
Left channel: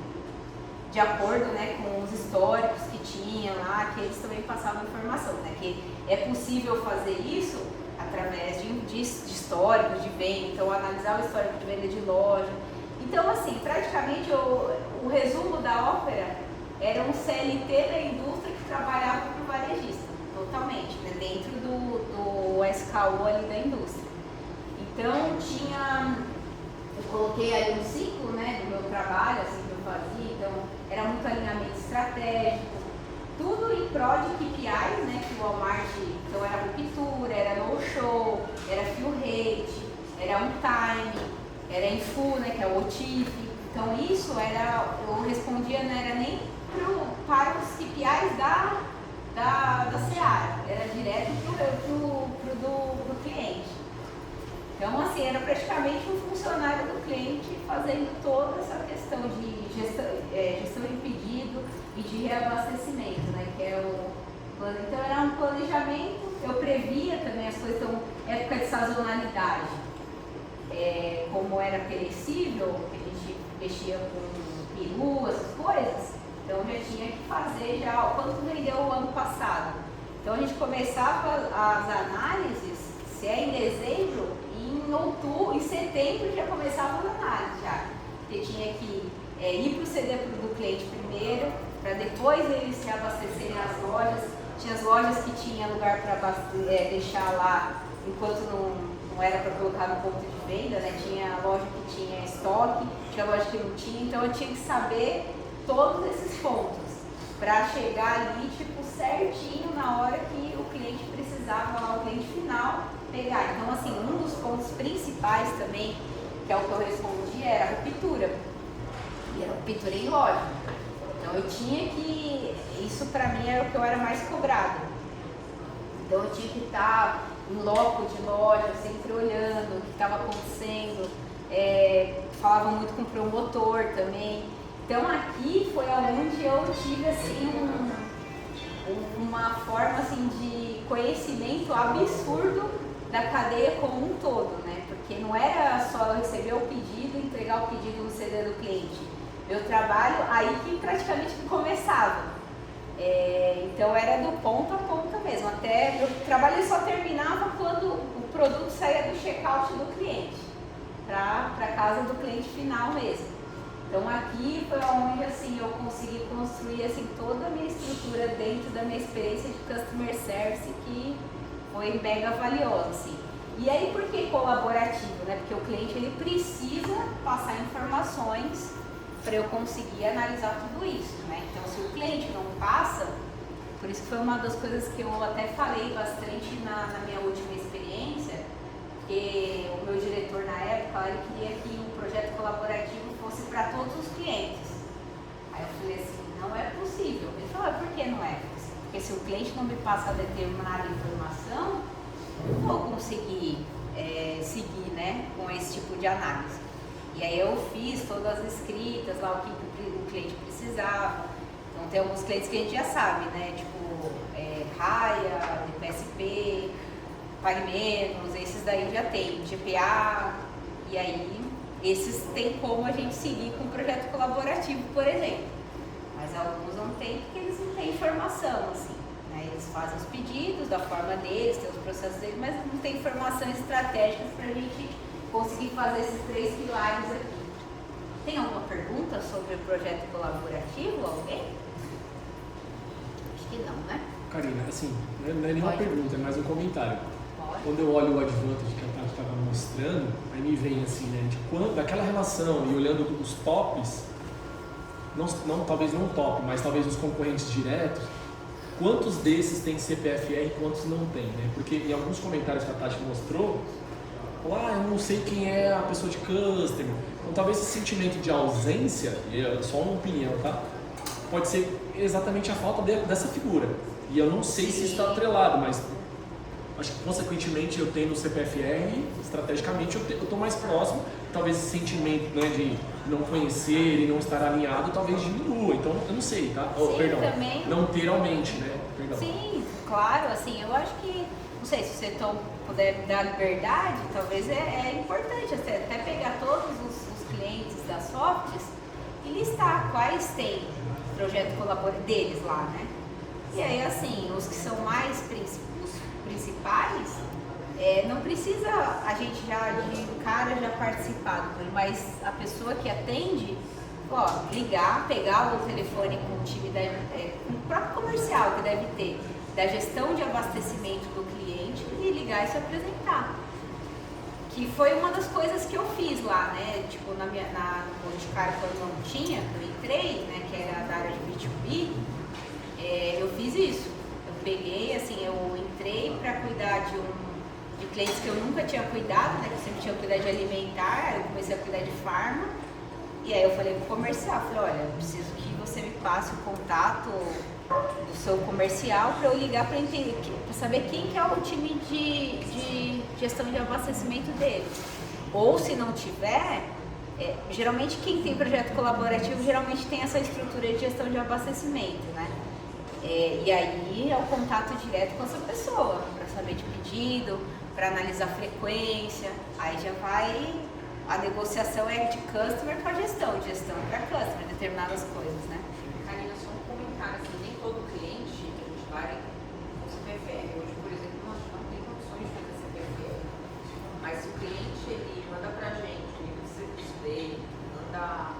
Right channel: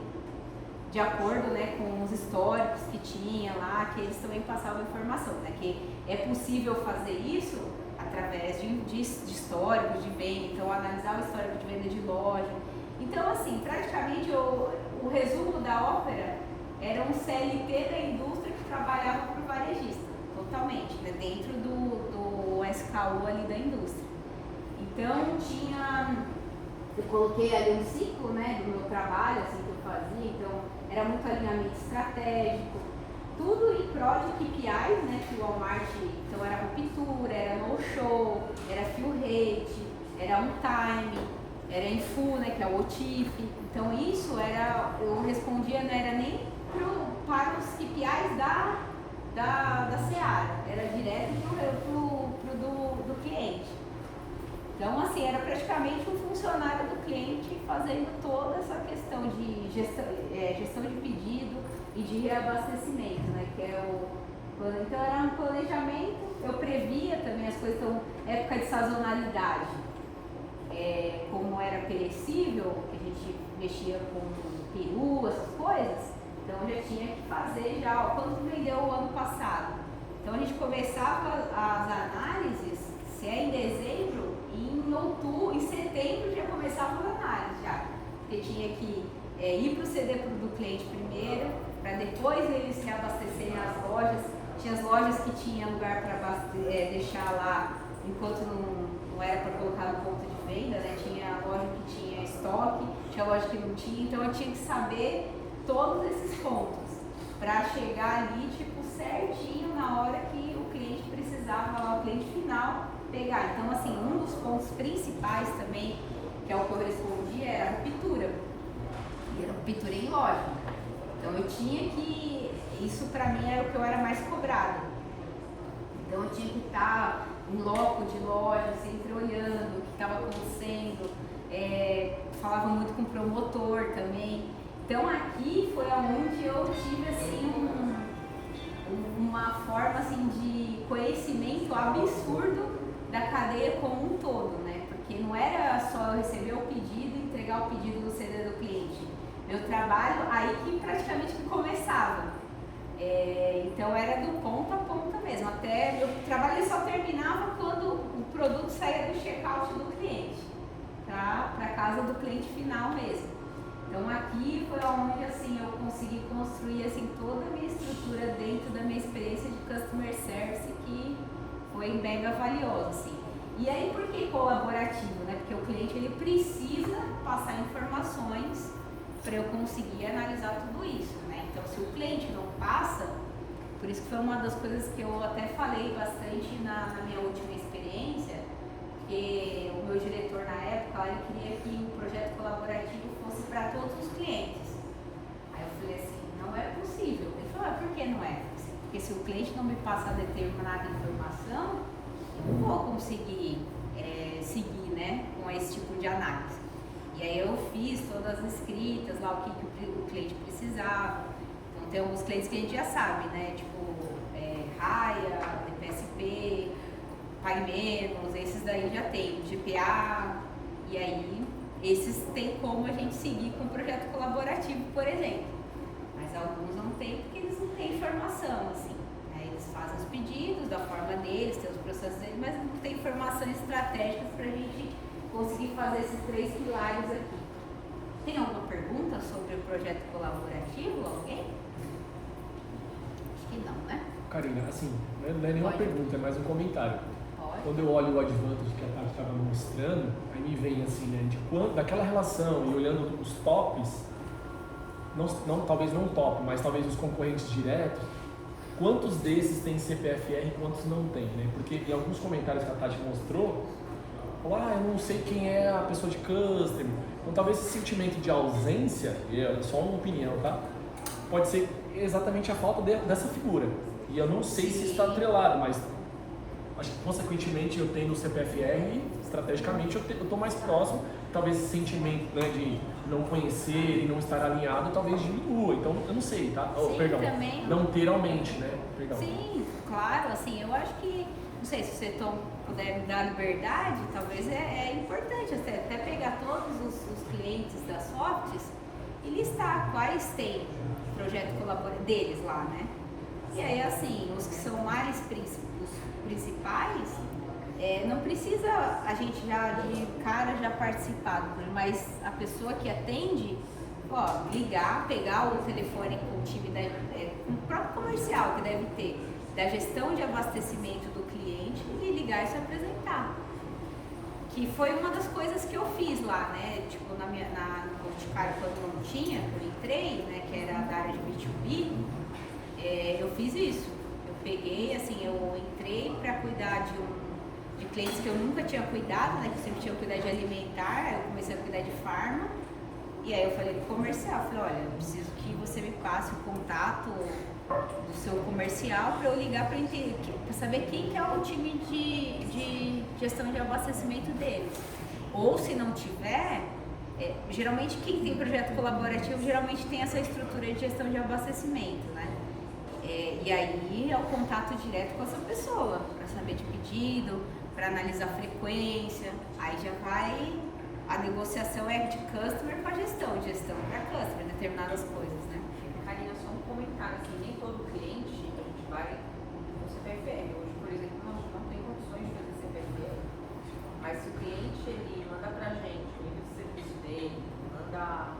de acordo, né, com os históricos que tinha lá, que eles também passavam informação, né, que é possível fazer isso através de históricos de venda, então analisar o histórico de venda de loja. Então, assim, praticamente o resumo da ópera era um CLT da indústria que trabalhava para o varejista, totalmente, né, dentro do SKU ali da indústria. Então, eu coloquei ali um ciclo, né, do meu trabalho, assim, que eu fazia, então era muito alinhamento estratégico, tudo em prol de KPIs, né, que o Walmart, então era ruptura, era no-show, era fill rate, era on-time, era em full, né, que é o OTIF. Então isso eu respondia, não era nem para os KPIs da Seara, era direto do cliente. Então assim, era praticamente um funcionário do cliente fazendo toda essa questão de gestão de pedido e de reabastecimento, né, que é então era um planejamento, eu previa também as coisas, então época de sazonalidade. Como era perecível, que a gente mexia com peru, essas coisas, então já tinha que fazer quanto vendeu o ano passado. Então a gente começava as análises, se é em dezembro, em setembro já começava as análises já. Porque tinha que ir para o CD do cliente primeiro, para depois eles se abastecerem as lojas. Tinha as lojas que tinha lugar para deixar lá enquanto não era para colocar no ponto de venda, né? Tinha loja que tinha estoque, tinha loja que não tinha, então eu tinha que saber todos esses pontos para chegar ali, tipo, certinho na hora que o cliente precisava, lá, o cliente final pegar. Então, assim, um dos pontos principais também, que é o que eu respondi, era a ruptura. E era ruptura em loja. Então eu tinha que, isso para mim era o que eu era mais cobrado. Então eu tinha que estar em loco de loja, sempre olhando o que estava acontecendo, falava muito com o promotor também. Então aqui foi onde eu tive assim uma forma assim, de conhecimento absurdo da cadeia como um todo, né? Porque não era só eu receber o pedido e entregar o pedido no CD do cliente. Meu trabalho aí que praticamente começava. Então era do ponto a ponta mesmo. Até o trabalho só terminava quando o produto saía do check-out do cliente para casa do cliente final mesmo. Então aqui foi onde assim, eu consegui construir assim, toda a minha estrutura dentro da minha experiência de Customer Service, que foi mega valiosa. Assim. E aí por que colaborativo? Né? Porque o cliente ele precisa passar informações para eu conseguir analisar tudo isso. Né? Então se o cliente não passa, por isso que foi uma das coisas que eu até falei bastante na minha última experiência, que o meu diretor na época, ele queria que o projeto colaborativo fosse para todos os clientes. Aí eu falei assim, não é possível. Ele falou, por que não é possível? Porque se o cliente não me passa determinada informação, eu não vou conseguir seguir, né, com esse tipo de análise. E aí eu fiz todas as escritas lá, o que o cliente precisava. Então tem alguns clientes que a gente já sabe, né, tipo Raia, DPSP, Pague Menos, esses daí já tem, GPA, e aí esses tem como a gente seguir com o projeto colaborativo, por exemplo. Mas alguns não tem porque eles não têm informação, assim. Né? Eles fazem os pedidos da forma deles, tem os processos deles, mas não tem informação estratégica para a gente conseguir fazer esses 3 pilares aqui. Tem alguma pergunta sobre o projeto colaborativo? Alguém? Acho que não, né? Karina, assim, não é nenhuma pergunta, é mais um comentário. Pode. Quando eu olho o advantage que a Tati estava mostrando, aí me vem assim, né, daquela relação e olhando os tops, talvez não top, mas talvez os concorrentes diretos, quantos desses tem CPFR e quantos não tem, né? Porque em alguns comentários que a Tati mostrou, eu não sei quem é a pessoa de customer. Então talvez esse sentimento de ausência, é só uma opinião, tá? Pode ser exatamente a falta dessa figura. E eu não sei se isso está atrelado, mas acho que consequentemente eu tendo o CPFR, estrategicamente eu estou mais próximo. Talvez esse sentimento, né, de não conhecer e não estar alinhado talvez diminua. Então eu não sei, tá? Sim, Perdão, também. não ter aumente, né? Perdão. Sim, claro, assim, eu acho que, não sei, se você puder me dar liberdade, talvez é importante até pegar todos os clientes das softs e listar quais tem projeto colaborativo deles lá, né? E aí, assim, os que são mais os principais, não precisa a gente já de cara já participar, mas a pessoa que atende, ligar, pegar o telefone com o time com o próprio comercial que deve ter, da gestão de abastecimento do cliente e ligar e se apresentar. Que foi uma das coisas que eu fiz lá, né? Tipo, no Boticário, quando não tinha, que eu entrei, né? Que era da área de B2B, eu fiz isso. Eu peguei, assim, eu entrei para cuidar de clientes que eu nunca tinha cuidado, né? Que eu sempre tinha cuidado de alimentar, eu comecei a cuidar de farma. E aí eu falei pro comercial, olha, eu preciso que você me passe o contato do seu comercial para eu ligar para entender, para saber quem que é o time de gestão de abastecimento deles. Ou se não tiver, geralmente quem tem projeto colaborativo geralmente tem essa estrutura de gestão de abastecimento, né? E aí é o contato direto com essa pessoa, para saber de pedido, para analisar a frequência, aí já vai, a negociação é de customer para gestão para customer, determinadas coisas, né? Karina, só um comentário, assim, nem todo cliente a gente vai com CPFR. Hoje, por exemplo, nós não tem condições de fazer CPFR. Mas se o cliente ele manda pra gente o nível de serviço dele, manda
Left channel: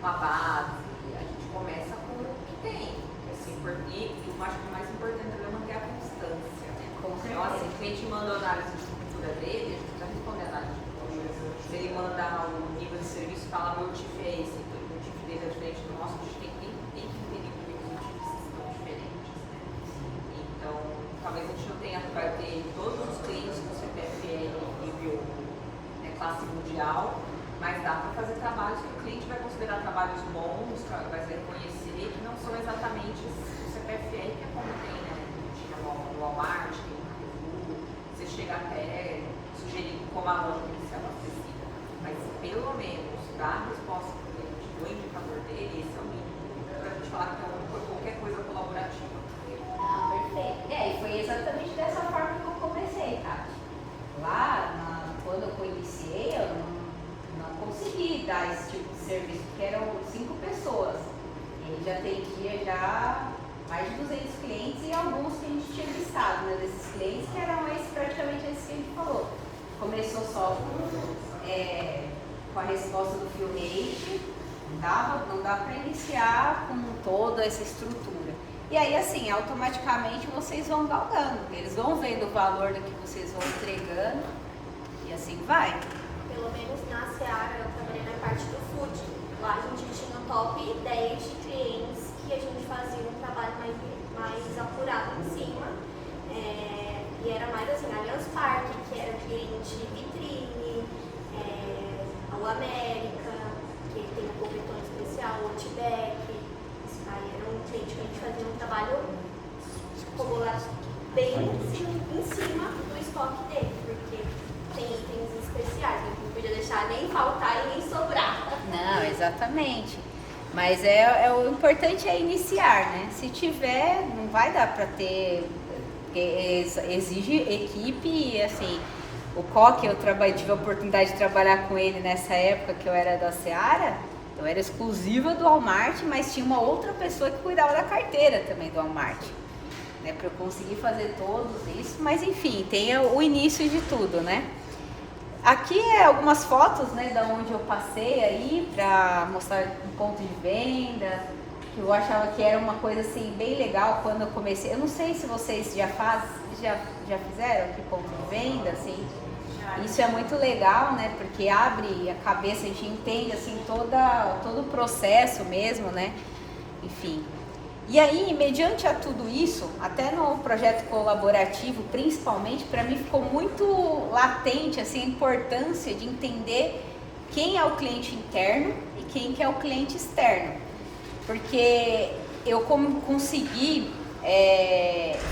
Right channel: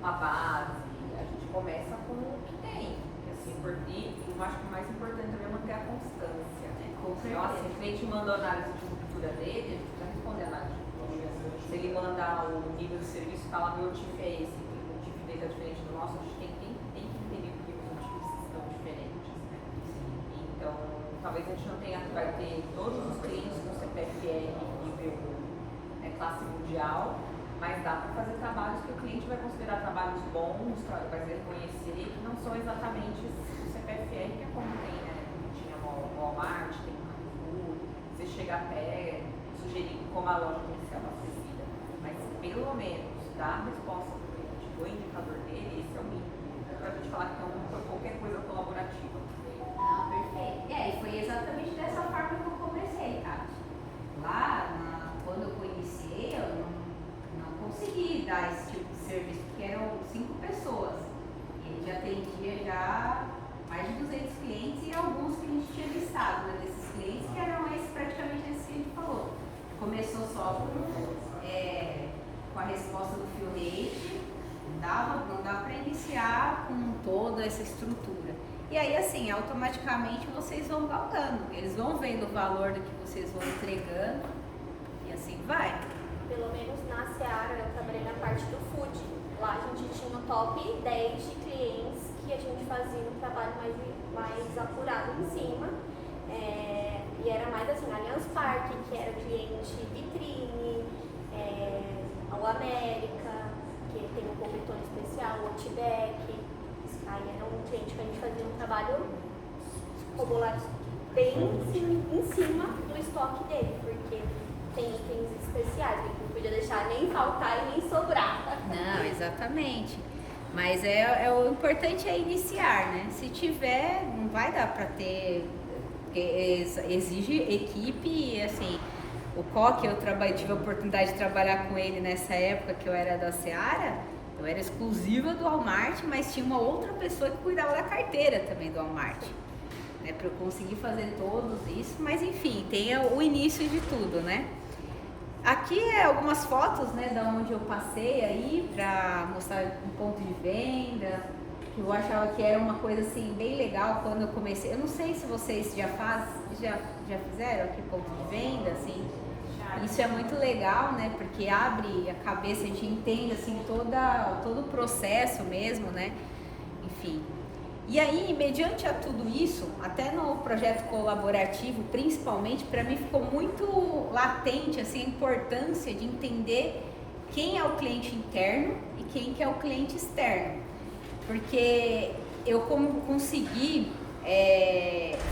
uma base, a gente começa com o que tem. Assim, e eu acho que o mais importante é manter a constância. Então, assim, o cliente manda a análise de estrutura dele, a gente precisa responder a análise de estrutura. Se ele mandar o nível de serviço, fala meu TIFACE, o TIF dele é diferente do nosso, a gente tem que entender por que os TIFs são diferentes. Então, talvez a gente não tenha, vai ter todos os clientes com CPFR nível classe mundial, mas dá para fazer trabalhos que o cliente vai considerar trabalhos bons, vai se reconhecer, que não são exatamente o CPFR que é como tem, né? Tinha no Walmart, tem no Carrefour, você chega até sugerir como a loja tem que ser abastecida, mas pelo menos dar a resposta para o cliente do indicador dele, esse é o mínimo. Para a gente falar que qualquer coisa colaborativa. dar esse tipo de serviço, porque eram 5 pessoas. Ele já atendia já mais de 200 clientes e alguns que a gente tinha listado, né, desses clientes que eram praticamente esses que a gente falou. Começou só com a resposta do fill rate, não dá para iniciar com toda essa estrutura. E aí, assim, automaticamente vocês vão galgando, eles vão vendo o valor do que vocês vão entregando e assim vai. Pelo menos na Seara eu trabalhei na parte do food. Lá a gente tinha um top 10 de clientes que a gente fazia um trabalho mais apurado em cima. E era mais assim, Allianz Parque, que era cliente vitrine, o América, que tem um cobertor especial, o Outback. Aí era um cliente que a gente fazia um trabalho bem em cima do estoque dele, porque tem itens especiais, que não podia deixar nem faltar e nem sobrar. Não, exatamente. Mas o importante é iniciar, né? Se tiver, não vai dar para ter, exige equipe e assim, o Coque, eu tive a oportunidade de trabalhar com ele nessa época que eu era da Seara, eu era exclusiva do Walmart, mas tinha uma outra pessoa que cuidava da carteira também do Walmart, né? Para eu conseguir fazer todos isso, mas enfim, tem o início de tudo, né? Aqui algumas fotos, né, da onde eu passei aí para mostrar um ponto de venda, que eu achava que era uma coisa assim bem legal quando eu comecei. Eu não sei se vocês já fizeram aqui ponto de venda, assim. Isso é muito legal, né, porque abre a cabeça, a gente entende assim todo o processo mesmo, né? Enfim. E aí, mediante a tudo isso, até no projeto colaborativo, principalmente, para mim ficou muito latente assim, a importância de entender quem é o cliente interno e quem que é o cliente externo. Porque eu consegui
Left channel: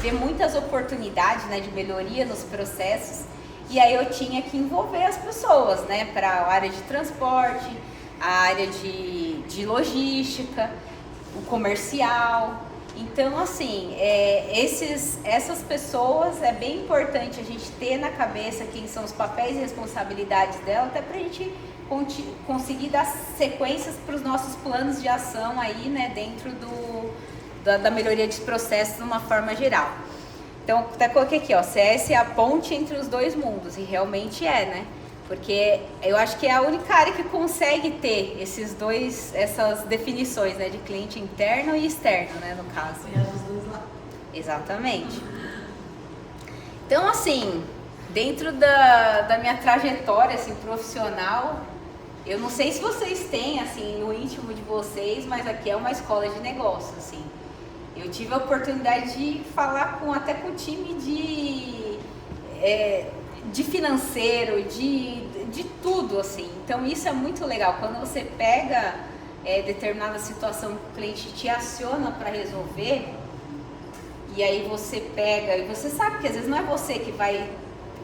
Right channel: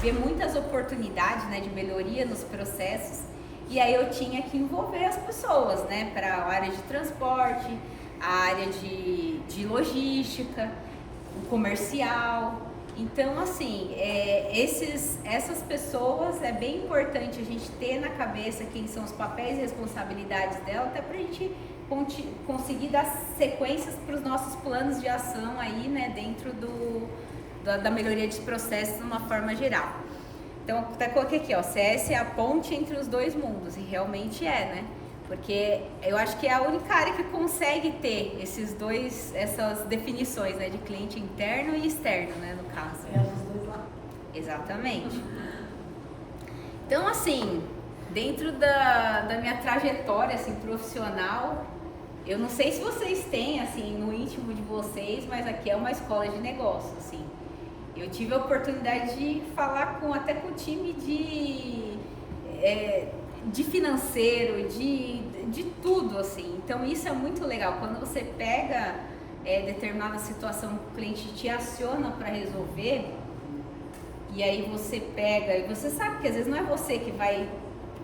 ver muitas oportunidades, né, de melhoria nos processos, e aí eu tinha que envolver as pessoas, né, para a área de transporte, a área de logística, o comercial. Então, assim, essas pessoas é bem importante a gente ter na cabeça quem são os papéis e responsabilidades dela, até para a gente conseguir dar sequências para os nossos planos de ação aí, né, dentro da melhoria dos processos de uma forma geral. Então, até coloquei aqui, ó, CS é a ponte entre os dois mundos, e realmente né? Porque eu acho que é a única área que consegue ter essas definições, né, de cliente interno e externo, né, no caso. Exatamente. Então, assim, dentro da minha trajetória assim, profissional, eu não sei se vocês têm, assim, no íntimo de vocês, mas aqui é uma escola de negócio, assim. Eu tive a oportunidade de falar até com o time de financeiro, de tudo, assim. Então, isso é muito legal. Quando você pega determinada situação que o cliente te aciona para resolver, e aí você pega, e você sabe que às vezes não é você que vai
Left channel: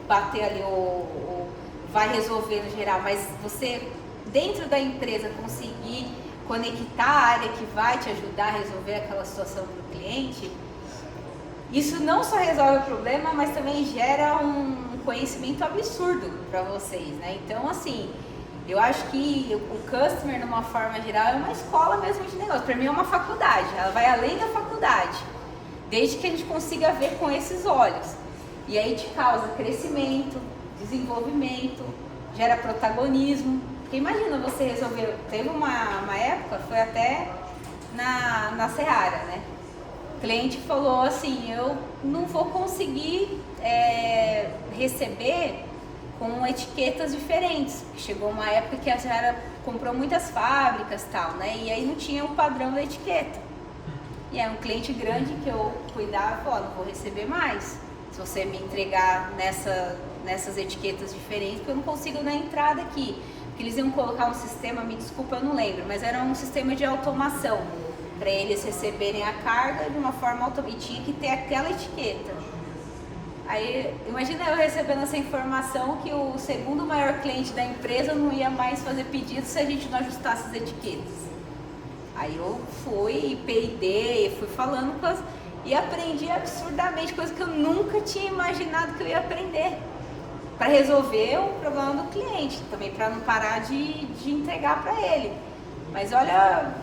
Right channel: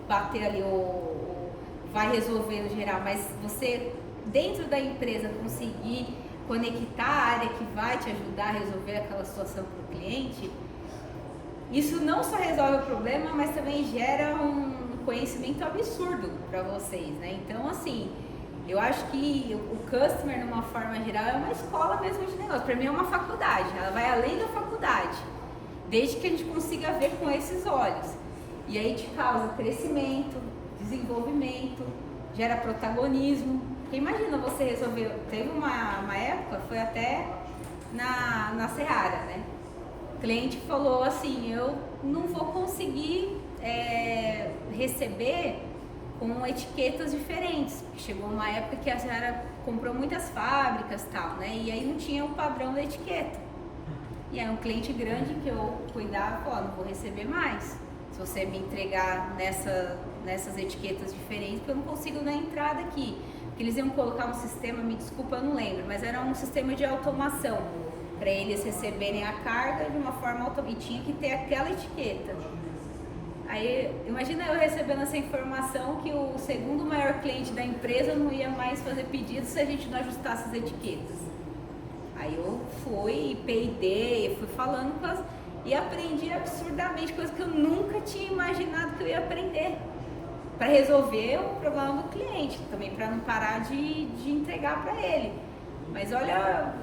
bater ali ou vai resolver no geral, mas você, dentro da empresa, conseguir conectar a área que vai te ajudar a resolver aquela situação para o cliente, isso não só resolve o problema, mas também gera um conhecimento absurdo para vocês, né? Então, assim, eu acho que o customer, de uma forma geral, é uma escola mesmo de negócio. Para mim é uma faculdade, ela vai além da faculdade, desde que a gente consiga ver com esses olhos. E aí te causa crescimento, desenvolvimento, gera protagonismo. Porque imagina você resolver, teve uma época, foi até na Seara, né? O cliente falou assim, eu não vou conseguir receber com etiquetas diferentes. Chegou uma época que a Seara comprou muitas fábricas e tal, né? E aí não tinha um padrão da etiqueta. E aí um cliente grande que eu cuidava falou, não vou receber mais se você me entregar nessas etiquetas diferentes, porque eu não consigo dar entrada aqui. Porque eles iam colocar um sistema, me desculpa, eu não lembro, mas era um sistema de automação para eles receberem a carga de uma forma automática, e tinha que ter aquela etiqueta. Aí, imagina eu recebendo essa informação que o segundo maior cliente da empresa não ia mais fazer pedido se a gente não ajustasse as etiquetas. Aí eu fui, peidei, fui falando e aprendi absurdamente, coisa que eu nunca tinha imaginado que eu ia aprender. para resolver o problema do cliente, também para não parar de entregar para ele. Mas olha,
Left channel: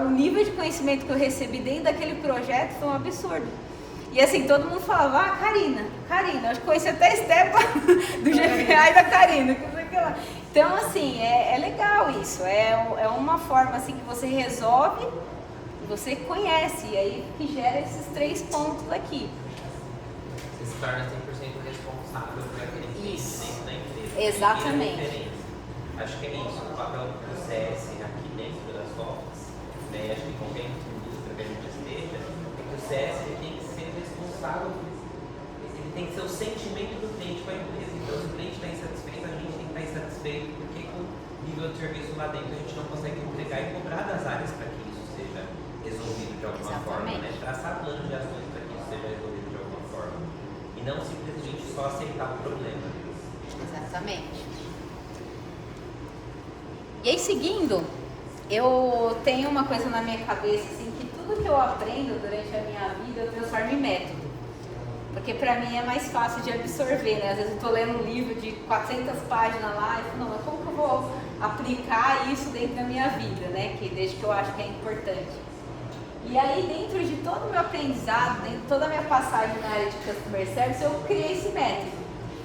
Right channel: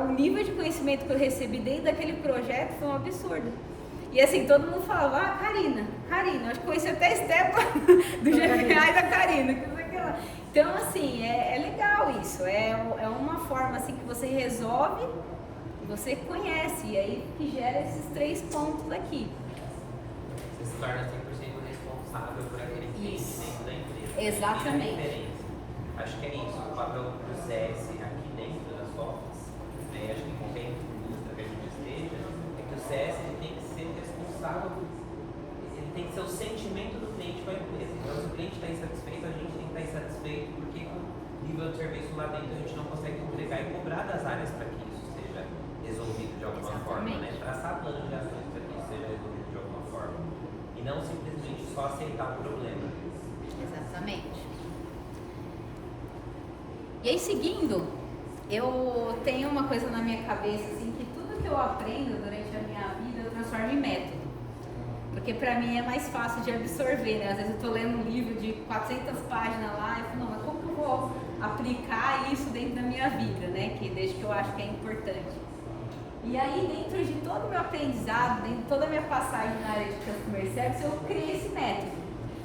o nível de conhecimento que eu recebi dentro daquele projeto foi um absurdo. E assim, todo mundo falava, Karina, eu acho que conheci até a Estepa do GPA e da Karina. Então, assim, é legal isso, é uma forma assim que você resolve, você conhece, e aí que gera esses 3 pontos aqui. Você se torna 100% responsável por aquele cliente dentro da empresa. Exatamente. Acho que é isso, o papel do CS aqui dentro das notas, né? Acho que qualquer indústria que a gente esteja, é que o CS ele tem que ser responsável, ele tem que ser o sentimento do cliente com a empresa. Então, se o cliente está insatisfeito, a gente tem que estar insatisfeito porque o nível de serviço lá dentro a gente não consegue entregar e cobrar das áreas para que isso seja resolvido de alguma forma, né? Traçar plano de ações para que isso seja resolvido de alguma forma. E não simplesmente só aceitar o problema. Exatamente. E aí, seguindo, eu tenho uma coisa na minha cabeça, assim, que tudo que eu aprendo durante a minha vida eu transformo em método. Porque pra mim é mais fácil de absorver, né? Às vezes eu tô lendo um livro de 400 páginas lá e falo, não, mas como que eu vou aplicar isso dentro da minha vida, né? Que desde que eu acho que é importante. E aí, dentro de todo o meu aprendizado, dentro de toda a minha passagem na área de Customer Service, eu criei esse método,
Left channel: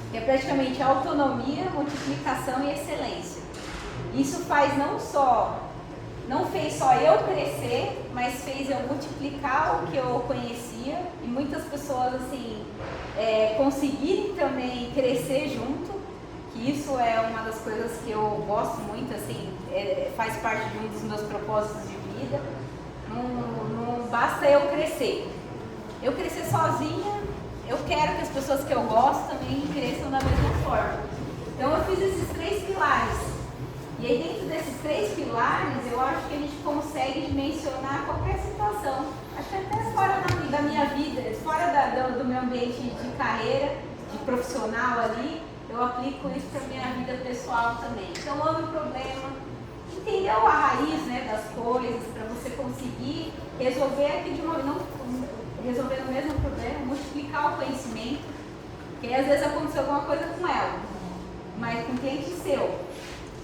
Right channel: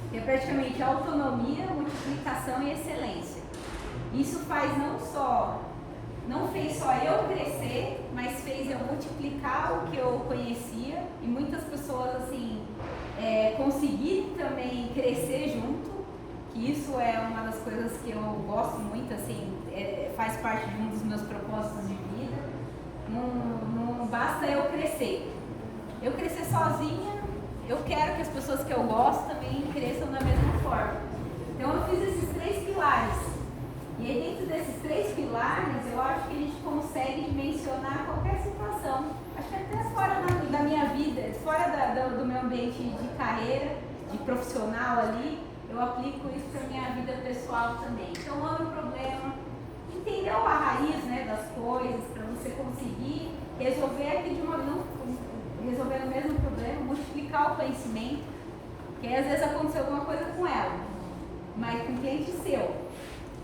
que é praticamente autonomia, multiplicação e excelência. Isso não fez só eu crescer, mas fez eu multiplicar o que eu conhecia e muitas pessoas assim conseguirem também crescer junto, que isso é uma das coisas que eu gosto muito, assim, faz parte de um dos meus propósitos de vida. Não basta eu crescer sozinha, eu quero que as pessoas que eu gosto também cresçam da mesma forma. Então eu fiz esses 3 pilares. E aí dentro desses 3 pilares, eu acho que a gente consegue dimensionar qualquer situação. Acho que até fora da minha vida, fora do meu ambiente de carreira, de profissional ali, eu aplico isso para minha vida pessoal também. Então, olha o problema, entendeu a raiz, né, das coisas, para você conseguir resolver aqui não resolver o mesmo problema, multiplicar o conhecimento, porque às vezes aconteceu alguma coisa com ela, mas com um cliente seu.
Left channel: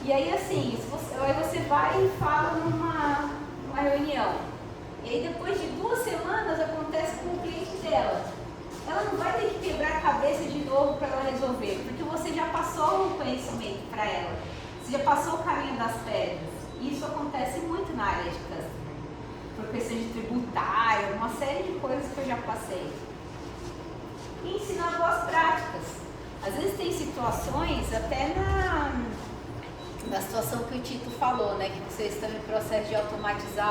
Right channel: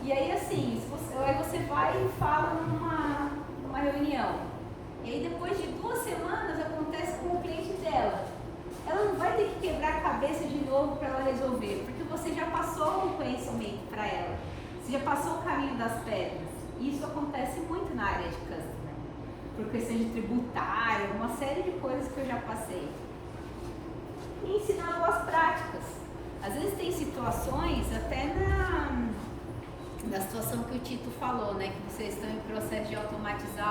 E aí assim, aí você vai e fala numa reunião. E aí depois de 2 semanas acontece com o cliente dela. Ela não vai ter que quebrar a cabeça de novo para ela resolver, porque você já passou o conhecimento para ela. Você já passou o caminho das pedras. Isso acontece muito na área de customer. Por questão de tributário, uma série de coisas que eu já passei. E ensinar boas práticas. Às vezes tem situações, até na situação que o Tito falou, né? Que vocês estão em processo de automatizar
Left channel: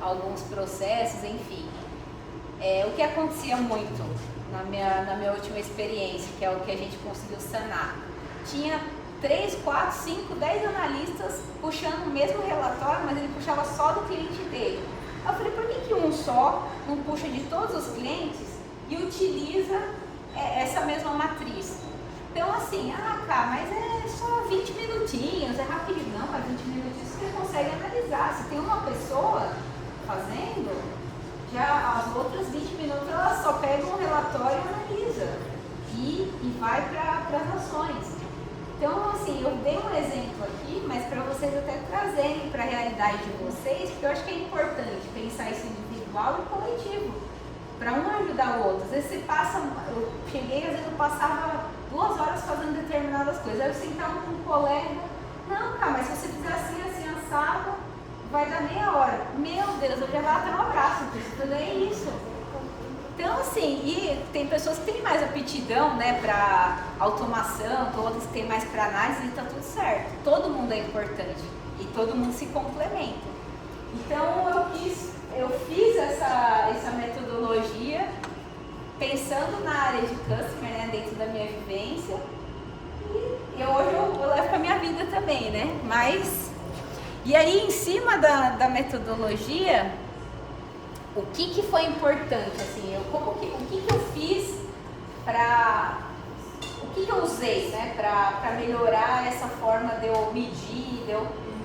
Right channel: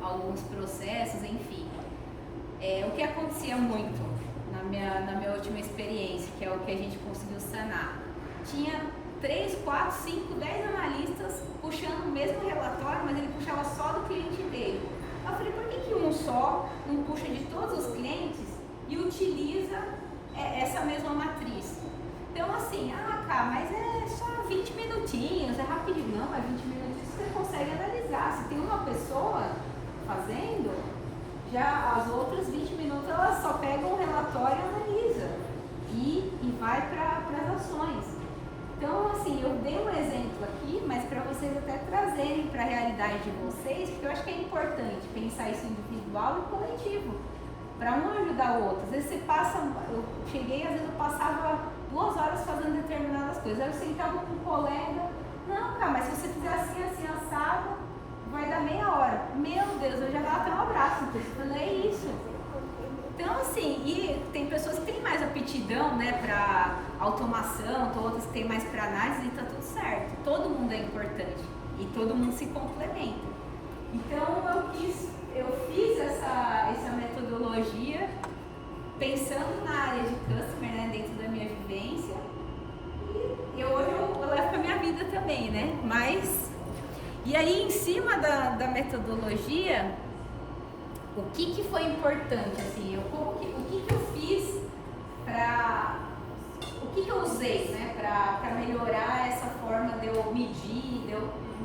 alguns processos, enfim. O que acontecia muito na minha última experiência, que é o que a gente conseguiu sanar. Tinha 3, 4, 5, 10 analistas puxando o mesmo relatório, mas ele puxava só do cliente dele. Eu falei, por que um só não puxa de todos os clientes e utiliza essa mesma matriz? Então assim, cara, mas é só 20 minutinhos, é rapidinho. Não, mas 20 minutinhos você consegue analisar. Se tem uma pessoa fazendo, já as outras 20 minutos ela só pega um relatório e analisa. E vai para as ações. Então, assim, eu dei um exemplo aqui, mas para vocês até trazerem para a realidade de vocês, porque eu acho que é importante pensar isso individual e coletivo, para um ajudar o outro. Às vezes você passa, eu cheguei, às vezes eu passava 2 horas fazendo determinadas coisas, aí eu sentava com um colega, não, cara, mas se você fizer assim, assado, vai dar meia hora. Meu Deus, eu já vou até um abraço, porque eu falei, é isso. Então, assim, e tem pessoas que têm mais aptidão, né, para automação, outras que têm mais para análise, e tá tudo certo. Todo mundo é importante e todo mundo se complementa. Então, eu fiz essa metodologia pensando na área de customer, né, dentro da minha vivência, e hoje eu levo para minha vida também, né, e aí, em cima da metodologia, o que foi importante, assim, o que eu fiz o que eu usei, né, para melhorar essa forma de eu medir,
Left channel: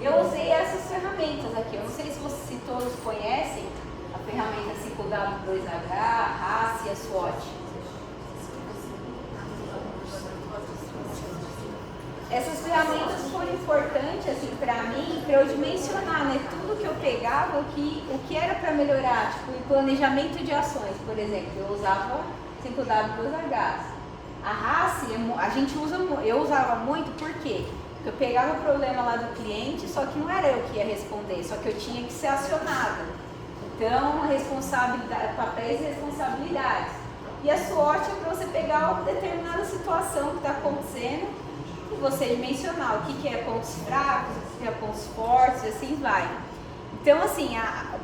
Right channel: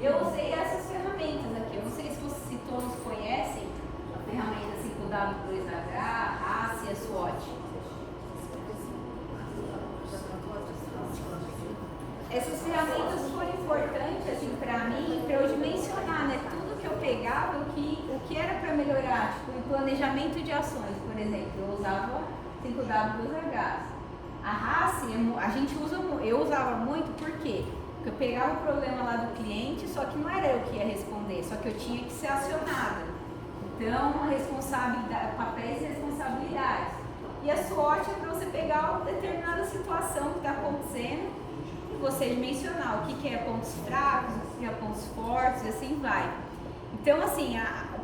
eu usei essas ferramentas aqui. Eu não sei se todos conhecem a ferramenta 5W2H, a RAS e a SWOT. essas ferramentas foram importantes assim, para mim, para eu dimensionar, né? Tudo que eu pegava, o que era para melhorar, tipo, em planejamento de ações, por exemplo, eu usava 5W2H. A RACE, eu usava muito, por quê? Porque eu pegava o problema lá do cliente, só que não era eu que ia responder, só que eu tinha que ser acionada. Então, papéis e responsabilidades. E a SWOT é para você pegar uma determinada situação que está acontecendo e você dimensionar o que é pontos fracos, o que é pontos fortes e assim vai. Então, assim,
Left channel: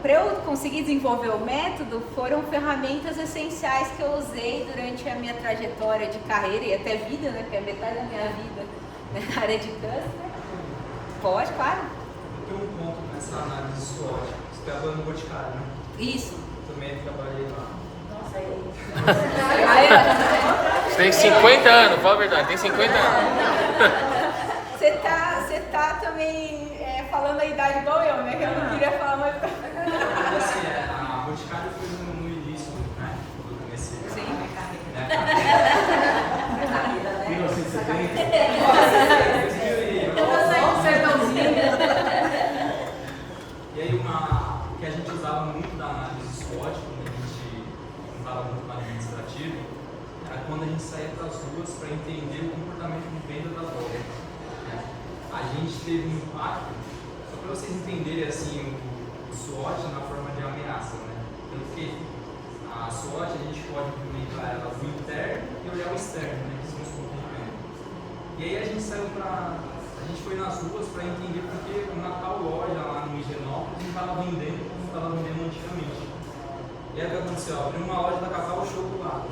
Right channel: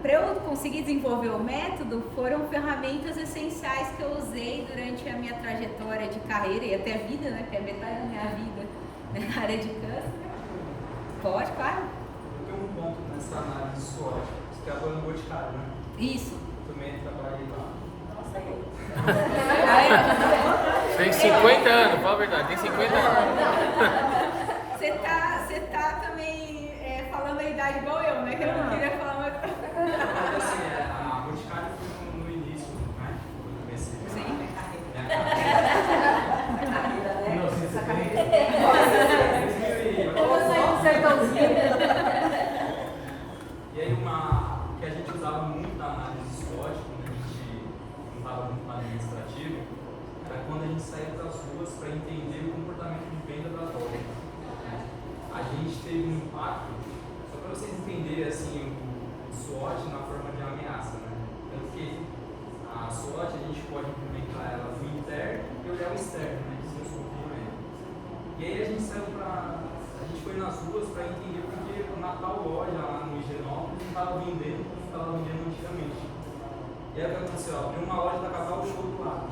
para eu conseguir desenvolver o método, foram ferramentas essenciais que eu usei durante a minha trajetória de carreira e até vida, né? Porque é metade da minha vida na área de customer. Pode, claro. Eu tenho um ponto nessa análise SWOT. Você trabalha no Boticário, né? Isso. Também trabalhei lá. Você tem 50 anos, fala a verdade, tem 50 anos. Você tá também falando a idade igual eu, né? Que eu não queria falar mais. Assim, a Boticário foi no início, né? Quando eu comecei. Sim. E aí o que a gente usava muito na análise SWOT, quando a gente não falava muito do administrativo, era quando a gente saía para as ruas para entender o comportamento de venda das lojas. A gente teve um impacto, só para vocês entenderem assim, o SWOT na forma de ameaça, né? Porque a SWOT a gente pode implementar ela no interno e o externo, né? Que são os pontos de venda. E aí a gente foi nas ruas para entender porque uma tal loja lá no Higienópolis não estava vendendo como estava vendendo antigamente. E aí o que aconteceu? Abriu uma loja da Cacau Show do lado.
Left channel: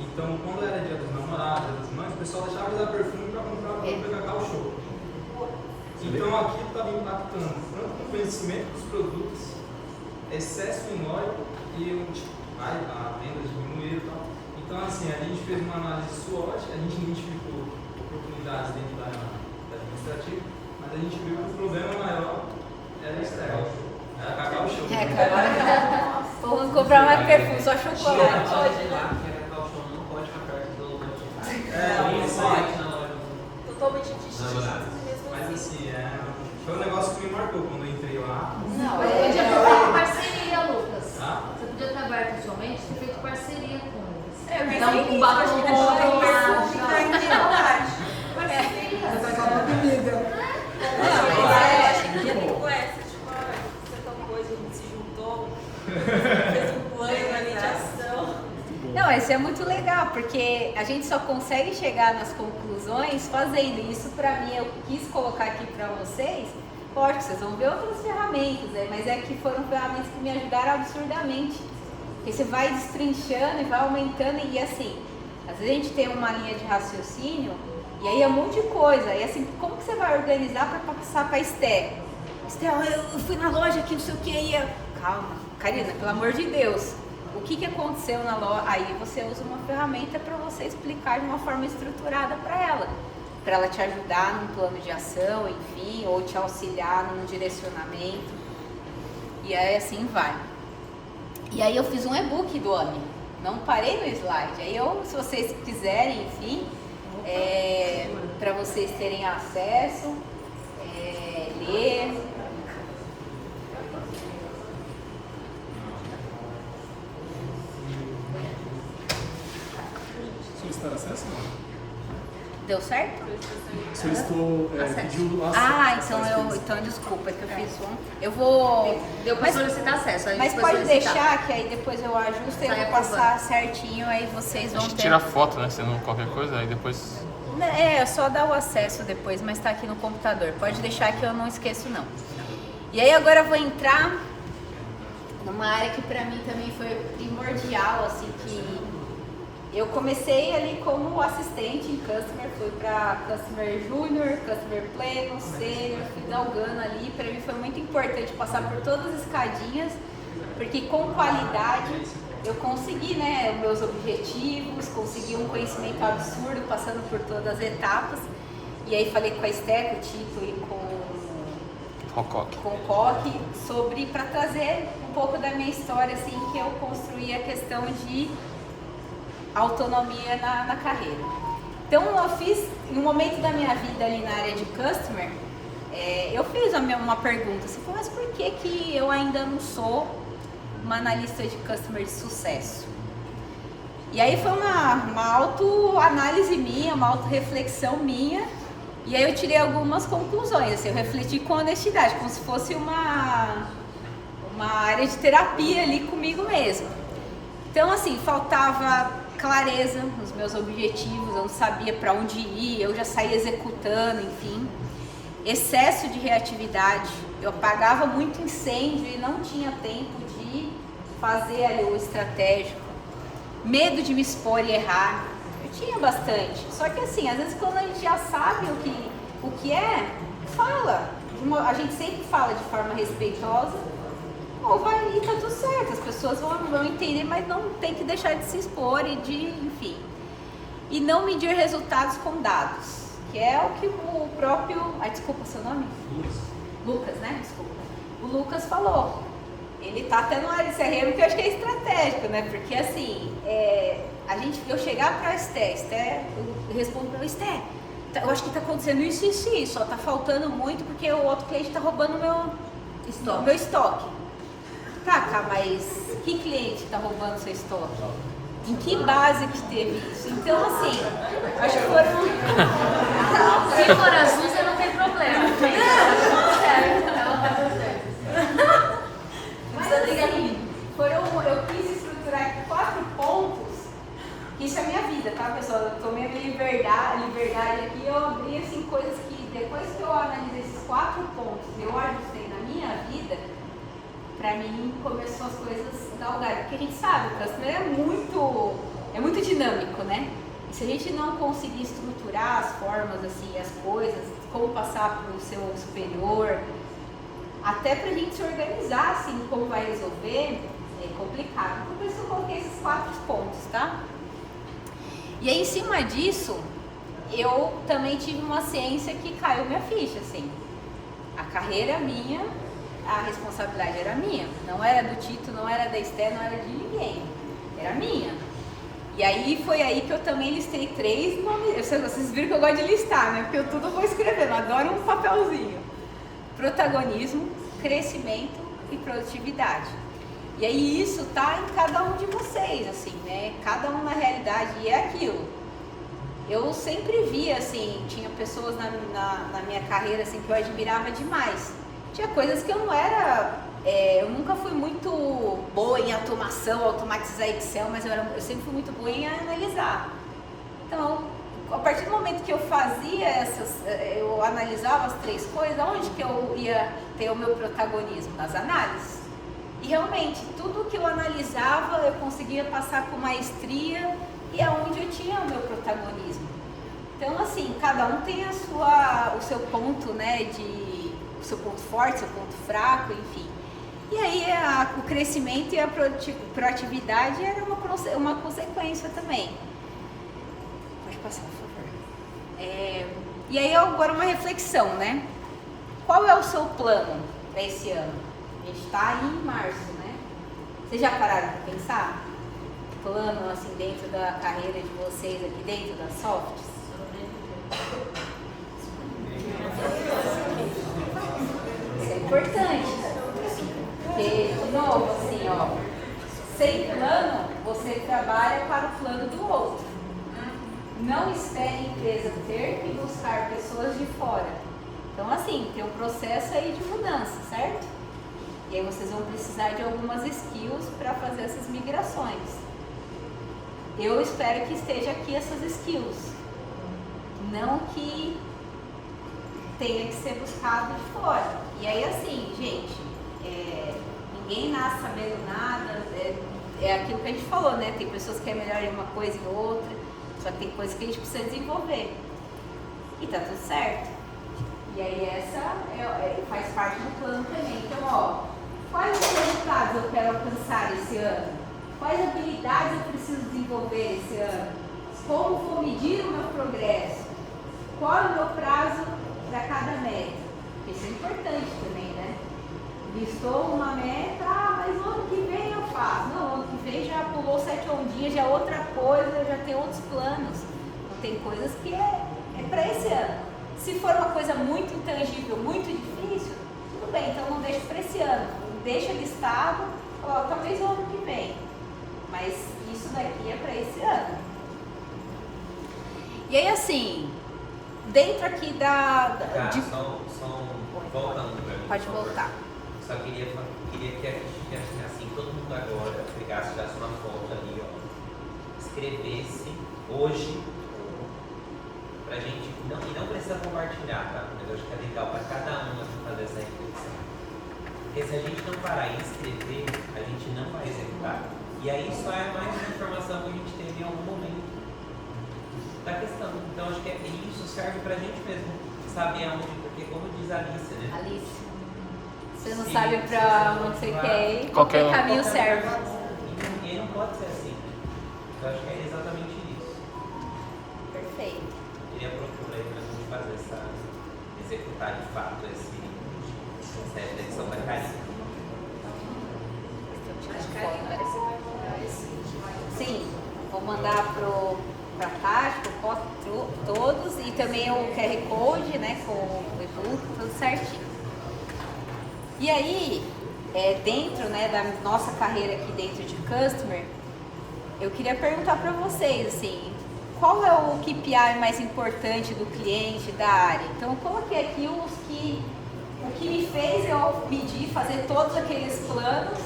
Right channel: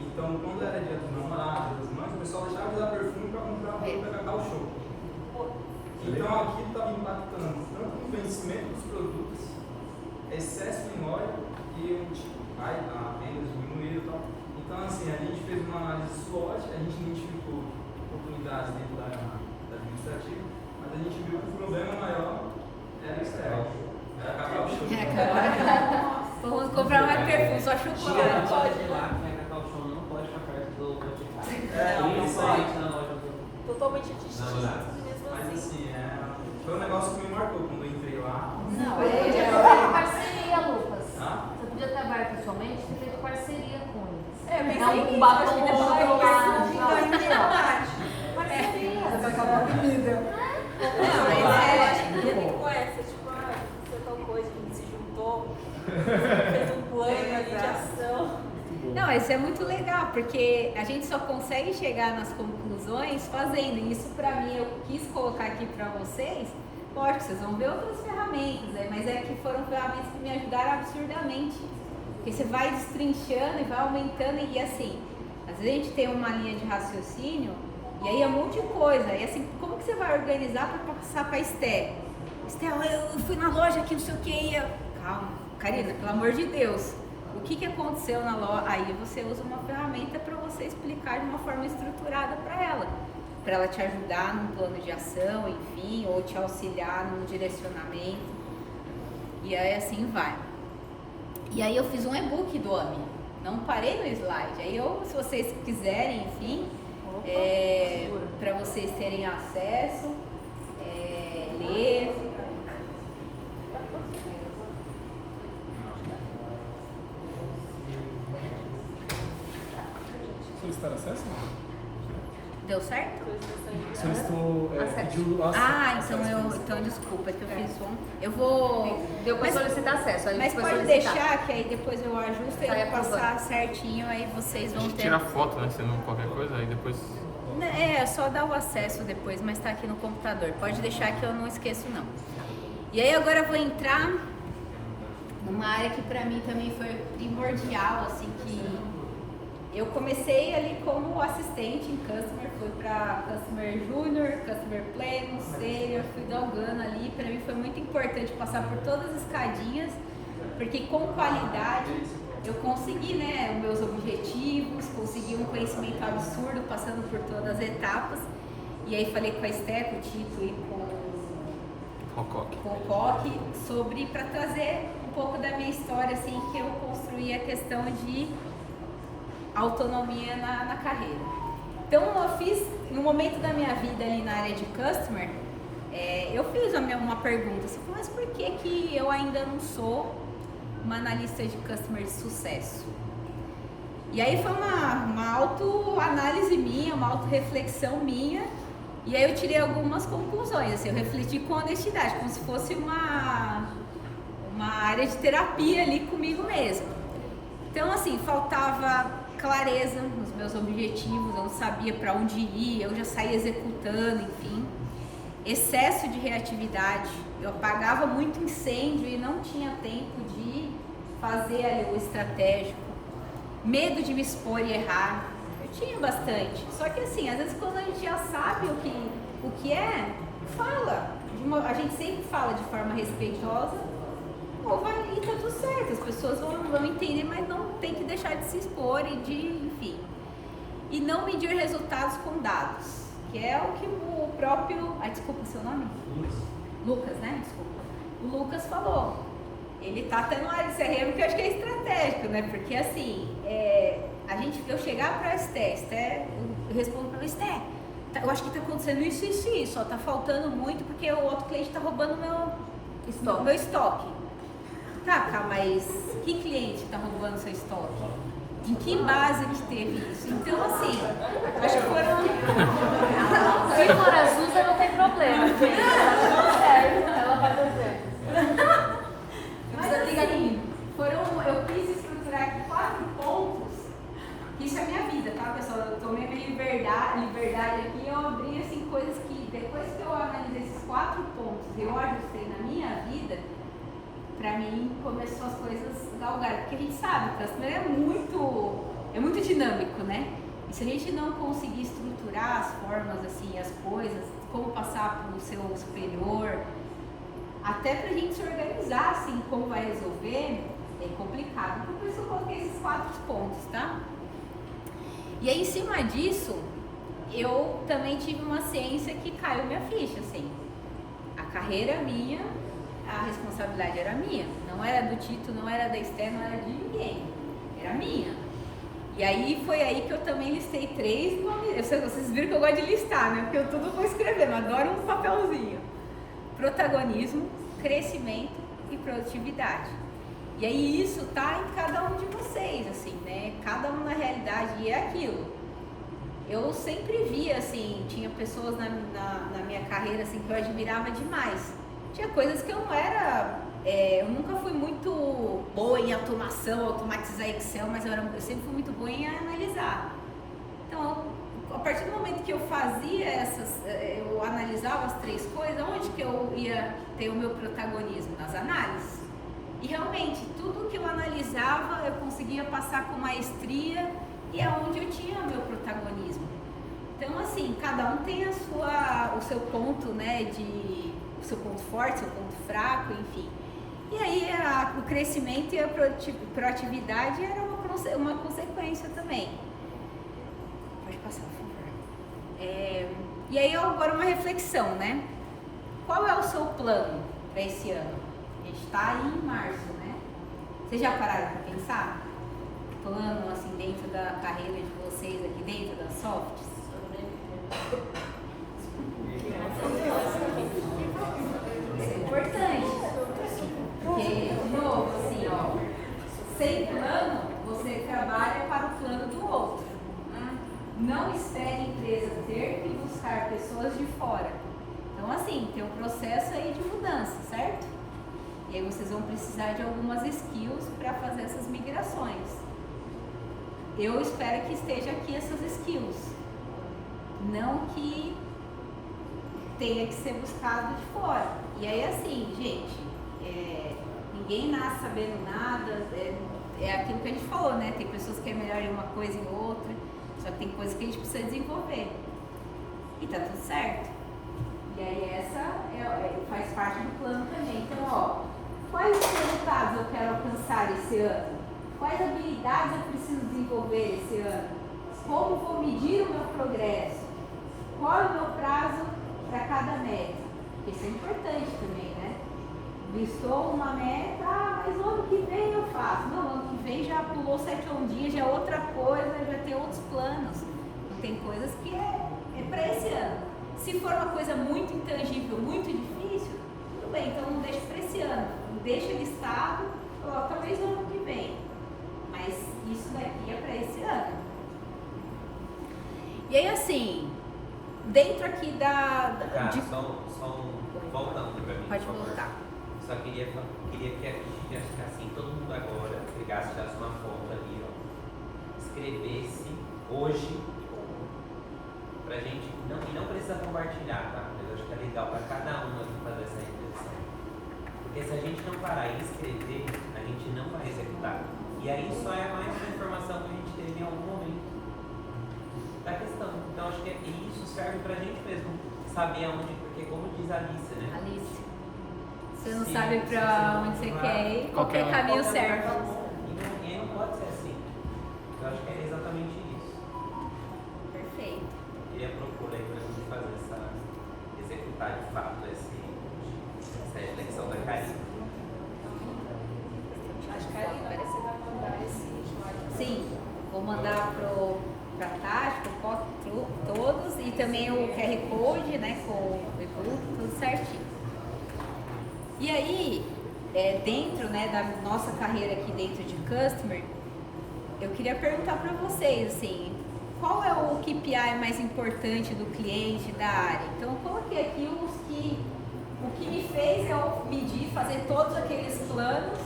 Então, quando era dia dos namorados, dia das mães, o pessoal deixava de dar perfume para comprar produto da Cacau Show. Então, aquilo estava impactando tanto no conhecimento dos produtos, excesso minórico e a venda diminuiu e tal. Então, assim, a gente fez uma análise SWOT, a gente identificou oportunidades dentro da administrativa, mas a gente viu que o problema maior era externo. Era Cacau Show. Vamos comprar mais perfume, só chocolate. Não pode ir lá, porque a Cacau Show não pode ficar perto do logotipo. Totalmente distinto. Mas assim, foi um negócio que me marcou quando eu entrei lá. Não, você podia fazer parceria, Lucas. Você podia trabalhar pessoalmente e ter feito parceria com eles. Não, com batom Não, isso é muito legal, porque a gente só consegue chegar nas conclusões fazendo isso. Pra mim, eu quis colocar aqui pra vocês. Lógico, vocês vão ver outras ferramentas, né? Mas é que foram ferramentas que me ajudaram absurdamente. Porque você vai destrinchando e vai aumentando e assim, às vezes a gente tem uma linha de raciocínio e aí é um monte de coisa. E assim, como que você vai organizar para passar para Esté? Esté, eu fui na loja aqui, não sei o que, e eu... Calma, Karina, pelo amor de Deus. O que aconteceu na loja? Aí você usa uma ferramenta para você explicar de uma forma estruturada para ela te ajudar num plano de ação, enfim, ou te auxiliar num direcionamento. E aí assim vai. E aí eu fiz um e-book do OMI, não parei no slide. Aí se vocês quiserem, enfim, para vocês terem acesso, ler. Solicitar acesso? Deu certo? Pediu acesso. Então desculpa que eu fiz um. Eu vou. Deu para solicitar acesso. Mas pode deixar que aí depois eu ajusto e eu vou passar certinho, aí vocês vão ter. Tira foto, né? Se não qualquer coisa, aí depois. É só dar o acesso depois, mas tá aqui no computador. Pode deixar que eu não esqueço não. E aí agora eu vou entrar numa área que pra mim também foi primordial, assim, que eu comecei ali como assistente em Customer, fui para Customer Junior, Customer Platinum, Senior, fui galgando ali. Para mim foi muito importante passar por todas as escadinhas, porque com qualidade eu consegui, né, os meus objetivos, consegui um conhecimento absurdo passando por todas as etapas. E aí falei com a Esté, com o Tito e com o Coque sobre, para trazer um pouco da minha história, assim, que eu construí a questão de autonomia na carreira. Então eu fiz, em um momento da minha vida ali na área de customer, eu fiz uma pergunta, assim, mas por que eu ainda não sou uma analista de customer de sucesso? E aí foi uma autoanálise minha, uma autorreflexão minha, e aí eu tirei algumas conclusões, assim, eu refleti com honestidade, como se fosse uma área de terapia ali comigo mesma. Então, assim, faltava clareza nos meus objetivos, eu não sabia para onde ir, eu já saía executando, enfim. Excesso de reatividade, eu apagava muito incêndio e não tinha tempo de fazer ali o estratégico. Medo de me expor e errar, eu tinha bastante. Só que assim, às vezes quando a gente já sabe o que é, fala. A gente sempre fala de forma respeitosa, ou vai ali, tá tudo certo, as pessoas vão entender, mas não tem que deixar de se expor e de, enfim. E não medir resultados com dados, que é o que o próprio... desculpa o seu nome? Lucas, né? Desculpa. O Lucas falou. Ele tá até no área de CRM, que eu acho que é estratégico, né? Porque assim, eu chegar pra Esté, eu respondo pra Esté, eu acho que tá acontecendo isso, ó, tá faltando muito porque o outro cliente tá roubando meu estoque. Tá, mas que cliente tá roubando seu estoque? Em que base que teve isso? Então, assim, acho que foram... Se for a Suza, não tem problema. Ela vai fazer. Mas assim, eu quis estruturar aqui 4 pontos, que isso é a minha vida, tá, pessoal? Eu tomei a minha liberdade aqui, eu abri assim, coisas que depois que eu analisei esses 4 pontos e eu ajustei na minha vida, pra mim começou as coisas galgarem, porque a gente sabe, o customer é muito dinâmico, né? E se a gente não conseguir estruturar as formas, assim, as coisas, como passar pro seu superior, até pra gente se organizar, assim, como vai resolver, é complicado. Então, por isso eu coloquei esses 4 pontos, tá? E aí, em cima disso, eu também tive uma ciência que caiu minha ficha, assim. A carreira é minha, a responsabilidade era minha. Não era do Tito, não era da Esté, não era de ninguém. Era minha. E aí, foi aí que eu também listei 3 nomes. Vocês viram que eu gosto de listar, né? Porque eu tudo vou escrevendo, adoro um papelzinho. Protagonismo, crescimento e produtividade. E aí isso tá em cada um de vocês, assim, né? Cada um na realidade, e é aquilo. Eu sempre via, assim, tinha pessoas na minha carreira, assim, que eu admirava demais. Tinha coisas que eu não era... eu nunca fui muito boa em automação, automatizar Excel, mas eu sempre fui muito boa em analisar. Então, a partir do momento que eu fazia eu analisava as 3 coisas, onde que eu ia ter o meu protagonismo? Nas análises. E realmente, tudo que eu analisava, eu conseguia passar com maestria e é onde eu tinha o meu protagonismo. Então, assim, cada um tem o seu ponto, né, o seu ponto forte, seu ponto fraco, enfim. E aí, o crescimento e a proatividade era uma consequência também. Pode passar, por favor. E aí, agora uma reflexão, né? Qual é o seu plano para esse ano? A gente está aí em março, né? Vocês já pararam para pensar? Plano, assim, dentro da carreira de vocês, aqui dentro da Softs? Isso é importante. Porque, de novo, assim, ó, sem plano, você trabalha para o plano do outro. Não espere a empresa ter que buscar pessoas de fora. Então, assim, tem um processo aí de mudança, certo? E aí vocês vão precisar de algumas skills para fazer essas migrações. Eu espero que esteja aqui essas skills. Não que tenha que ser buscado de fora. E aí, assim, gente, ninguém nasce sabendo nada. É aquilo que a gente falou, né? Tem pessoas que é melhor em uma coisa e em outra. Só que tem coisas que a gente precisa desenvolver. E tá tudo certo. E aí essa faz parte do plano também. Então, ó, quais resultados eu quero alcançar esse ano? Quais habilidades eu preciso desenvolver esse ano? Como vou medir o meu progresso? Qual é o meu prazo para cada meta? Isso é importante também, né? Listou uma meta, mas o ano que vem eu faço. Não, o ano que vem já pulou 7 ondinhas, já é outra coisa, já tem outros planos. Não tem coisas que é para esse ano. Se for uma coisa muito intangível, muito difícil, tudo bem, então não deixa para esse ano. Deixa listado, talvez o ano que vem. Mas isso daqui é para esse ano. E aí assim, dentro aqui voltando para mim. Pode voltar. Só queria que a gente, assim, todo mundo agora pegasse uma foto ali, ó, escrevesse hoje, pra gente, não precisa compartilhar, tá? Mas eu acho que é legal para cada um fazer essa reflexão. Porque se a gente não parar em escrever, a gente não vai executar. E aí só é mais uma informação que a gente teve em algum momento da questão. Então acho que isso serve pra gente mesmo saber aonde, porque como diz a Alice, né? Alice, você não sabe pra onde você quer ir, qualquer caminho serve. E aí não pode ser assim. Eu acho que é exatamente isso. Perfeito. Eu queria procurar aí pra gente fazer executar de fato essa reflexão da Karine. Acho que a Karine vai mandar esse slide. Sim, vou mandar pra Tati, pro todos, e também o QR Code, né, com o produto, tudo certinho. E aí, dentro, né, da nossa carreira aqui dentro de Customer, eu queria perguntar para vocês, assim, qual é o KPI mais importante do cliente, da área? Então, eu coloquei aqui o que me fez eu pedir fazer todos aqueles planos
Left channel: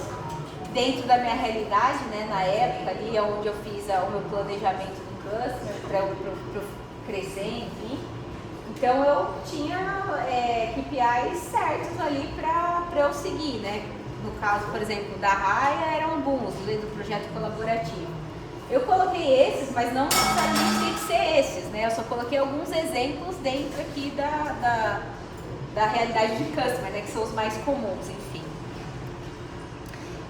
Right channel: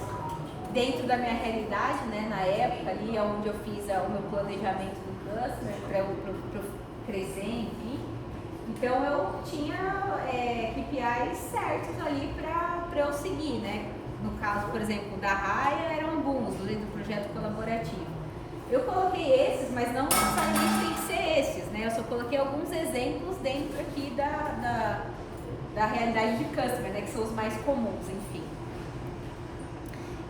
dentro da minha realidade, né, na época ali, onde eu fiz o meu planejamento do Customer, para eu crescer, enfim. Então, eu tinha KPIs certos ali para eu seguir, né? No caso, por exemplo, da Raia, eram alguns, do projeto colaborativo. Eu coloquei esses, mas não necessariamente tem que ser esses, né? Eu só coloquei alguns exemplos dentro aqui da realidade de Customer, né? Que são os mais comuns, enfim.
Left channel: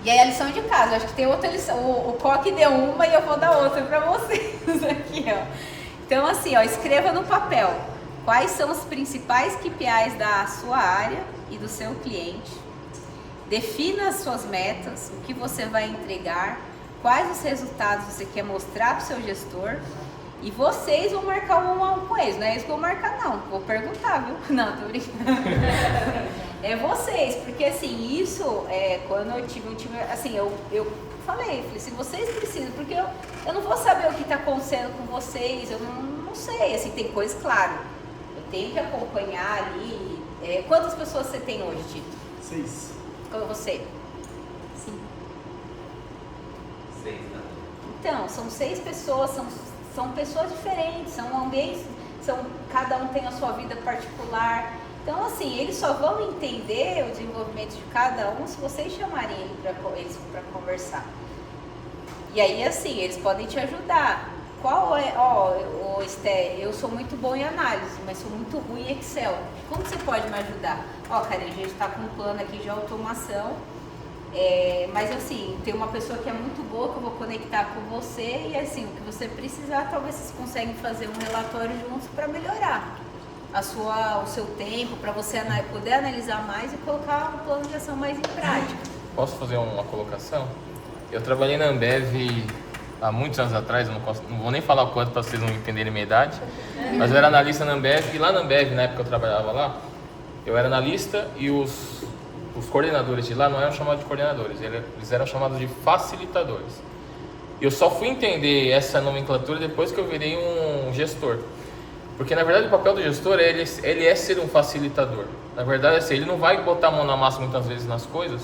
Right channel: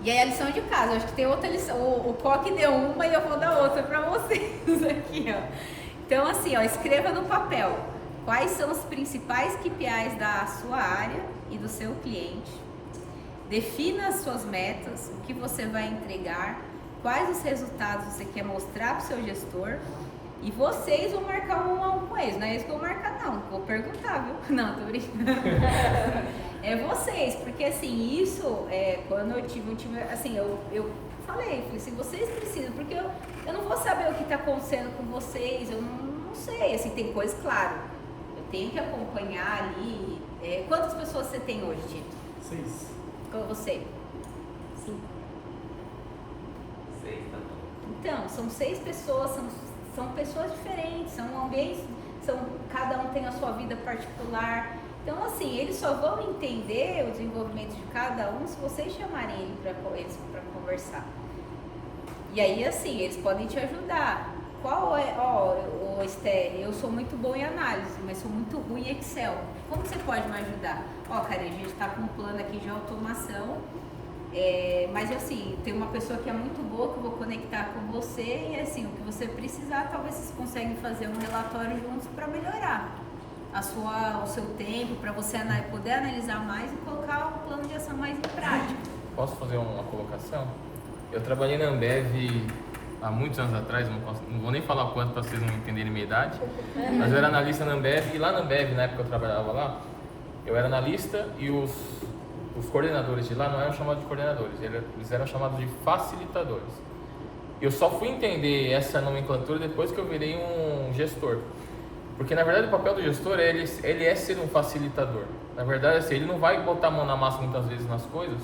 E aí a lição de casa, eu acho que tem outra lição, o Coque deu uma e eu vou dar outra para vocês aqui, ó. Então assim, ó, escreva no papel quais são os principais KPIs da sua área e do seu cliente. Defina as suas metas, o que você vai entregar, quais os resultados você quer mostrar para o seu gestor, e vocês vão marcar um a um com eles. Não é isso que eu vou marcar, não. Vou perguntar, viu? Não, tô brincando. É vocês, porque assim, isso quando eu tive um time, assim, eu falei, se vocês precisam, porque eu não vou saber o que está acontecendo com vocês, eu não sei, assim, tem coisas, claro, eu tenho que acompanhar ali. Quantas pessoas você tem hoje, Tito? 6. Como você? 5. 6, né? Então, são 6 pessoas, são pessoas diferentes, são ambientes, cada um tem a sua vida particular. Então, assim, eles só vão entender o desenvolvimento de cada um se vocês chamarem eles para conversar. E aí, assim, eles podem te ajudar. Esté, eu sou muito bom em análise, mas sou muito ruim em Excel. Como você pode me ajudar? Cara, a gente está com um plano aqui de automação, mas assim, tem uma pessoa que é muito boa que eu vou conectar com você e assim, o que você precisar, talvez vocês conseguem fazer um relatório juntos para melhorar o seu tempo, para você poder analisar mais e colocar o plano de ação mais em prática. Posso fazer uma colocação? Eu trabalhei na Ambev há muitos anos atrás, eu não vou nem falar o quanto para vocês não entenderem a minha idade, mas eu era analista na Ambev, e lá na Ambev, na época que eu trabalhava lá, eu era analista e os coordenadores de lá não eram chamados de coordenadores, eles eram chamados de facilitadores. Eu só fui entender essa nomenclatura depois que eu virei um gestor. Porque na verdade o papel do gestor ele é ser um facilitador. Na verdade, assim, ele não vai botar a mão na massa muitas vezes nas coisas,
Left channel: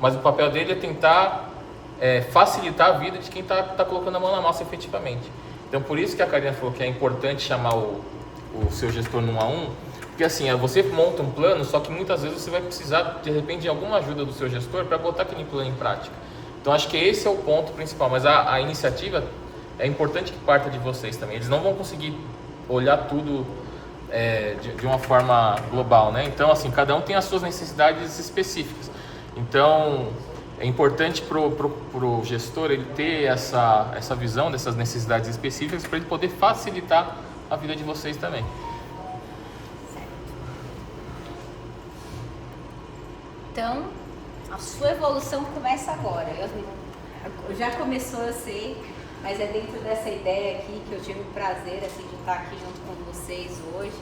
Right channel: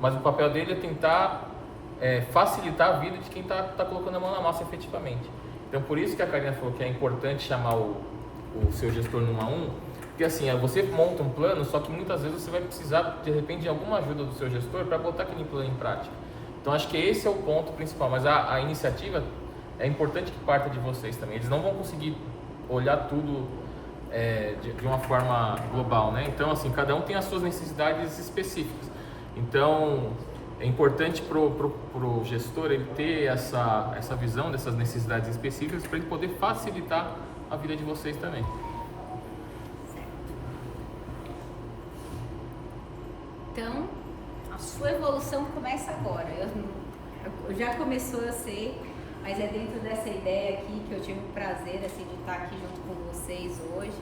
mas o papel dele é tentar facilitar a vida de quem está colocando a mão na massa efetivamente. Então por isso que a Karine falou que é importante chamar o seu gestor no 1 a 1, porque assim, você monta um plano, só que muitas vezes você vai precisar de repente de alguma ajuda do seu gestor para botar aquele plano em prática. Então acho que esse é o ponto principal, mas a iniciativa é importante que parta de vocês também. Eles não vão conseguir olhar tudo de uma forma global, né? Então assim, cada um tem as suas necessidades específicas. Então é importante pro gestor ele ter essa visão dessas necessidades específicas para ele poder facilitar a vida de vocês também. Então, a sua evolução começa agora. Já começou, eu sei, mas é dentro dessa ideia aqui que eu tive o prazer assim, de estar aqui junto com vocês hoje.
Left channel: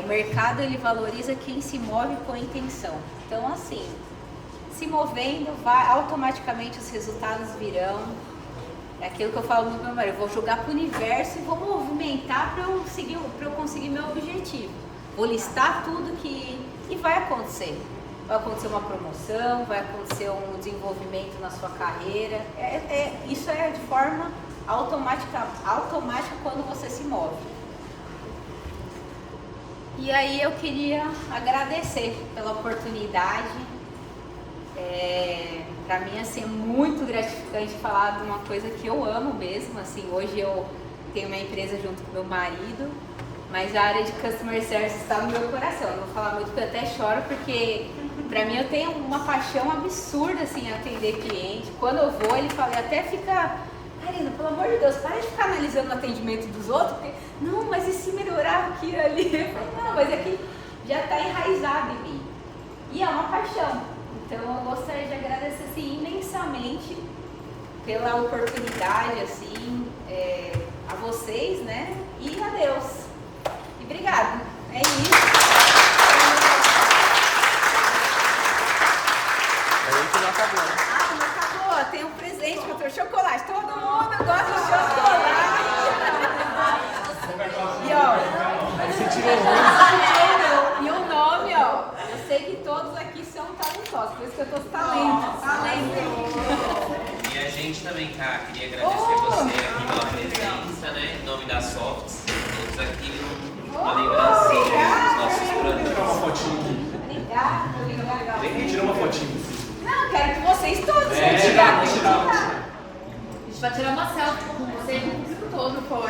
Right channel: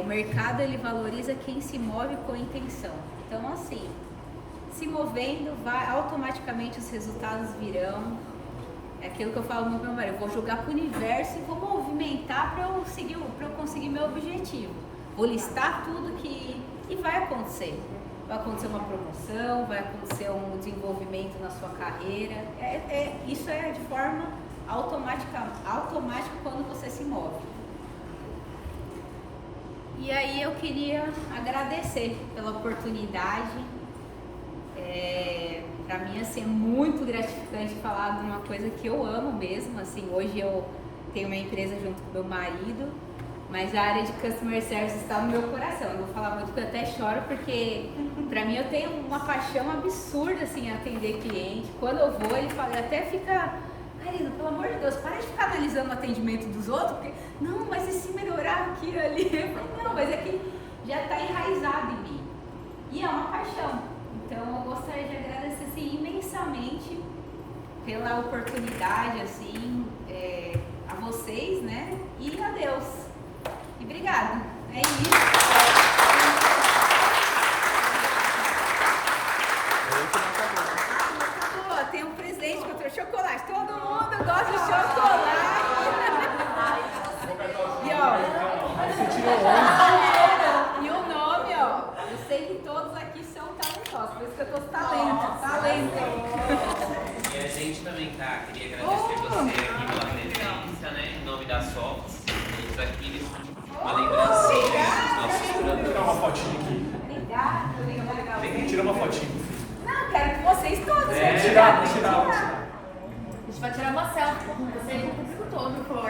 O mercado ele valoriza quem se move com intenção. Então assim, se movendo, automaticamente os resultados virão. É aquilo que eu falo no meu marido, eu vou jogar para o universo e vou movimentar para eu conseguir meu objetivo. Vou listar tudo e vai acontecer. Vai acontecer uma promoção, vai acontecer um desenvolvimento na sua carreira. Isso é de forma automática quando você se move. E aí eu queria agradecer pela oportunidade. Para mim assim, é muito gratificante falar de uma coisa que eu amo mesmo. Assim, hoje eu tenho uma empresa junto com meu marido, mas a área de Customer Service está no meu coração. Eu vou falar muito porque eu até choro, porque para mim eu tenho uma paixão absurda assim, em atender cliente. Quando eu vou, ele fala, até fica, Karina, pelo amor de Deus, para de ficar analisando o atendimento dos outros, porque, não, mas e se melhorar aqui ali? Eu falei, não, mas é que já está enraizado em mim. E é uma paixão. Então eu gostaria de agradecer assim, imensamente pela oportunidade assim, a vocês, né? E a Deus. E obrigado. É isso. Não acabou. Tem um presente que eu trouxe, chocolate. Todo mundo gosta de chocolate. E ó, e o nome, ó. Eu sei que todos aqui são talentosos, por isso que eu tô talento. E a gente também, cara, queria agradecer você aqui pela presença, né? Em nome da Softs, todos aqui, uma lembrancinha dos nossos produtos. Tirar uma fotinha aqui. Obrigada. Tira uma fotinha. Não, quero que vocês todos A gente vai tirar uma selfie com você e com o público todo, pô.